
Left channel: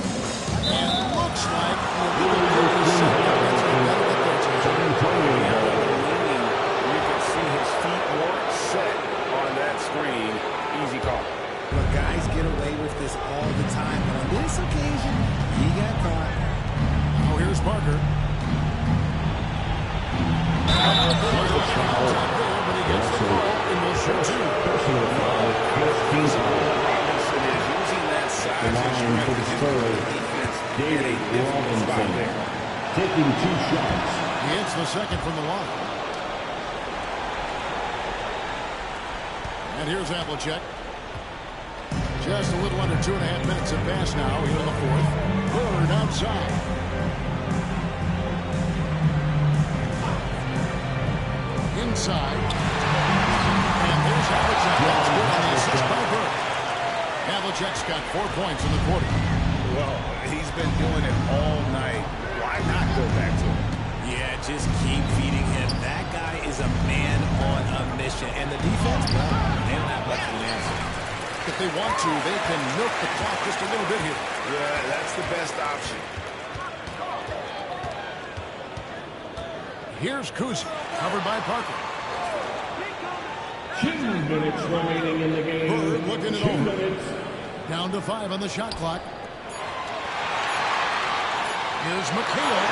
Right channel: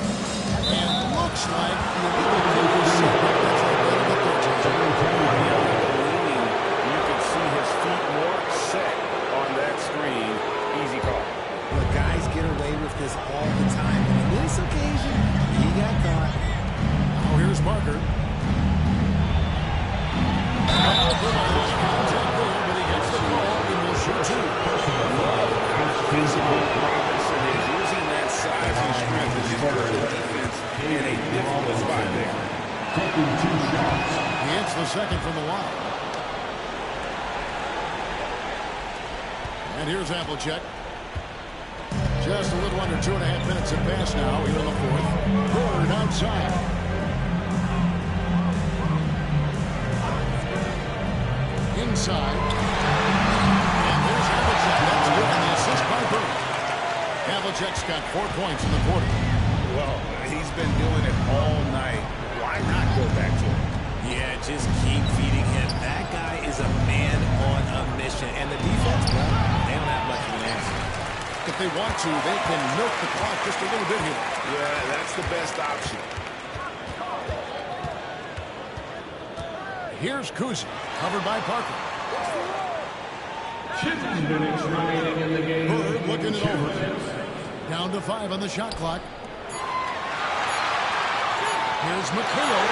And looks like the illegal move is set. Yep, that's right. That'll get their attention. You can see his feet more set on that screen. Easy call. But guys get away with this all the time. But on this occasion, he got caught. Now here's Parker. Contact there, but he gets the call and will shoot two. How physical Robinson is, using that size and strength to just put the defense in a difficult spot there. Taking 2 shots. He hits the second from the line. And here's Havlicek. Just a little under 2.5 minutes have passed now here in the fourth. Bird outside. Inside. And there's Havlicek. That's good on the assist by Bird. Havlicek's got 4 points in the quarter. Well, he's been doing it all night. Why not go back to him? Yeah, just keep feeding him. That guy is a man on a mission. And the defense, well, they don't have much of an answer. If they want to, they can milk the clock just a little bit here. Yeah, that's the best option. Here's Kuzi, covered by Parker. 2 minutes remaining in the game. Bird looking it 2 over. minutes. Down to 5 on the shot clock. Here's McHale.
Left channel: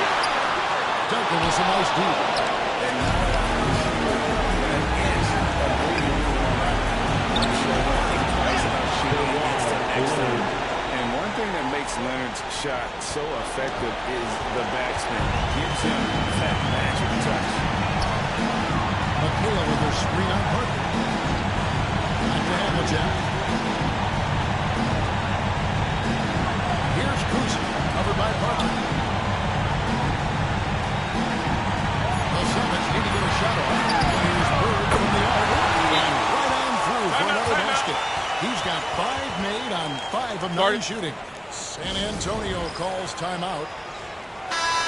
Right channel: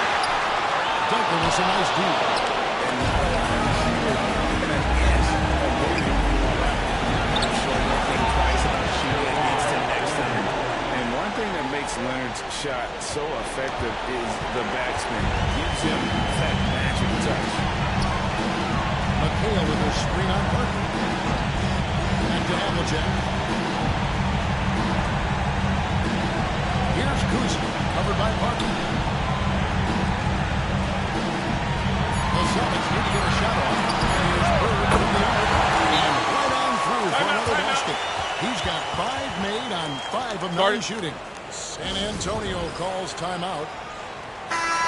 Duncan with some nice deep. And not allowing the shooter even an inch of breathing room on that. I'm sure they'll think twice about shooting against him next time. And one thing that makes Leonard's shot so effective is the backspin. Gives him that magic touch. McHale with her screen on Parker. Back to Havlicek. Here's Kuzi, covered by Parker. The Celtics need to get a shot off. And here's Bird from the arc. And right on through for another basket. He's got 5 made on 5 of 9 shooting. San Antonio calls timeout.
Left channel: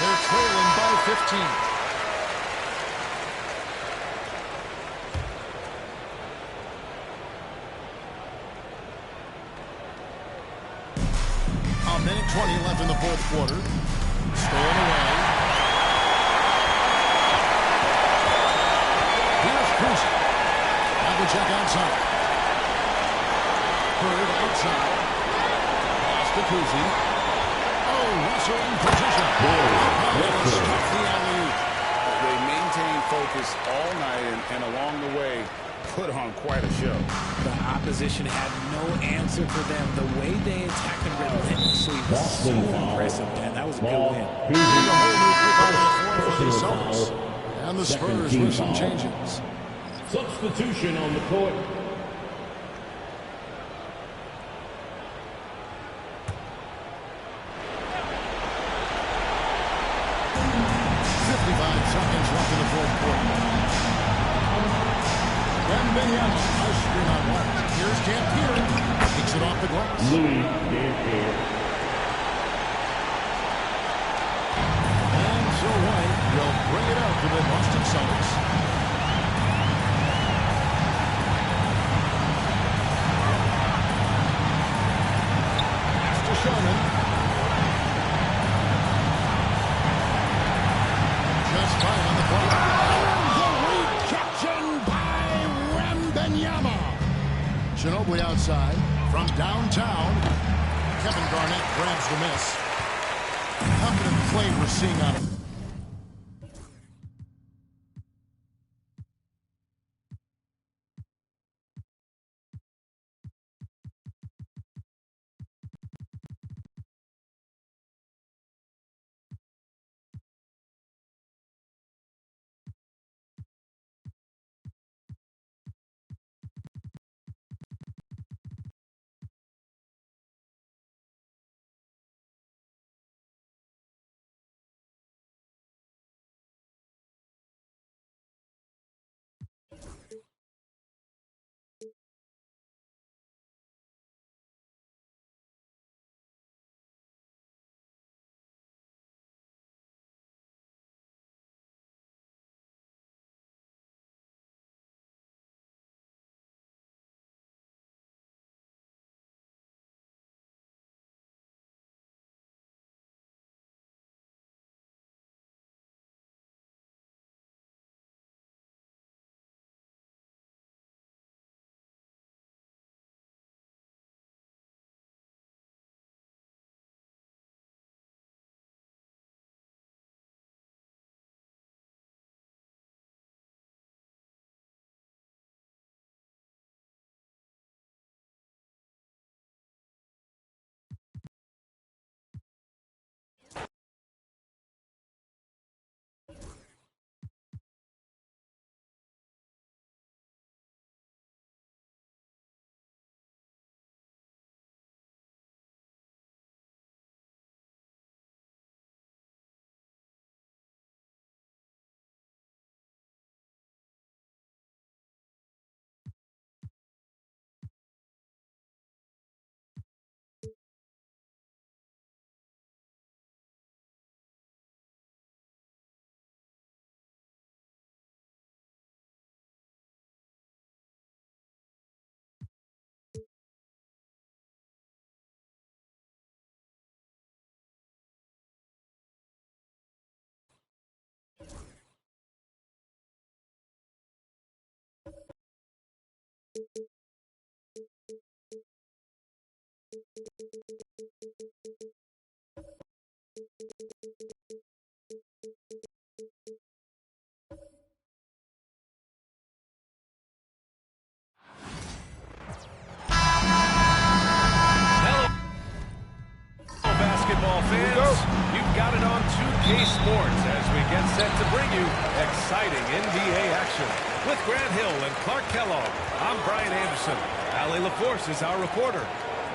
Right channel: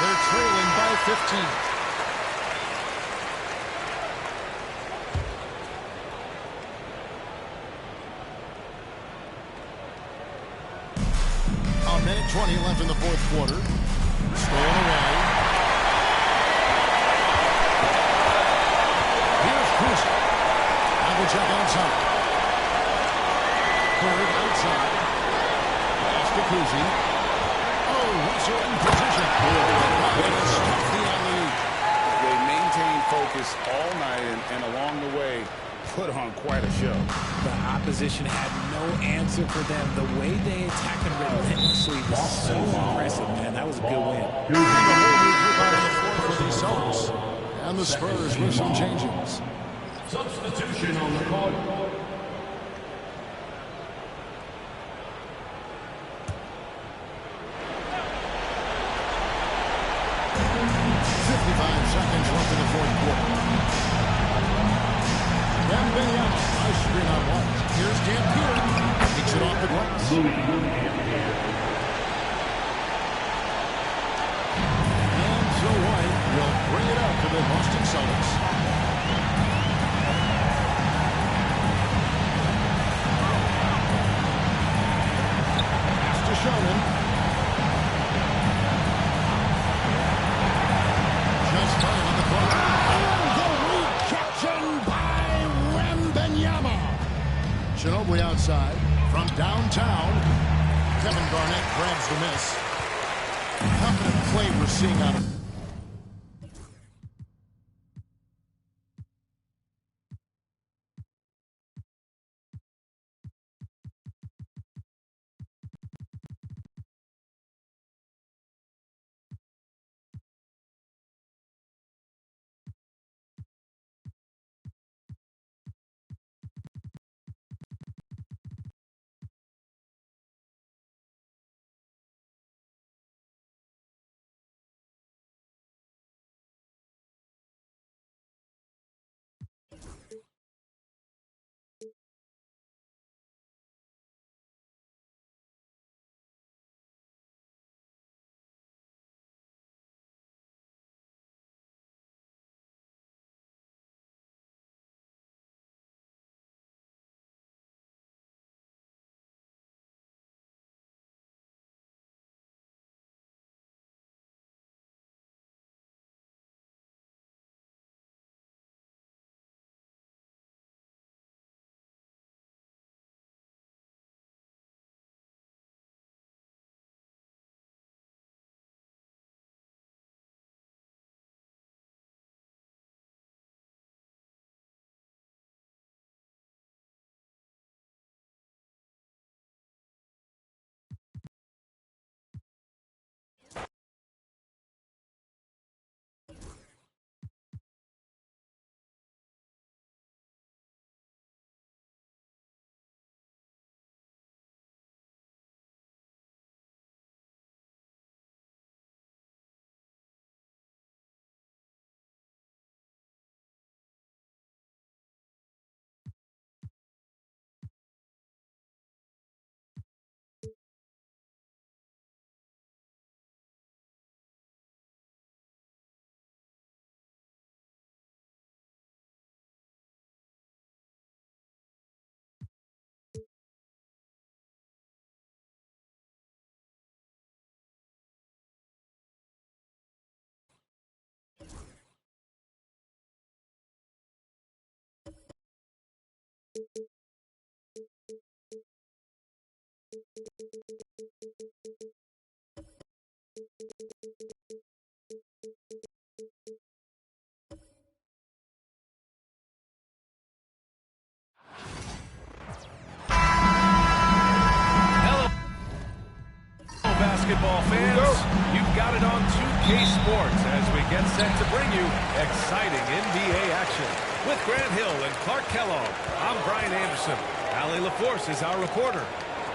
They're trailing by 15. A minute 20 left in the fourth quarter. Stolen away. Here's Cruiser. Havlicek outside. Bird outside. Pass to Kuzi. Oh, Russell in position. It'll stuff the alley-oop. They maintained focus all night and along the way put on quite a show. The opposition had no answer for them. The way they attacked them relentlessly was so impressive, man. That was a good win. There's a whole new group out on the floor for the Celtics. And the Spurs with some changes. Substitution on the court. Seconds left in the fourth quarter. Wembanyama, a screen on White. Here's Dampier. Takes it off the glass. And so White will bring it up to the Boston Celtics. Pass to Sherman. Just 5 on the clock. And the rejection by Wembanyama. Ginobili outside. From downtown, Kevin Garnett grabs the miss. Confident play we're seeing out of basketball fans. You've got it on 2K Sports as we get set to bring you exciting NBA action. With Grant Hill and Clark Kellogg, I'm Brian Anderson. Allie LaForce is our reporter.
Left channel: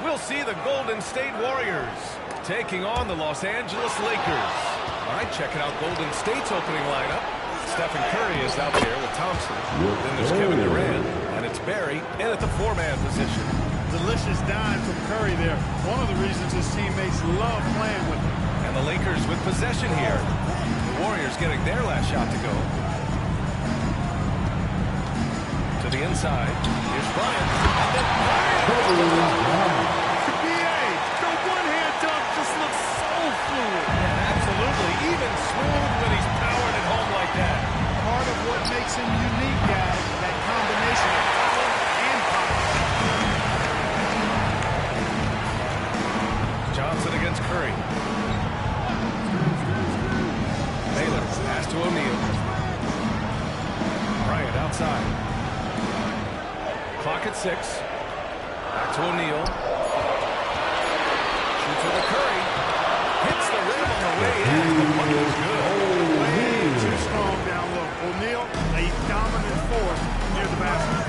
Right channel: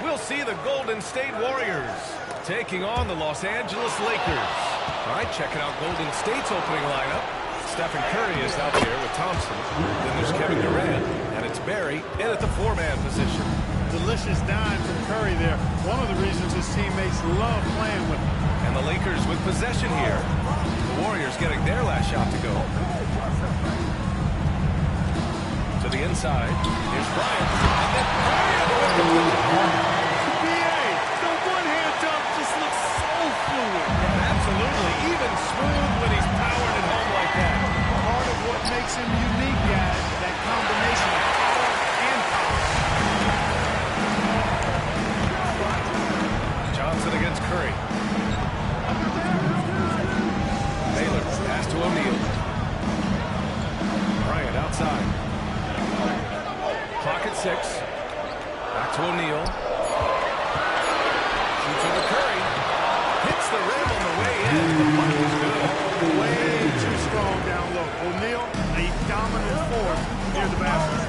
We'll see the Golden State Warriors taking on the Los Angeles Lakers. All right, checking out Golden State's opening lineup. Stephen Curry is out there with Thompson. Then there's Kevin Durant, and it's Barry in at the 4-man position. delicious dime from Curry there. One of the reasons his teammates love playing with him. And the Lakers with possession here. The Warriors getting their last shot to go. To the inside. Here's Bryant. And then Bryant with the dunk. B.A., the one-hand dunk just looks so fluid. Yeah, absolutely. Even smooth when he's powering it home like that. Part of what makes him unique, guys, that combination of power and pop. Johnson against Curry. Baylor pass to O'Neal. Bryant outside. Clock at 6. Back to O'Neal. Shoots over Curry. Hits the rim on the way in. The bucket's good. Way too strong down low. O'Neal, a dominant force near the basket.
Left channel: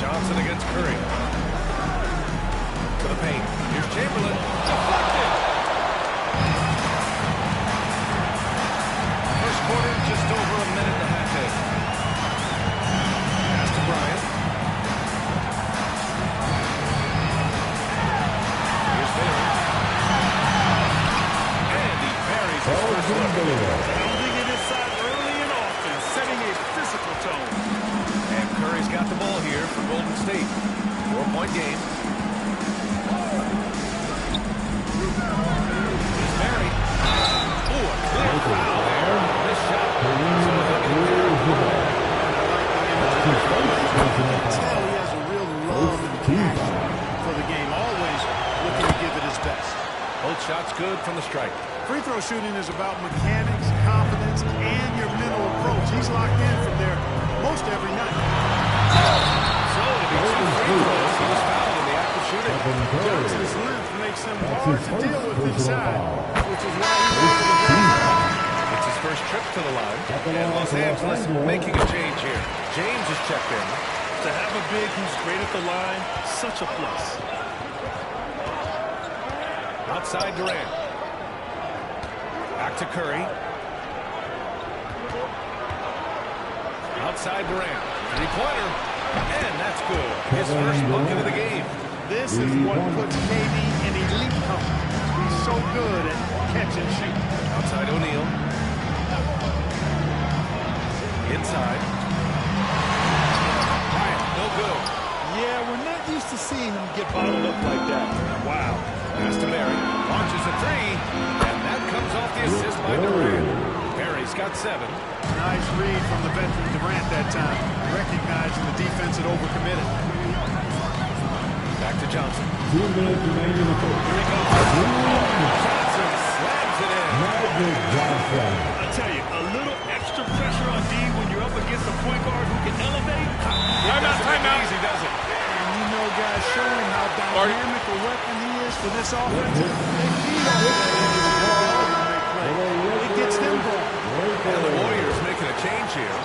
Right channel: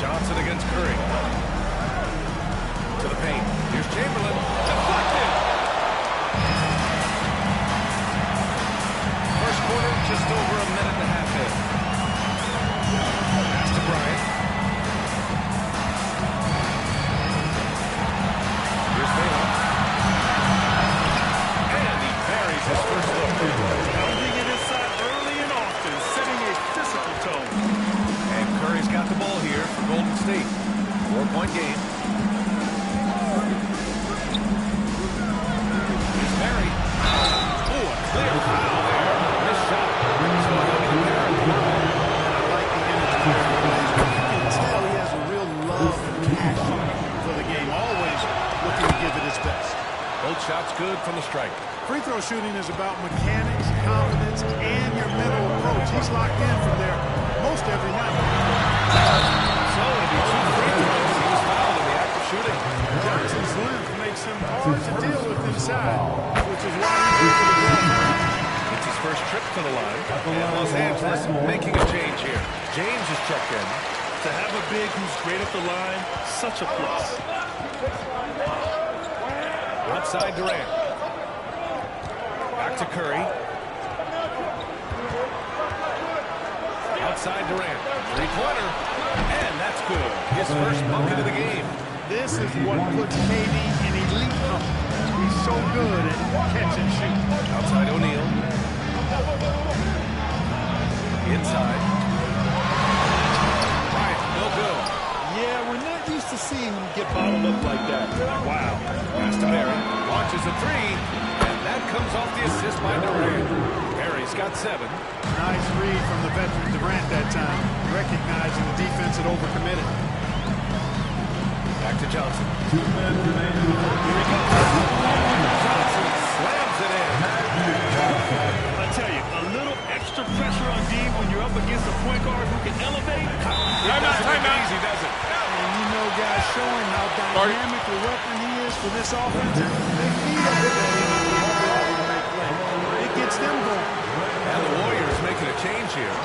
Johnson against Curry. To the paint. Here's Chamberlain. Deflected. First quarter, just over a minute and a half in. Pass to Bryant. Here's Baylor. And he buries his first look. Pounding it inside early and often, setting a physical tone. And Curry's got the ball here for Golden State. 4-point game. Here's Barry. Oh, a clear foul there. Missed shot. So he'll get there at the line. I like the energy there. You can tell he has a real love and passion for the game. Always looking to give it his best. Both shots good from the strike. Free throw shooting is about mechanics, confidence, and your mental approach. He's locked in from there most every night. So it'll be 2 free throws. He was fouled in the act of shooting. Johnson's length makes him hard to deal with inside, which is why he's able to draw fouls. It's his first trip to the line. And Los Angeles making a change here. James is checked in. To have a big who's great at the line, such a plus. Outside Durant. Back to Curry. Outside Durant. Three-pointer. And that's good. His first bucket of the game. This is what puts KD in elite company. He's so good at catch and shoot. Outside O'Neal. Inside. Bryant, no good. Yeah, we're not used to seeing him get bottled up like that. Wow. Pass to Barry. Launches a 3. And that comes off the assist by Durant. Barry's got 7. Nice read from the veteran Durant that time, recognizing the defense had overcommitted. Back to Johnson. 2 minutes remaining in the fourth. Here he goes. Oh, and Johnson slams it in. I tell you, a little extra pressure on D when you're up against a point guard who can elevate. Timeout. Easy, does it? And you know, guys, showing how dynamic a weapon he is for this offense, they feed off of that energy to make plays. It gets them going. And the Warriors making a change here.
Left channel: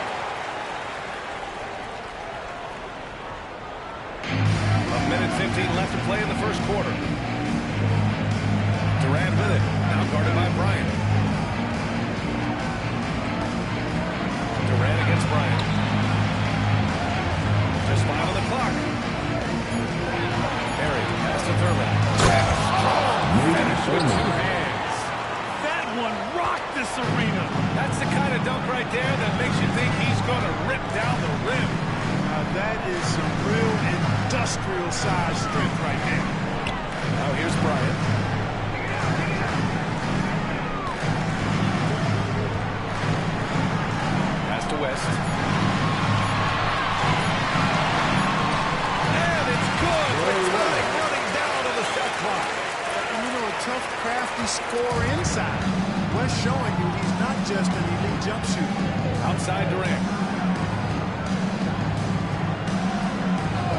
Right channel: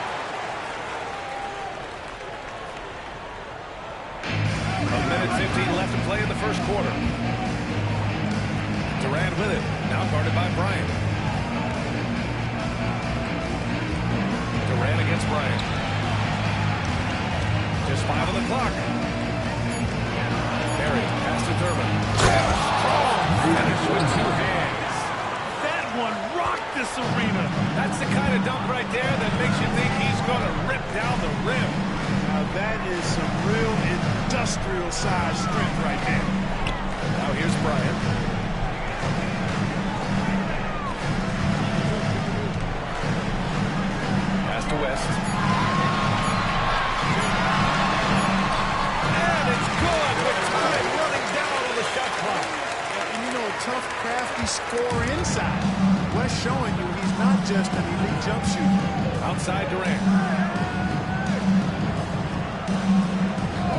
A minute 15 left to play in the first quarter. Durant with it. Now guarded by Bryant. Durant against Bryant. Just 5 on the clock. Barry, pass to Thurman. And a strong finish with 2 hands. That one rocked this arena. That's the kind of dunk right there that makes you think he's going to rip down the rim. Now that is some real industrial size strength right there. Now here's Bryant. Pass to West. And it's good with time running down on the shot clock. And you know, a tough, crafty scorer inside. West showing you he's not just an elite jump shooter. Outside Durant.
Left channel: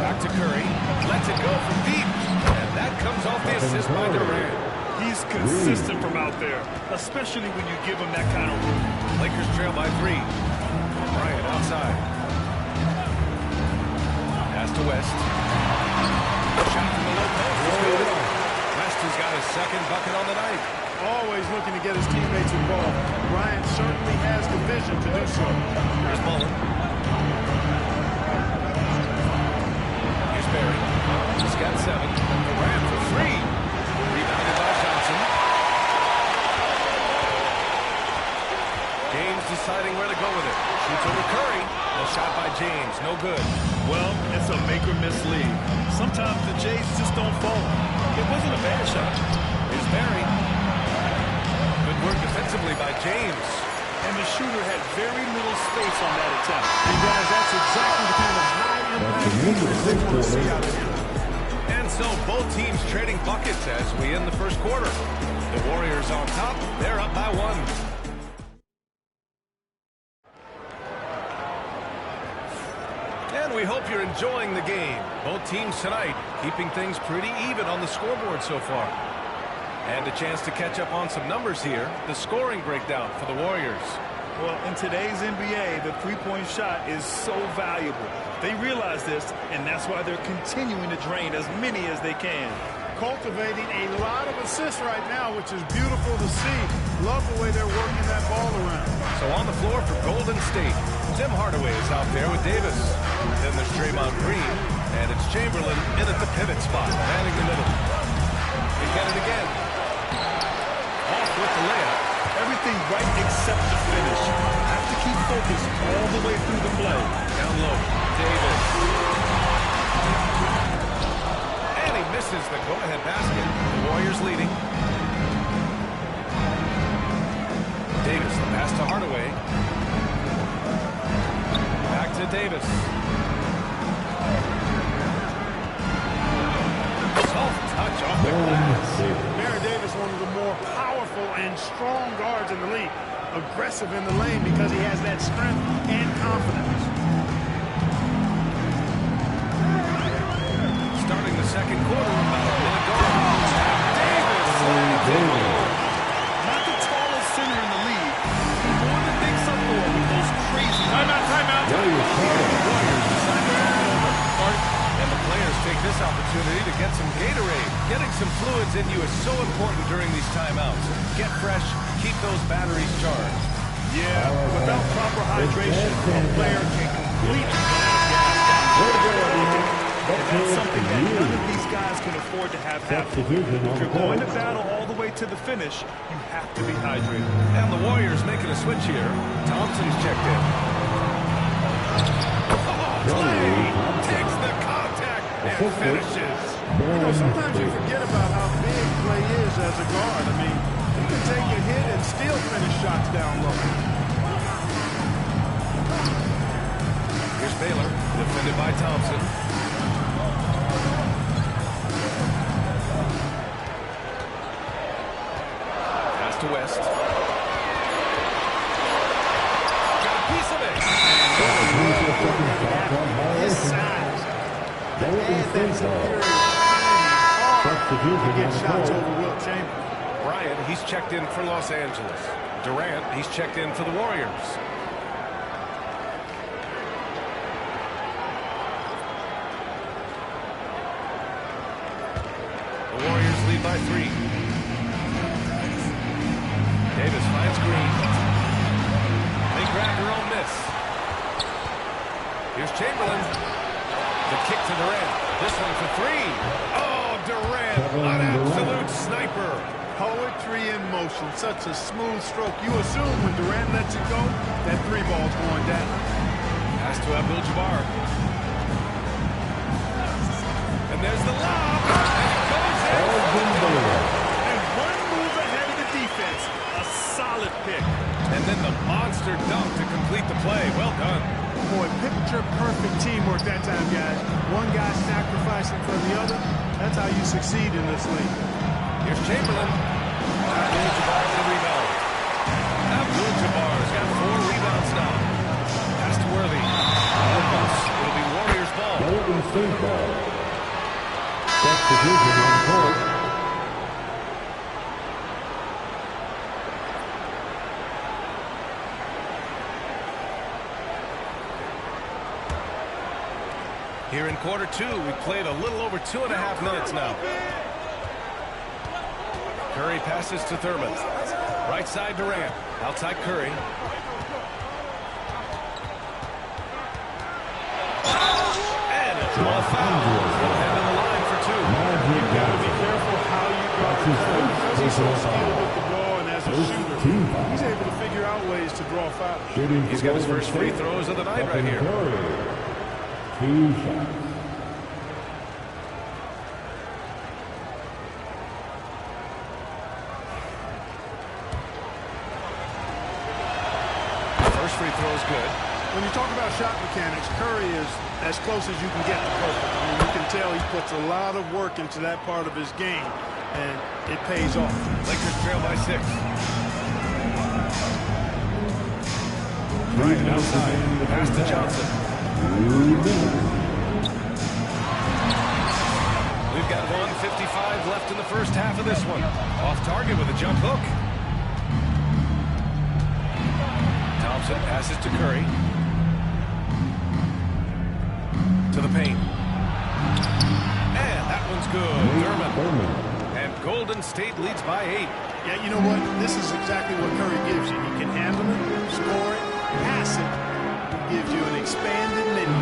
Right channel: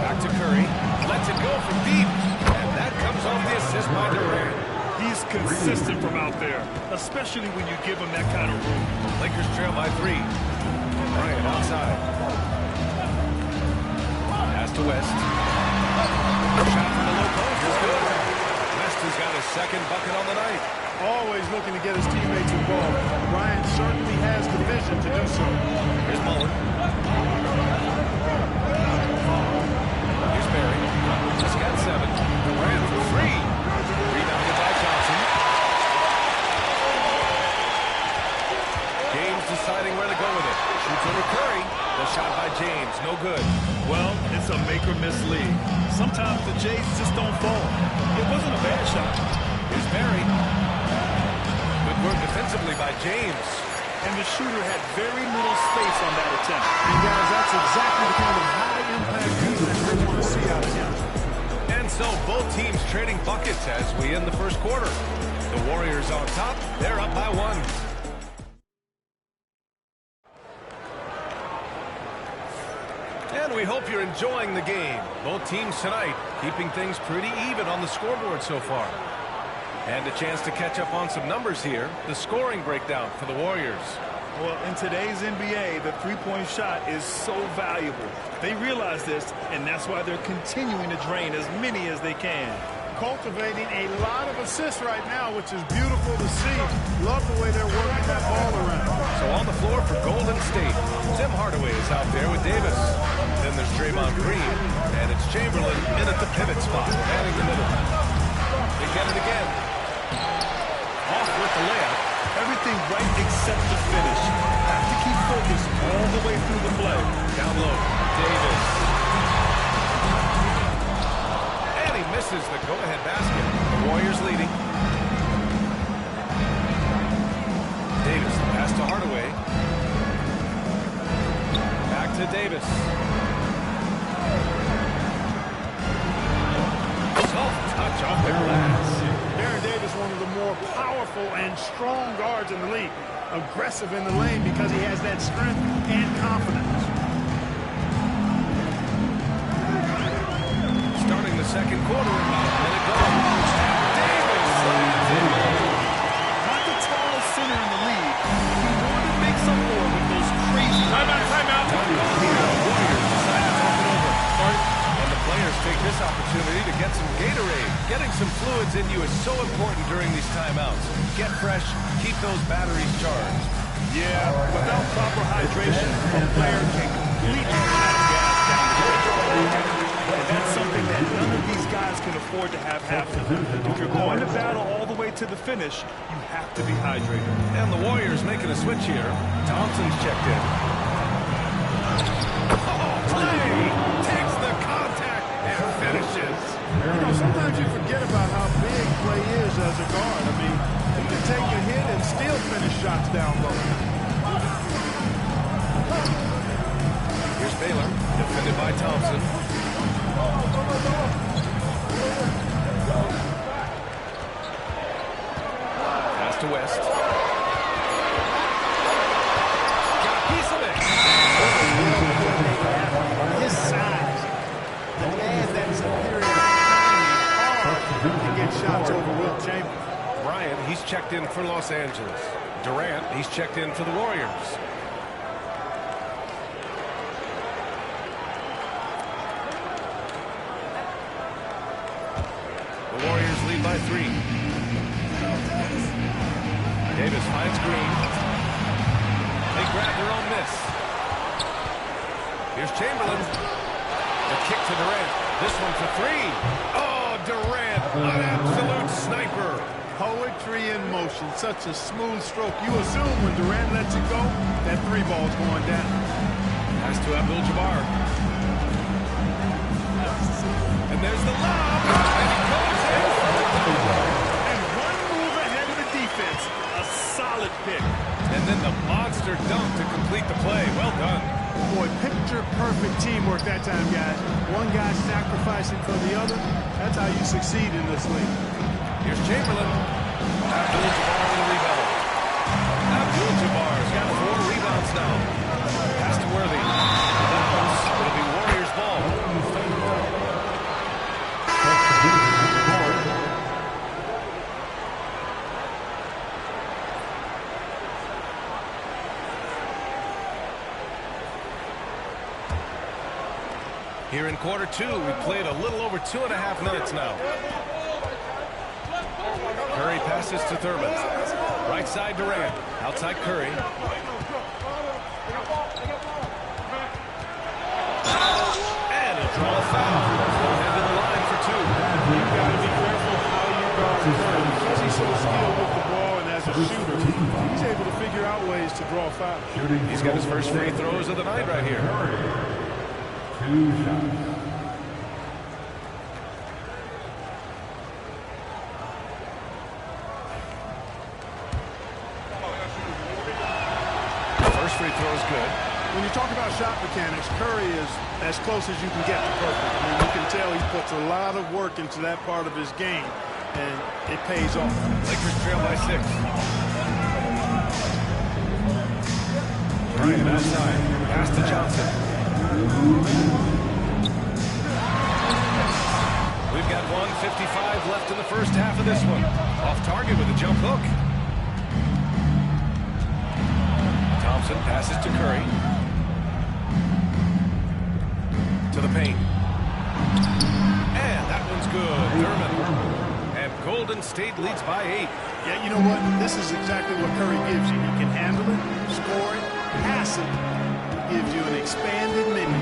Back to Curry. Lets it go from deep. And that comes off the assist by Durant. He's consistent from out there, especially when you give him that kind of room. Lakers trail by 3. Bryant outside. Pass to West. Shot from the low post is good. West has got his second bucket on the night. Always looking to get his teammates involved. Bryant certainly has the vision to do so. Here's Mullen. Here's Barry. He's got 7. Durant for 3. Rebounded by Johnson. James deciding where to go with it. Shoots over Curry. The shot by James. No good. Well, it's a make-or-miss league. Sometimes the Jays just don't fall. It wasn't a bad shot. Here's Barry. Good work defensively by James. And the shooter had very little space on that attempt. And guys, that's exactly the kind of high-impact defense they want to see out of him. And so both teams trading buckets as we end the first quarter. The Warriors on top. They're up by 1. And we hope you're enjoying the game. Both teams tonight keeping things pretty even on the scoreboard so far. And a chance to catch up on some numbers here. The scoring breakdown for the Warriors. Well, in today's NBA, the three-point shot is so valuable. They realize this, and that's why they're continuing to drain as many as they can. Cultivating a lot of assists right now, which is beautiful to see. Love the way they're working that ball around. So on the floor for Golden State, Tim Hardaway is out there with Davis. Then there's Draymond Green, and it's Chamberlain in at the pivot spot, manning the middle. They get it again. Off with the layup. Everything right except the finish. Have to keep focused all the way through the play. Down low, Davis. And he misses the go-ahead basket. The Warriors leading. Davis, the pass to Hardaway. Back to Davis. Soft touch off the glass. Baron Davis, one of the more powerful and strong guards in the league. Aggressive in the lane because he has that strength and confidence. Starting the second quarter, about a minute gone. And Davis slams it home. Not the tallest center in the league. He more than makes up for it with those crazy... Timeout. The Warriors decide to talk it over. And the players take this opportunity to get some Gatorade. Getting some fluids in you is so important during these timeouts. Get fresh, keep those batteries charged. Yeah, without proper hydration, a player can completely run out of gas down the stretch. And that's something that none of these guys can afford to have happen. If you're going to battle all the way to the finish, you have to be hydrated. And the Warriors making a switch here. Thompson's checked in. Clay takes the contact and finishes. You know, sometimes you forget about how big Clay is as a guard. I mean, he can take a hit and still finish shots down low. Here's Baylor, defended by Thompson. Pass to West. Got a piece of it. Well-coordinated athlete. His size, to add that superior timing, hard to get shots over Wilt Chamberlain. Bryant, he's checked in for Los Angeles. Durant, he's checked in for the Warriors. The Warriors lead by 3. Davis finds Green. They grab their own miss. Here's Chamberlain. The kick to Durant. This one for 3. Oh, Durant, an absolute sniper. Poetry in motion. Such a smooth stroke. You assume when Durant lets it go, that 3 ball's going down. Pass to Abdul-Jabbar. And there's the lob. And he goes in for the dunk. And one move ahead of the defense. A solid pick. And then the monster dunk to complete the play. Well done. Boy, picture-perfect teamwork that time, guys. One guy sacrificing for the other. That's how you succeed in this league. Here's Chamberlain. Abdul-Jabbar with a rebound. Abdul-Jabbar's got 4 rebounds now. Pass to Worthy. Bounce. It'll be Warriors ball. Here in quarter 2, we played a little over 2.5 minutes now. Curry passes to Thurman. Right side Durant. Outside Curry. And a draw foul. got to be careful how you guard Curry. Because he's so skilled with the ball and as a shooter, he's able to figure out ways to draw fouls. He's got his first free throws of the night right here. 2 shots. First free throw is good. When you talk about shot mechanics, Curry is as close as you can get to perfect. I mean, you can tell he puts a lot of work into that part of his game, and it pays off. Lakers trail by 6. Bryant outside. Pass to Johnson. We've got 1:55 left in the first half of this one. Off target with a jump hook. Thompson passes to Curry. To the paint. And that one's good. Thurman. And Golden State leads by 8. Yeah, you know what? This is exactly what Curry gives you. He can handle it, score it, pass it. He gives you an expanded menu.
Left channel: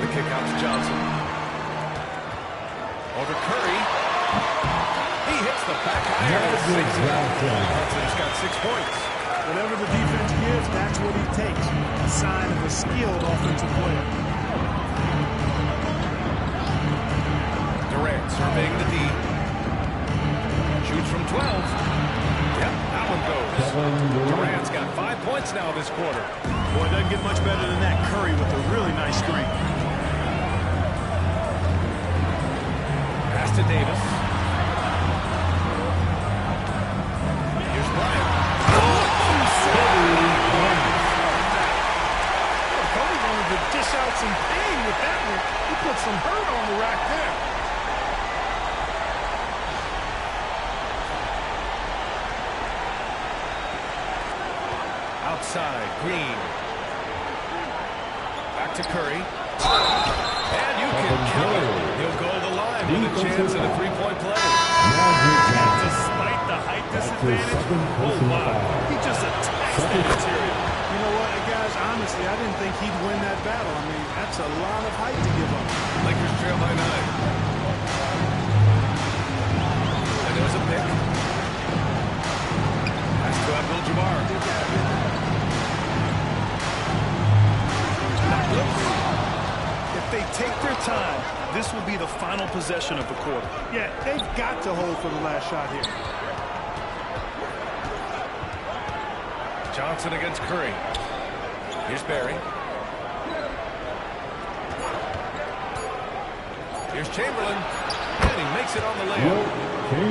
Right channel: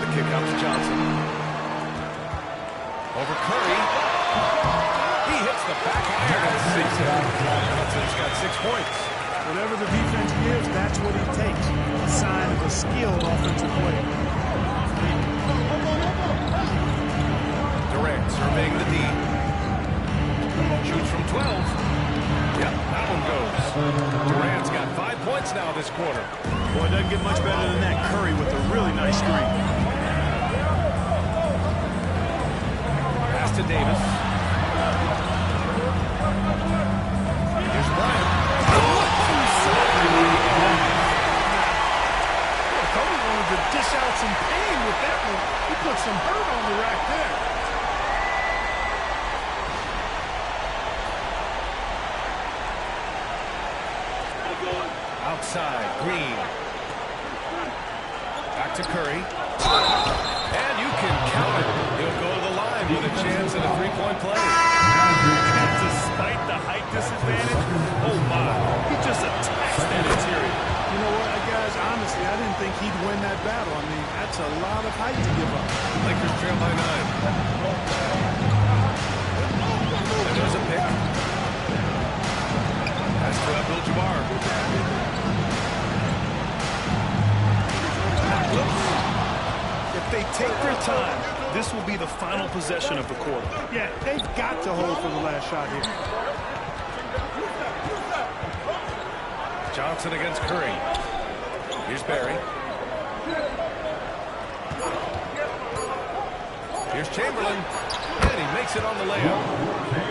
The kick out to Johnson. Over Curry. He hits the back iron and sinks it. Johnson's got 6 points. Whatever the defense gives, that's what he takes. A sign of a skilled offensive player. Durant surveying the D. Shoots from 12. Yep, that one goes. Durant's got 5 points now this quarter. Boy, it doesn't get much better than that. Curry with a really nice screen. Pass to Davis. Here's Bryant. Kobe wanted to dish out some pain with that one. He put some hurt on the rack there. Outside, Green. Back to Curry. And you can count it. He'll go to the line with a chance at a three-point play. And despite the height disadvantage, oh my, he just attacks that interior. You know what, guys, honestly, I didn't think he'd win that battle. I mean, that's a lot of height to give up. Lakers trail by 9. And there's a pick. Pass to Abdul-Jabbar. If they take their time, this will be the final possession of the quarter. Yeah, they've got to hold for the last shot here. Johnson against Curry. Here's Barry. Here's Chamberlain. And he makes it on the layup.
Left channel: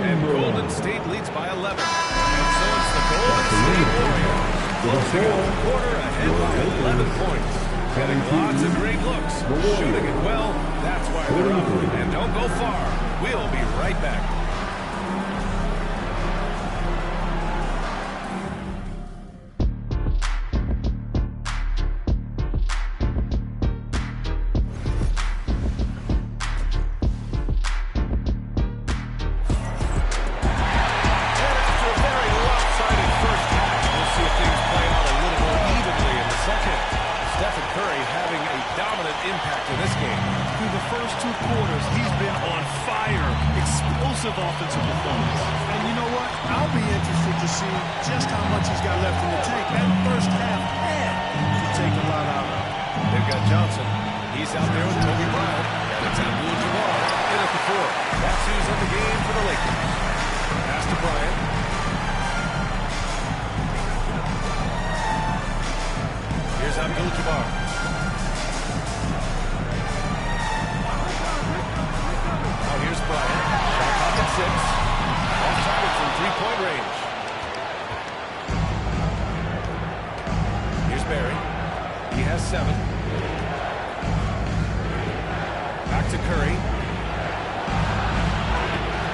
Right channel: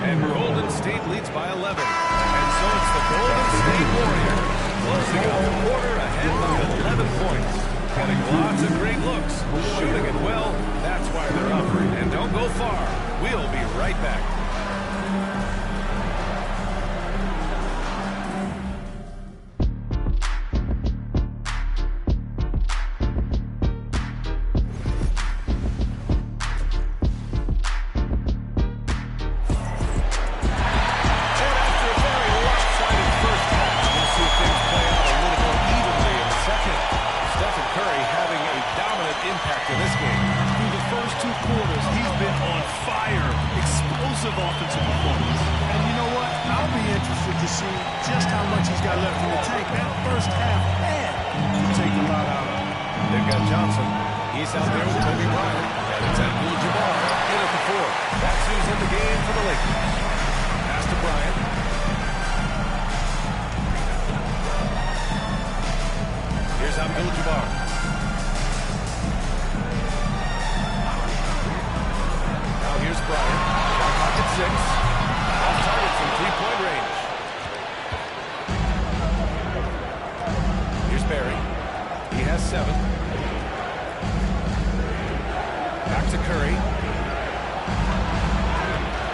And Golden State leads by 11. And so it's the Golden State Warriors closing out the quarter ahead by 11 points. Getting lots of great looks. Shooting it well. That's why they're up. And don't go far. We'll be right back. Impact in this game. Through the first 2 quarters, he's been on fire. Explosive offensive performance. And you know what? I'll be interested to see just how much he's got left in the tank. That first half, man, to take a lot out of it. They've got Johnson. He's out there with Kobe Bryant. And it's Abdul-Jabbar in at the 4. That's who's in the game for the Lakers. Pass to Bryant. Here's Abdul-Jabbar. Here's Bryant. Shot clock at 6. Off target from three-point range. Here's Barry. He has 7. Back to Curry.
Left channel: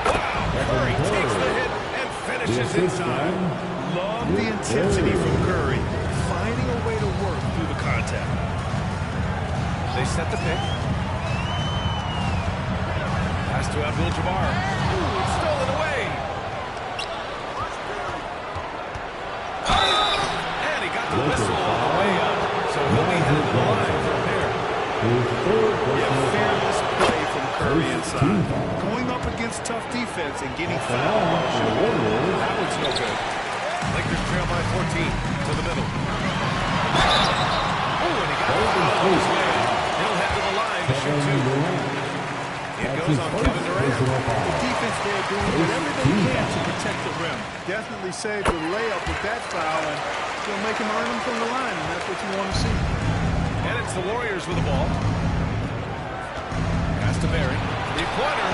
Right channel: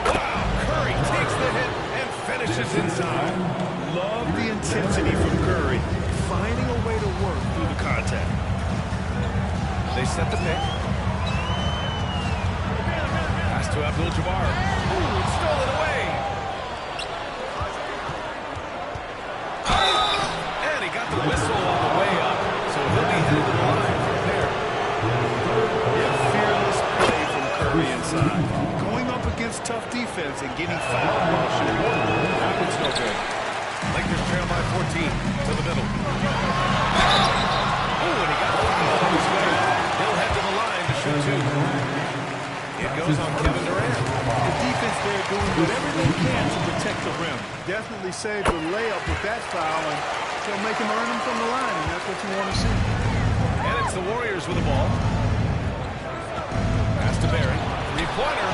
Wow! Curry takes the hit and finishes inside. Love the intensity from Curry. Finding a way to work through the contact. They set the pick. Pass to Abdul-Jabbar. Ooh, it's stolen away. And he got the whistle on the way up, so he'll be headed to the line for a pair. Yeah, fearless play from Curry inside. Going up against tough defense and getting fouled while shooting. That one's no good. Lakers trail by 14 to the middle. Oh, and he got fouled on his way up. He'll head to the line to shoot two. It goes on Kevin Durant. The defense there doing whatever they can to protect the rim. Definitely saved the layup with that foul, and he'll make him earn them from the line, and that's what you want to see. And it's the Warriors with the ball. Pass to Barry. Three-pointer.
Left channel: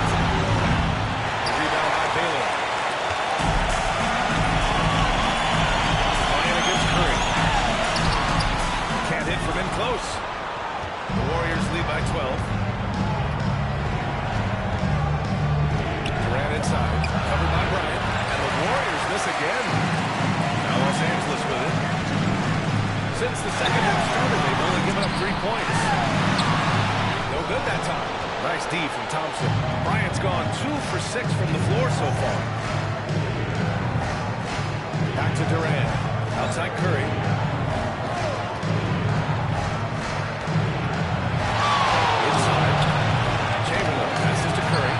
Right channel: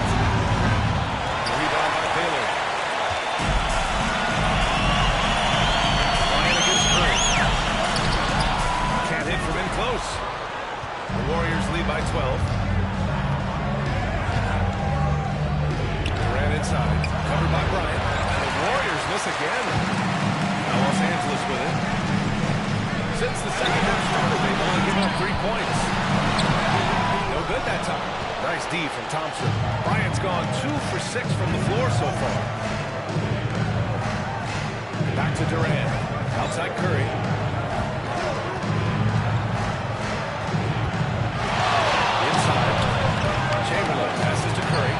The rebound by Baylor. Bryant against Curry. Can't hit from in close. The Warriors lead by 12. Durant inside. Covered by Bryant. And the Warriors miss again. Now Los Angeles with it. Since the second half started, they've only given up 3 points. No good that time. Nice D from Thompson. Bryant's gone 2 for 6 from the floor so far. Back to Durant. Outside Curry. Inside. Chamberlain passes to Curry.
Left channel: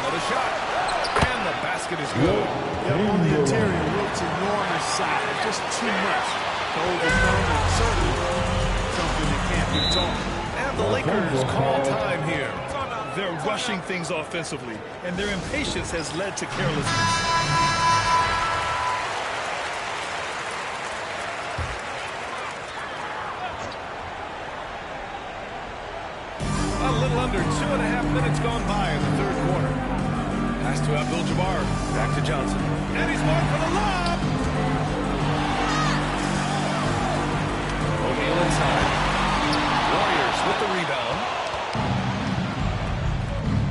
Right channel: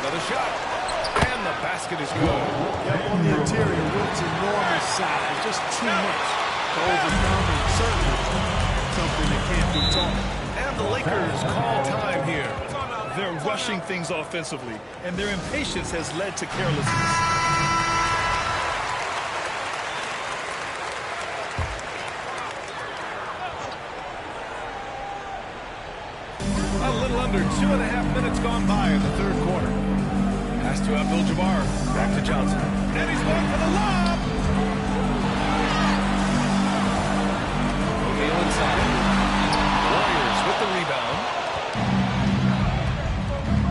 Another shot. And the basket is good. Yeah, on the interior, Wilt's enormous size. Just too much to overcome, and certainly something that can't be taught. And the Lakers call time here. They're rushing things offensively, and their impatience has led to carelessness. A little under 2.5 minutes gone by in the third quarter. Pass to Abdul-Jabbar. Back to Johnson. And he's going for the lob. O'Neal inside. Warriors with the rebound.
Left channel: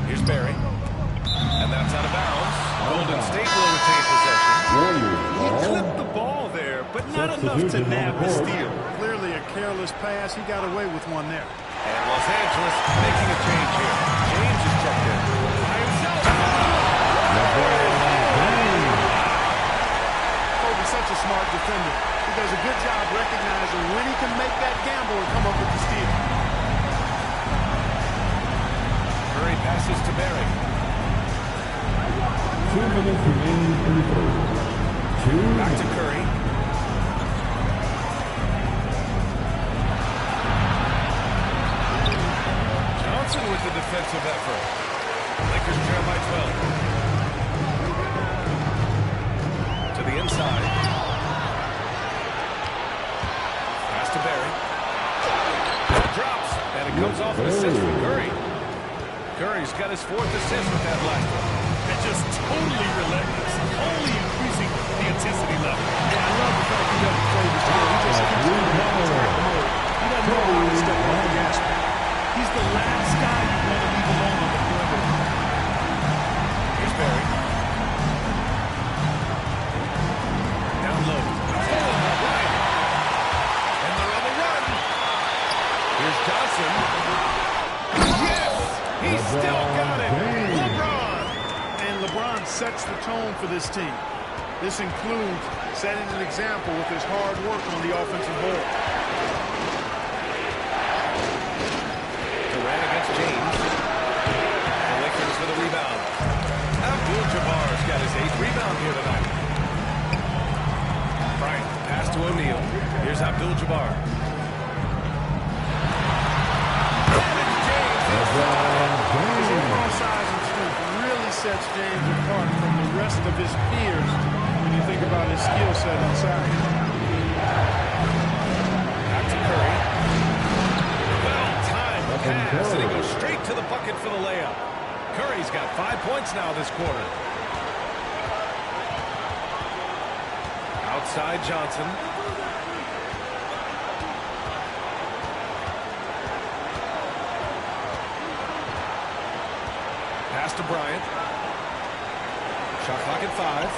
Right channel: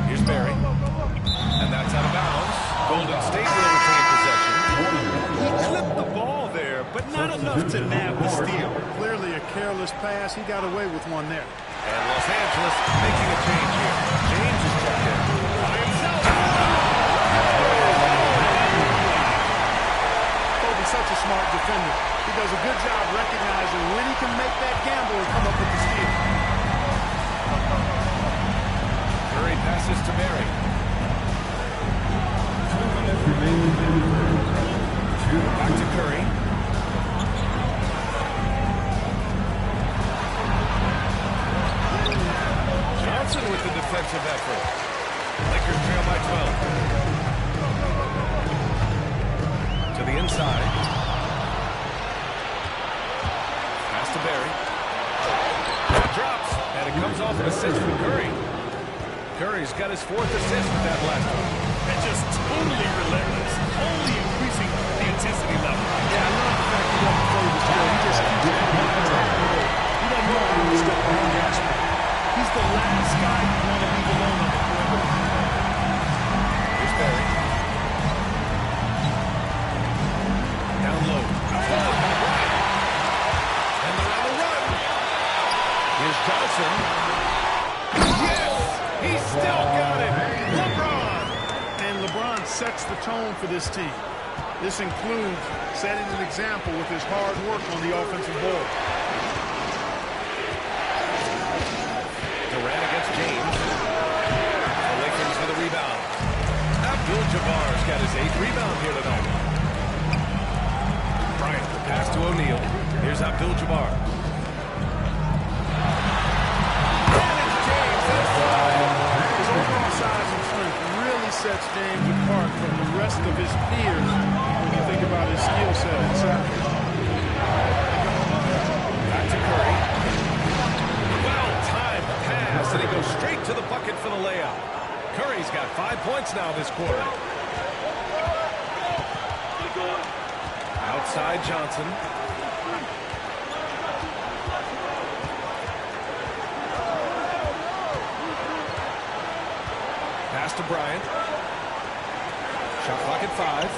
Here's Barry. And that's out of bounds. Golden State will retain possession. He clipped the ball there, but not enough to nab the steal. Clearly a careless pass. He got away with one there. And Los Angeles making a change here. James is checked in by himself. Kobe's such a smart defender. He does a good job recognizing when he can make that gamble and come up with the steal. Curry passes to Barry. 2 minutes remaining in the third. Back to Curry. Johnson with the defensive effort. Lakers trail by 12. To the inside. Pass to Barry. That drops. And it comes off an assist from Curry. Curry's got his 4th assist with that last one. And just totally relentless, only increasing the intensity level. Yeah, I love the fact he doesn't play the skill. He just keeps in attack mode. He doesn't know when to step off the gas pedal. He's the last guy you want to leave alone on the perimeter. Here's Barry. Down low. Stolen by Bryant. And they're on the run. Here's Johnson. Yes! He still got it. LeBron. And LeBron sets the tone for this team. This includes setting an example with his hard work on the offensive board. Durant against James. The Lakers for the rebound. Abdul-Jabbar's got his 8th rebound here tonight. Bryant, the pass to O'Neal. Here's Abdul-Jabbar. And it's James inside. His overall size and strength really sets James apart from the rest of his peers when you think about his skill set inside. Back to Curry. Well-timed pass, and he goes straight to the bucket for the layup. Curry's got 5 points now this quarter. Outside Johnson. Pass to Bryant. Shot clock at 5.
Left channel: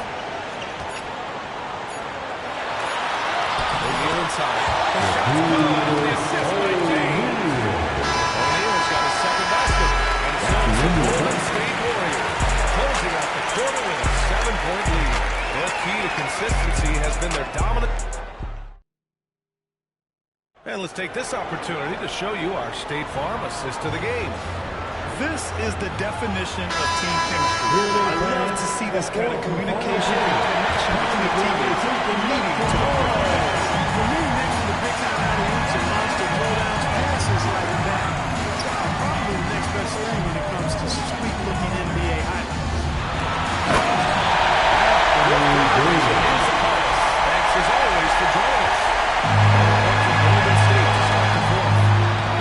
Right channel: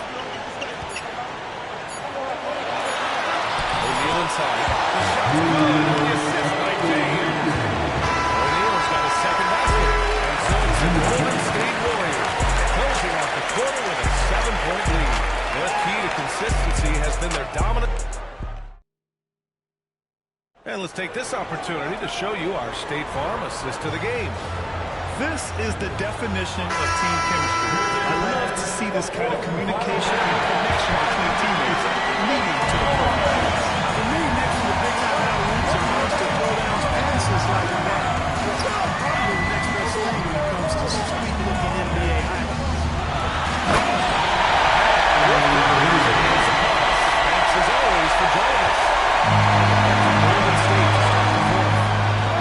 O'Neal inside. The shot's good on the assist by James. O'Neal's got his 2nd basket. And so it's the Golden State Warriors closing out the quarter with a 7-point lead. Their key to consistency has been their dominant. And let's take this opportunity to show you our State Farm assist to the game. This is the definition of team chemistry. I love to see this kind of communication and connection between teammates leading to the perfect pass. For me, next to the big-time alley-oops and monster throwdowns, passes like that are probably the next best thing when it comes to sweet-looking NBA highlights. It is upon us. Thanks, as always, for joining us. On the point from Golden State to start the fourth.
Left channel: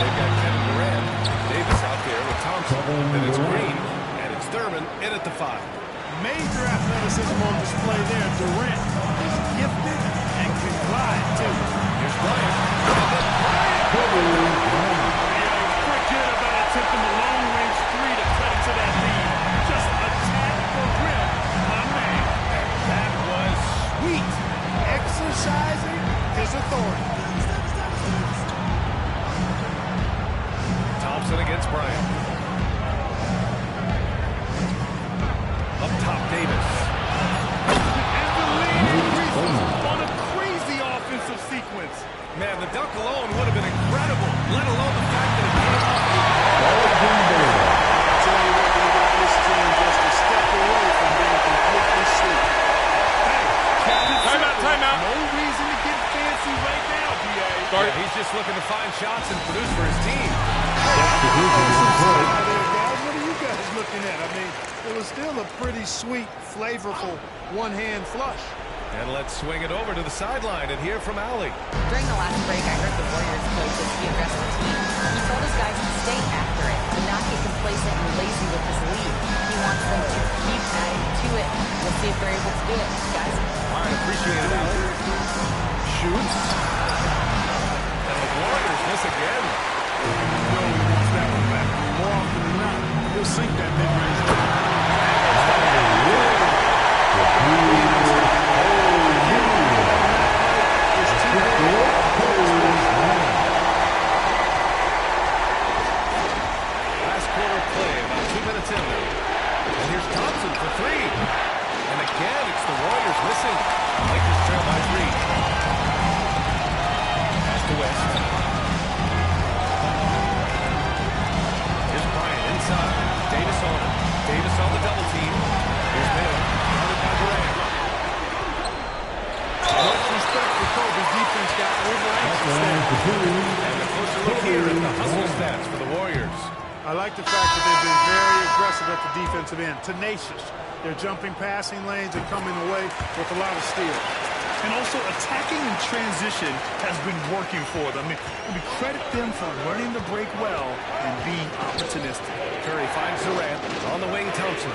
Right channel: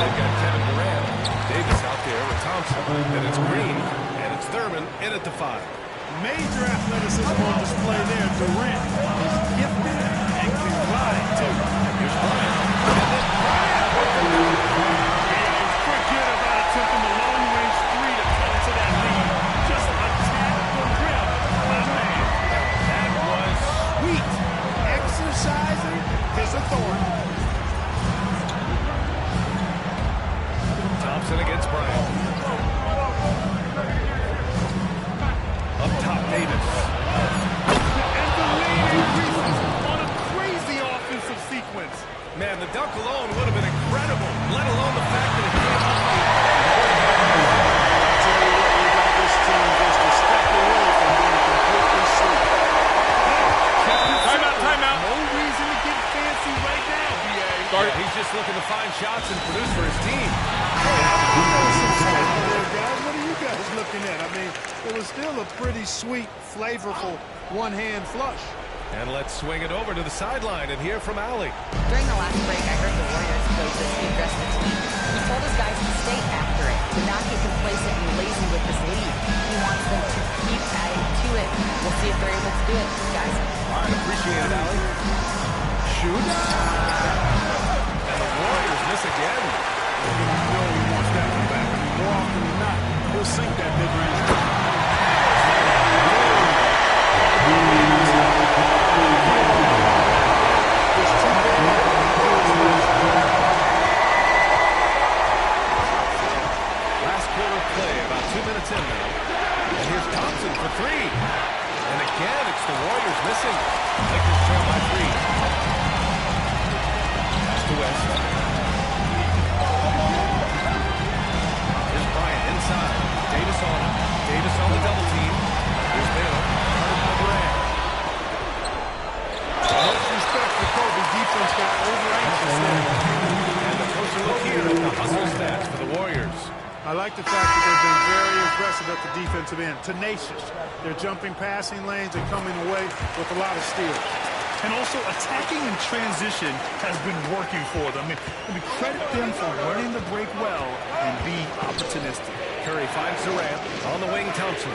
They've got Kevin Durant, Davis out there with Thompson. Then it's Green, and it's Thurman in at the 5. Major athleticism on display there. Durant is gifted and can glide, too. Here's Bryant, and then Bryant with the dunk. Forget about attempting the long-range 3 to cut into that lead. Just attack the rim, my man. That was sweet. Exercising his authority. Thompson against Bryant. Up top, Davis. And the lead increases on a crazy offensive sequence. Man, the dunk alone would have been incredible, let alone the fact that it came off a 10-point. I tell you what, they got this team just a step away from being completely sleep. Hey, kept it simple. Timeout. No reason to get fancy right now, B.A. Yeah, he's just looking to find shots and produce for his team. There, guys. What are you guys looking at? I mean, it was still a pretty sweet, flavorful one-hand flush. And let's swing it over to the sideline and hear from Allie. During the last break, I heard the Warriors coach as he addressed the team. He told his guys to stay after it, to not get complacent and lazy with this lead. He wants them to keep adding to it. We'll see if they're able to do it, guys. All right, appreciate it, Allie. Shoots. And the Warriors miss again. You know he wants that one back. I mean, more often than not, he'll sink that mid-range. Last quarter play, about 2 minutes in now. And here's Thompson for 3. And again, it's the Warriors missing. Lakers trail by 3. Pass to West. Here's Bryant inside. Davis on it. Davis on the double team. Here's Baylor, guarded by Durant. Much respect for Kobe. Defense got over-anxious there. And a closer look here at the hustle stats for the Warriors. I like the fact that they've been very aggressive at the defensive end. Tenacious. They're jumping passing lanes and coming away with a lot of steals. And also attacking in transition has been working for them. I mean, credit them for learning the break well and being opportunistic. Curry finds Durant on the wing. Thompson.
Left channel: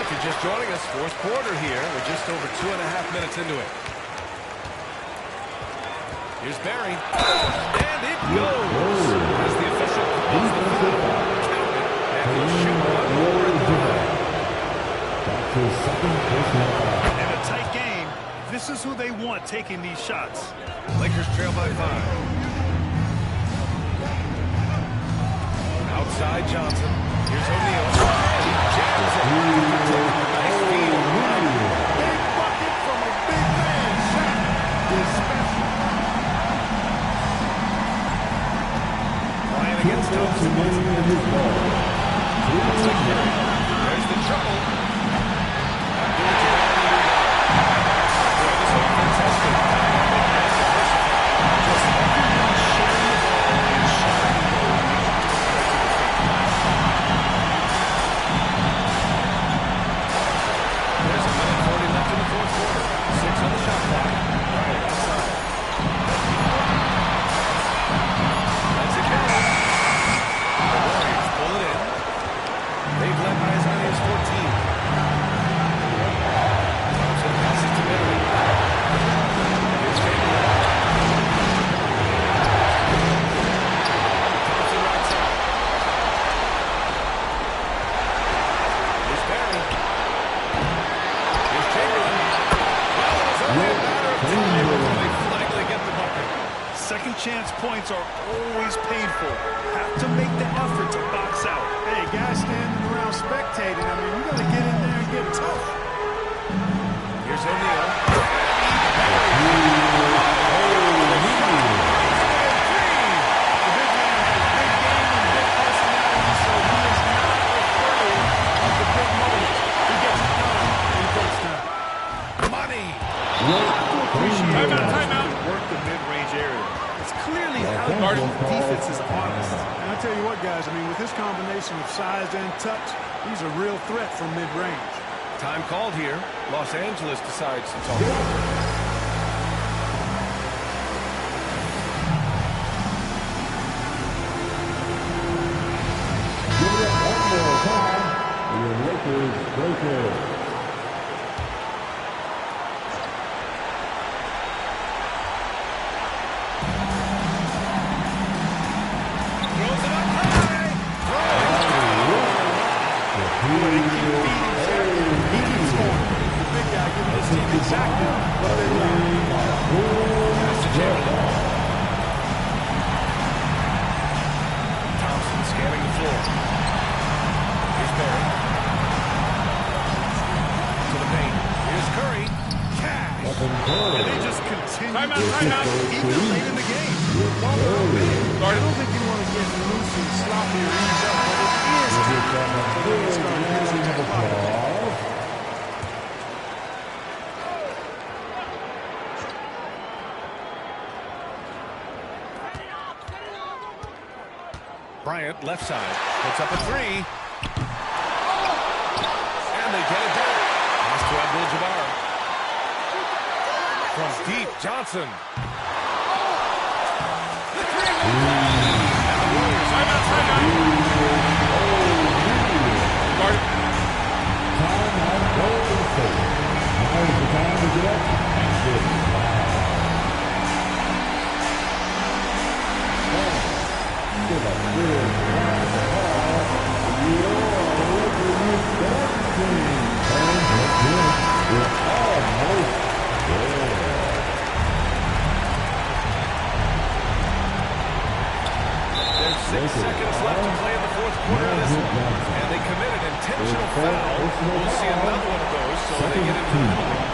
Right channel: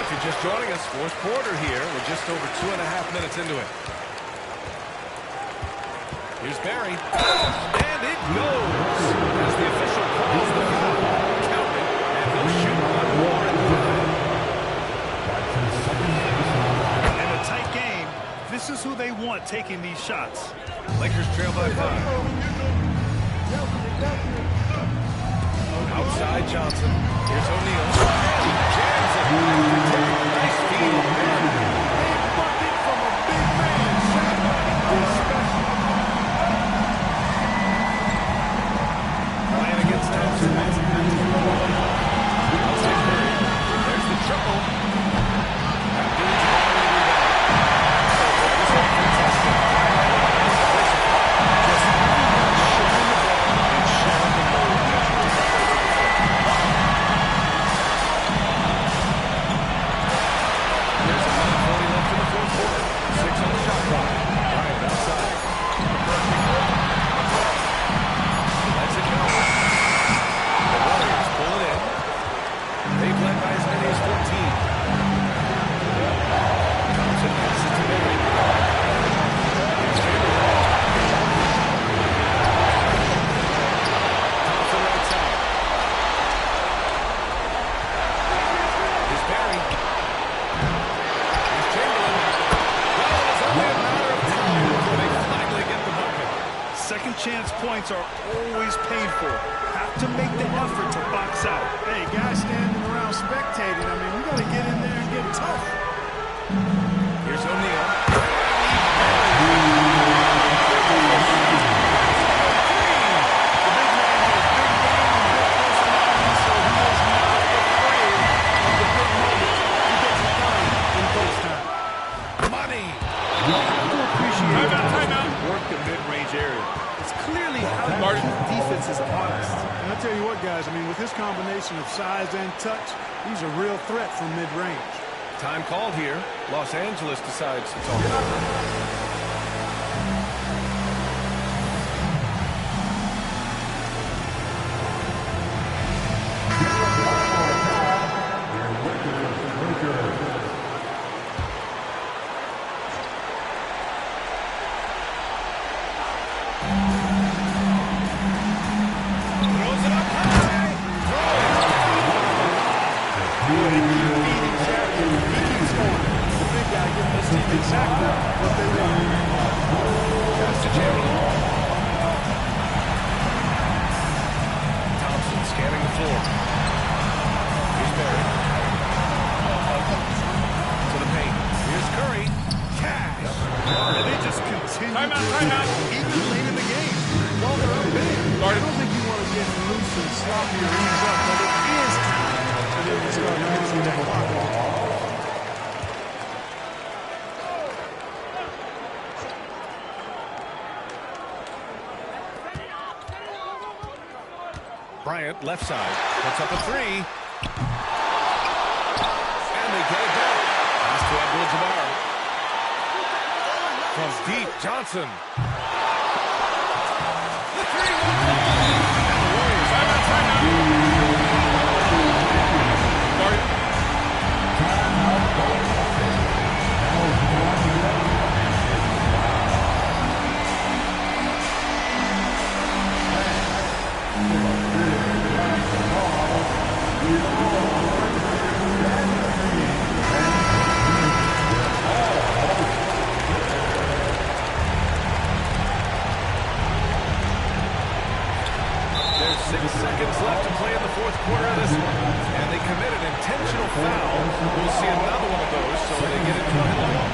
If you're just joining us, fourth quarter here. We're just over 2.5 minutes into it. Here's Barry. And it goes. As the official calls the foul. Count it. And he'll shoot one more at the line. In a tight game, this is who they want taking these shots. Lakers trail by 5. Outside Johnson. Here's O'Neal. And he jams it after taking a nice feed on the run. Big bucket from a big man. Shot is special. Bryant against Thompson. Outside Curry. There's the triple. Abdul-Jabbar with the rebound. Boy, this offense has been dynamic and diversified. Just everyone sharing the ball and sharing the load makes it difficult to defend. There's a minute second chance points are always painful. Have to make the effort to box out. Hey, guys standing around spectating, I mean, you got to get in there and get tough. Here's O'Neal. And he parries it. The big man has big game and big personality, so he is not afraid of the big moments. He gets it done in crunch time. Money. You have to appreciate how he can work the mid-range area. It's clearly how the defense is honest. And I tell you what, guys, I mean, with this combination of size and touch, he's a real threat from mid-range. Time called here. Los Angeles decides to talk it over. Throws it up high. Boy, they keep feeding Jack. He keeps scoring. The big guy giving his team exactly what they want. Pass to Chamberlain. Thompson scanning the floor. Here's Barry. To the paint. Here's Curry. Cash. And they just continue timeout. Even late in the game. While they're up big. I don't think you want to get loose and sloppy or ease up, but it is time for them to start using that clock again. Bryant, left side, puts up a three. And they get it back. Pass to Abdul-Jabbar. From deep, Johnson. The three will fall. And the Warriors. Timeout. Guard. There's 6 seconds left to play in the fourth quarter of this one. And they committed intentional foul. We'll see another one of those, so they get into the penalty.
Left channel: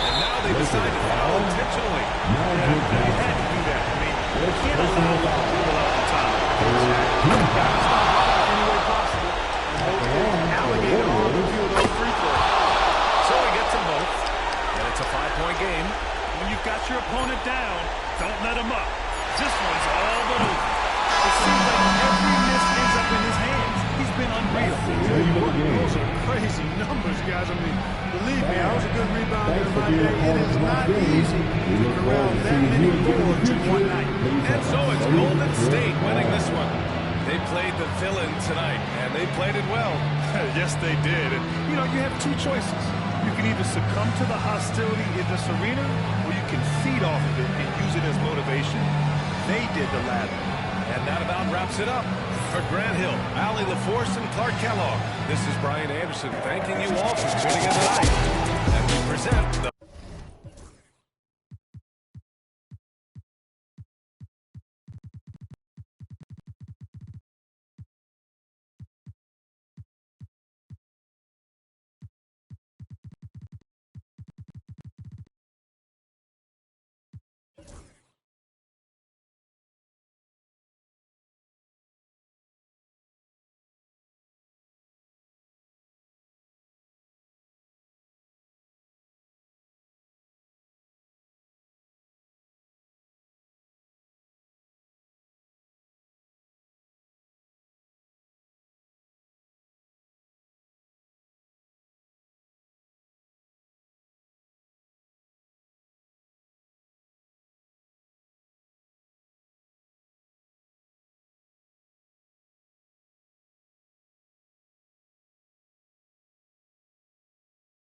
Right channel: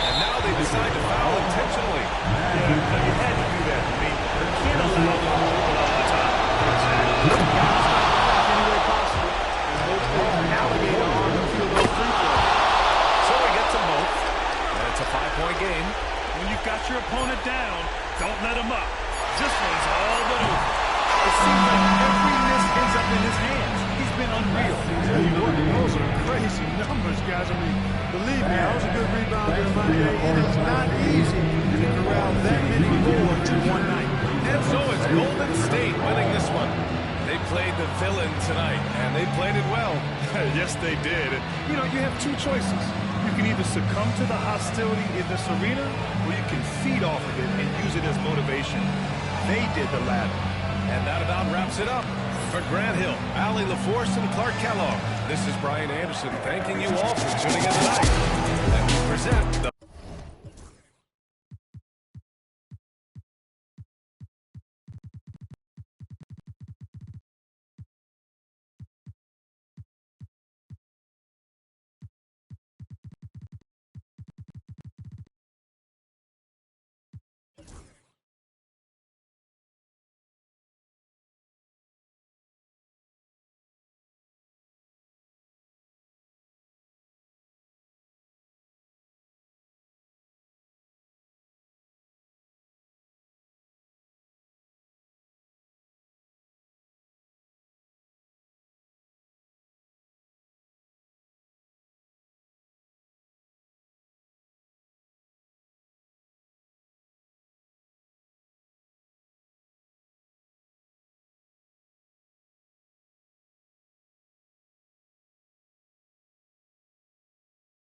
And now they decide to foul intentionally. Yeah, you had to do that. I mean, you can't allow them to dribble out the top. Exactly. Got to stop the clock any way possible and hope they alligator on a few of those free throws. So he gets them both. And it's a 5-point game. When you've got your opponent down, don't let him up. This one's all but over. It seems like every miss ends up in his hands. He's been unreal. Tell you what, those are crazy numbers, guys. I mean, believe me, I was a good rebounder in my day. It is not easy to corral that many boards in one night. And so it's Golden State winning this one. They played the villain tonight, and they played it well. Yes, they did. And, you know, you have two choices. You can either succumb to the hostility in this arena, or you can feed off of it and use it as motivation. They did the latter. And that about wraps it up. For Grant Hill, Allie LaForce, and Clark Kellogg, this is Brian Anderson thanking you all for tuning in tonight. And we present the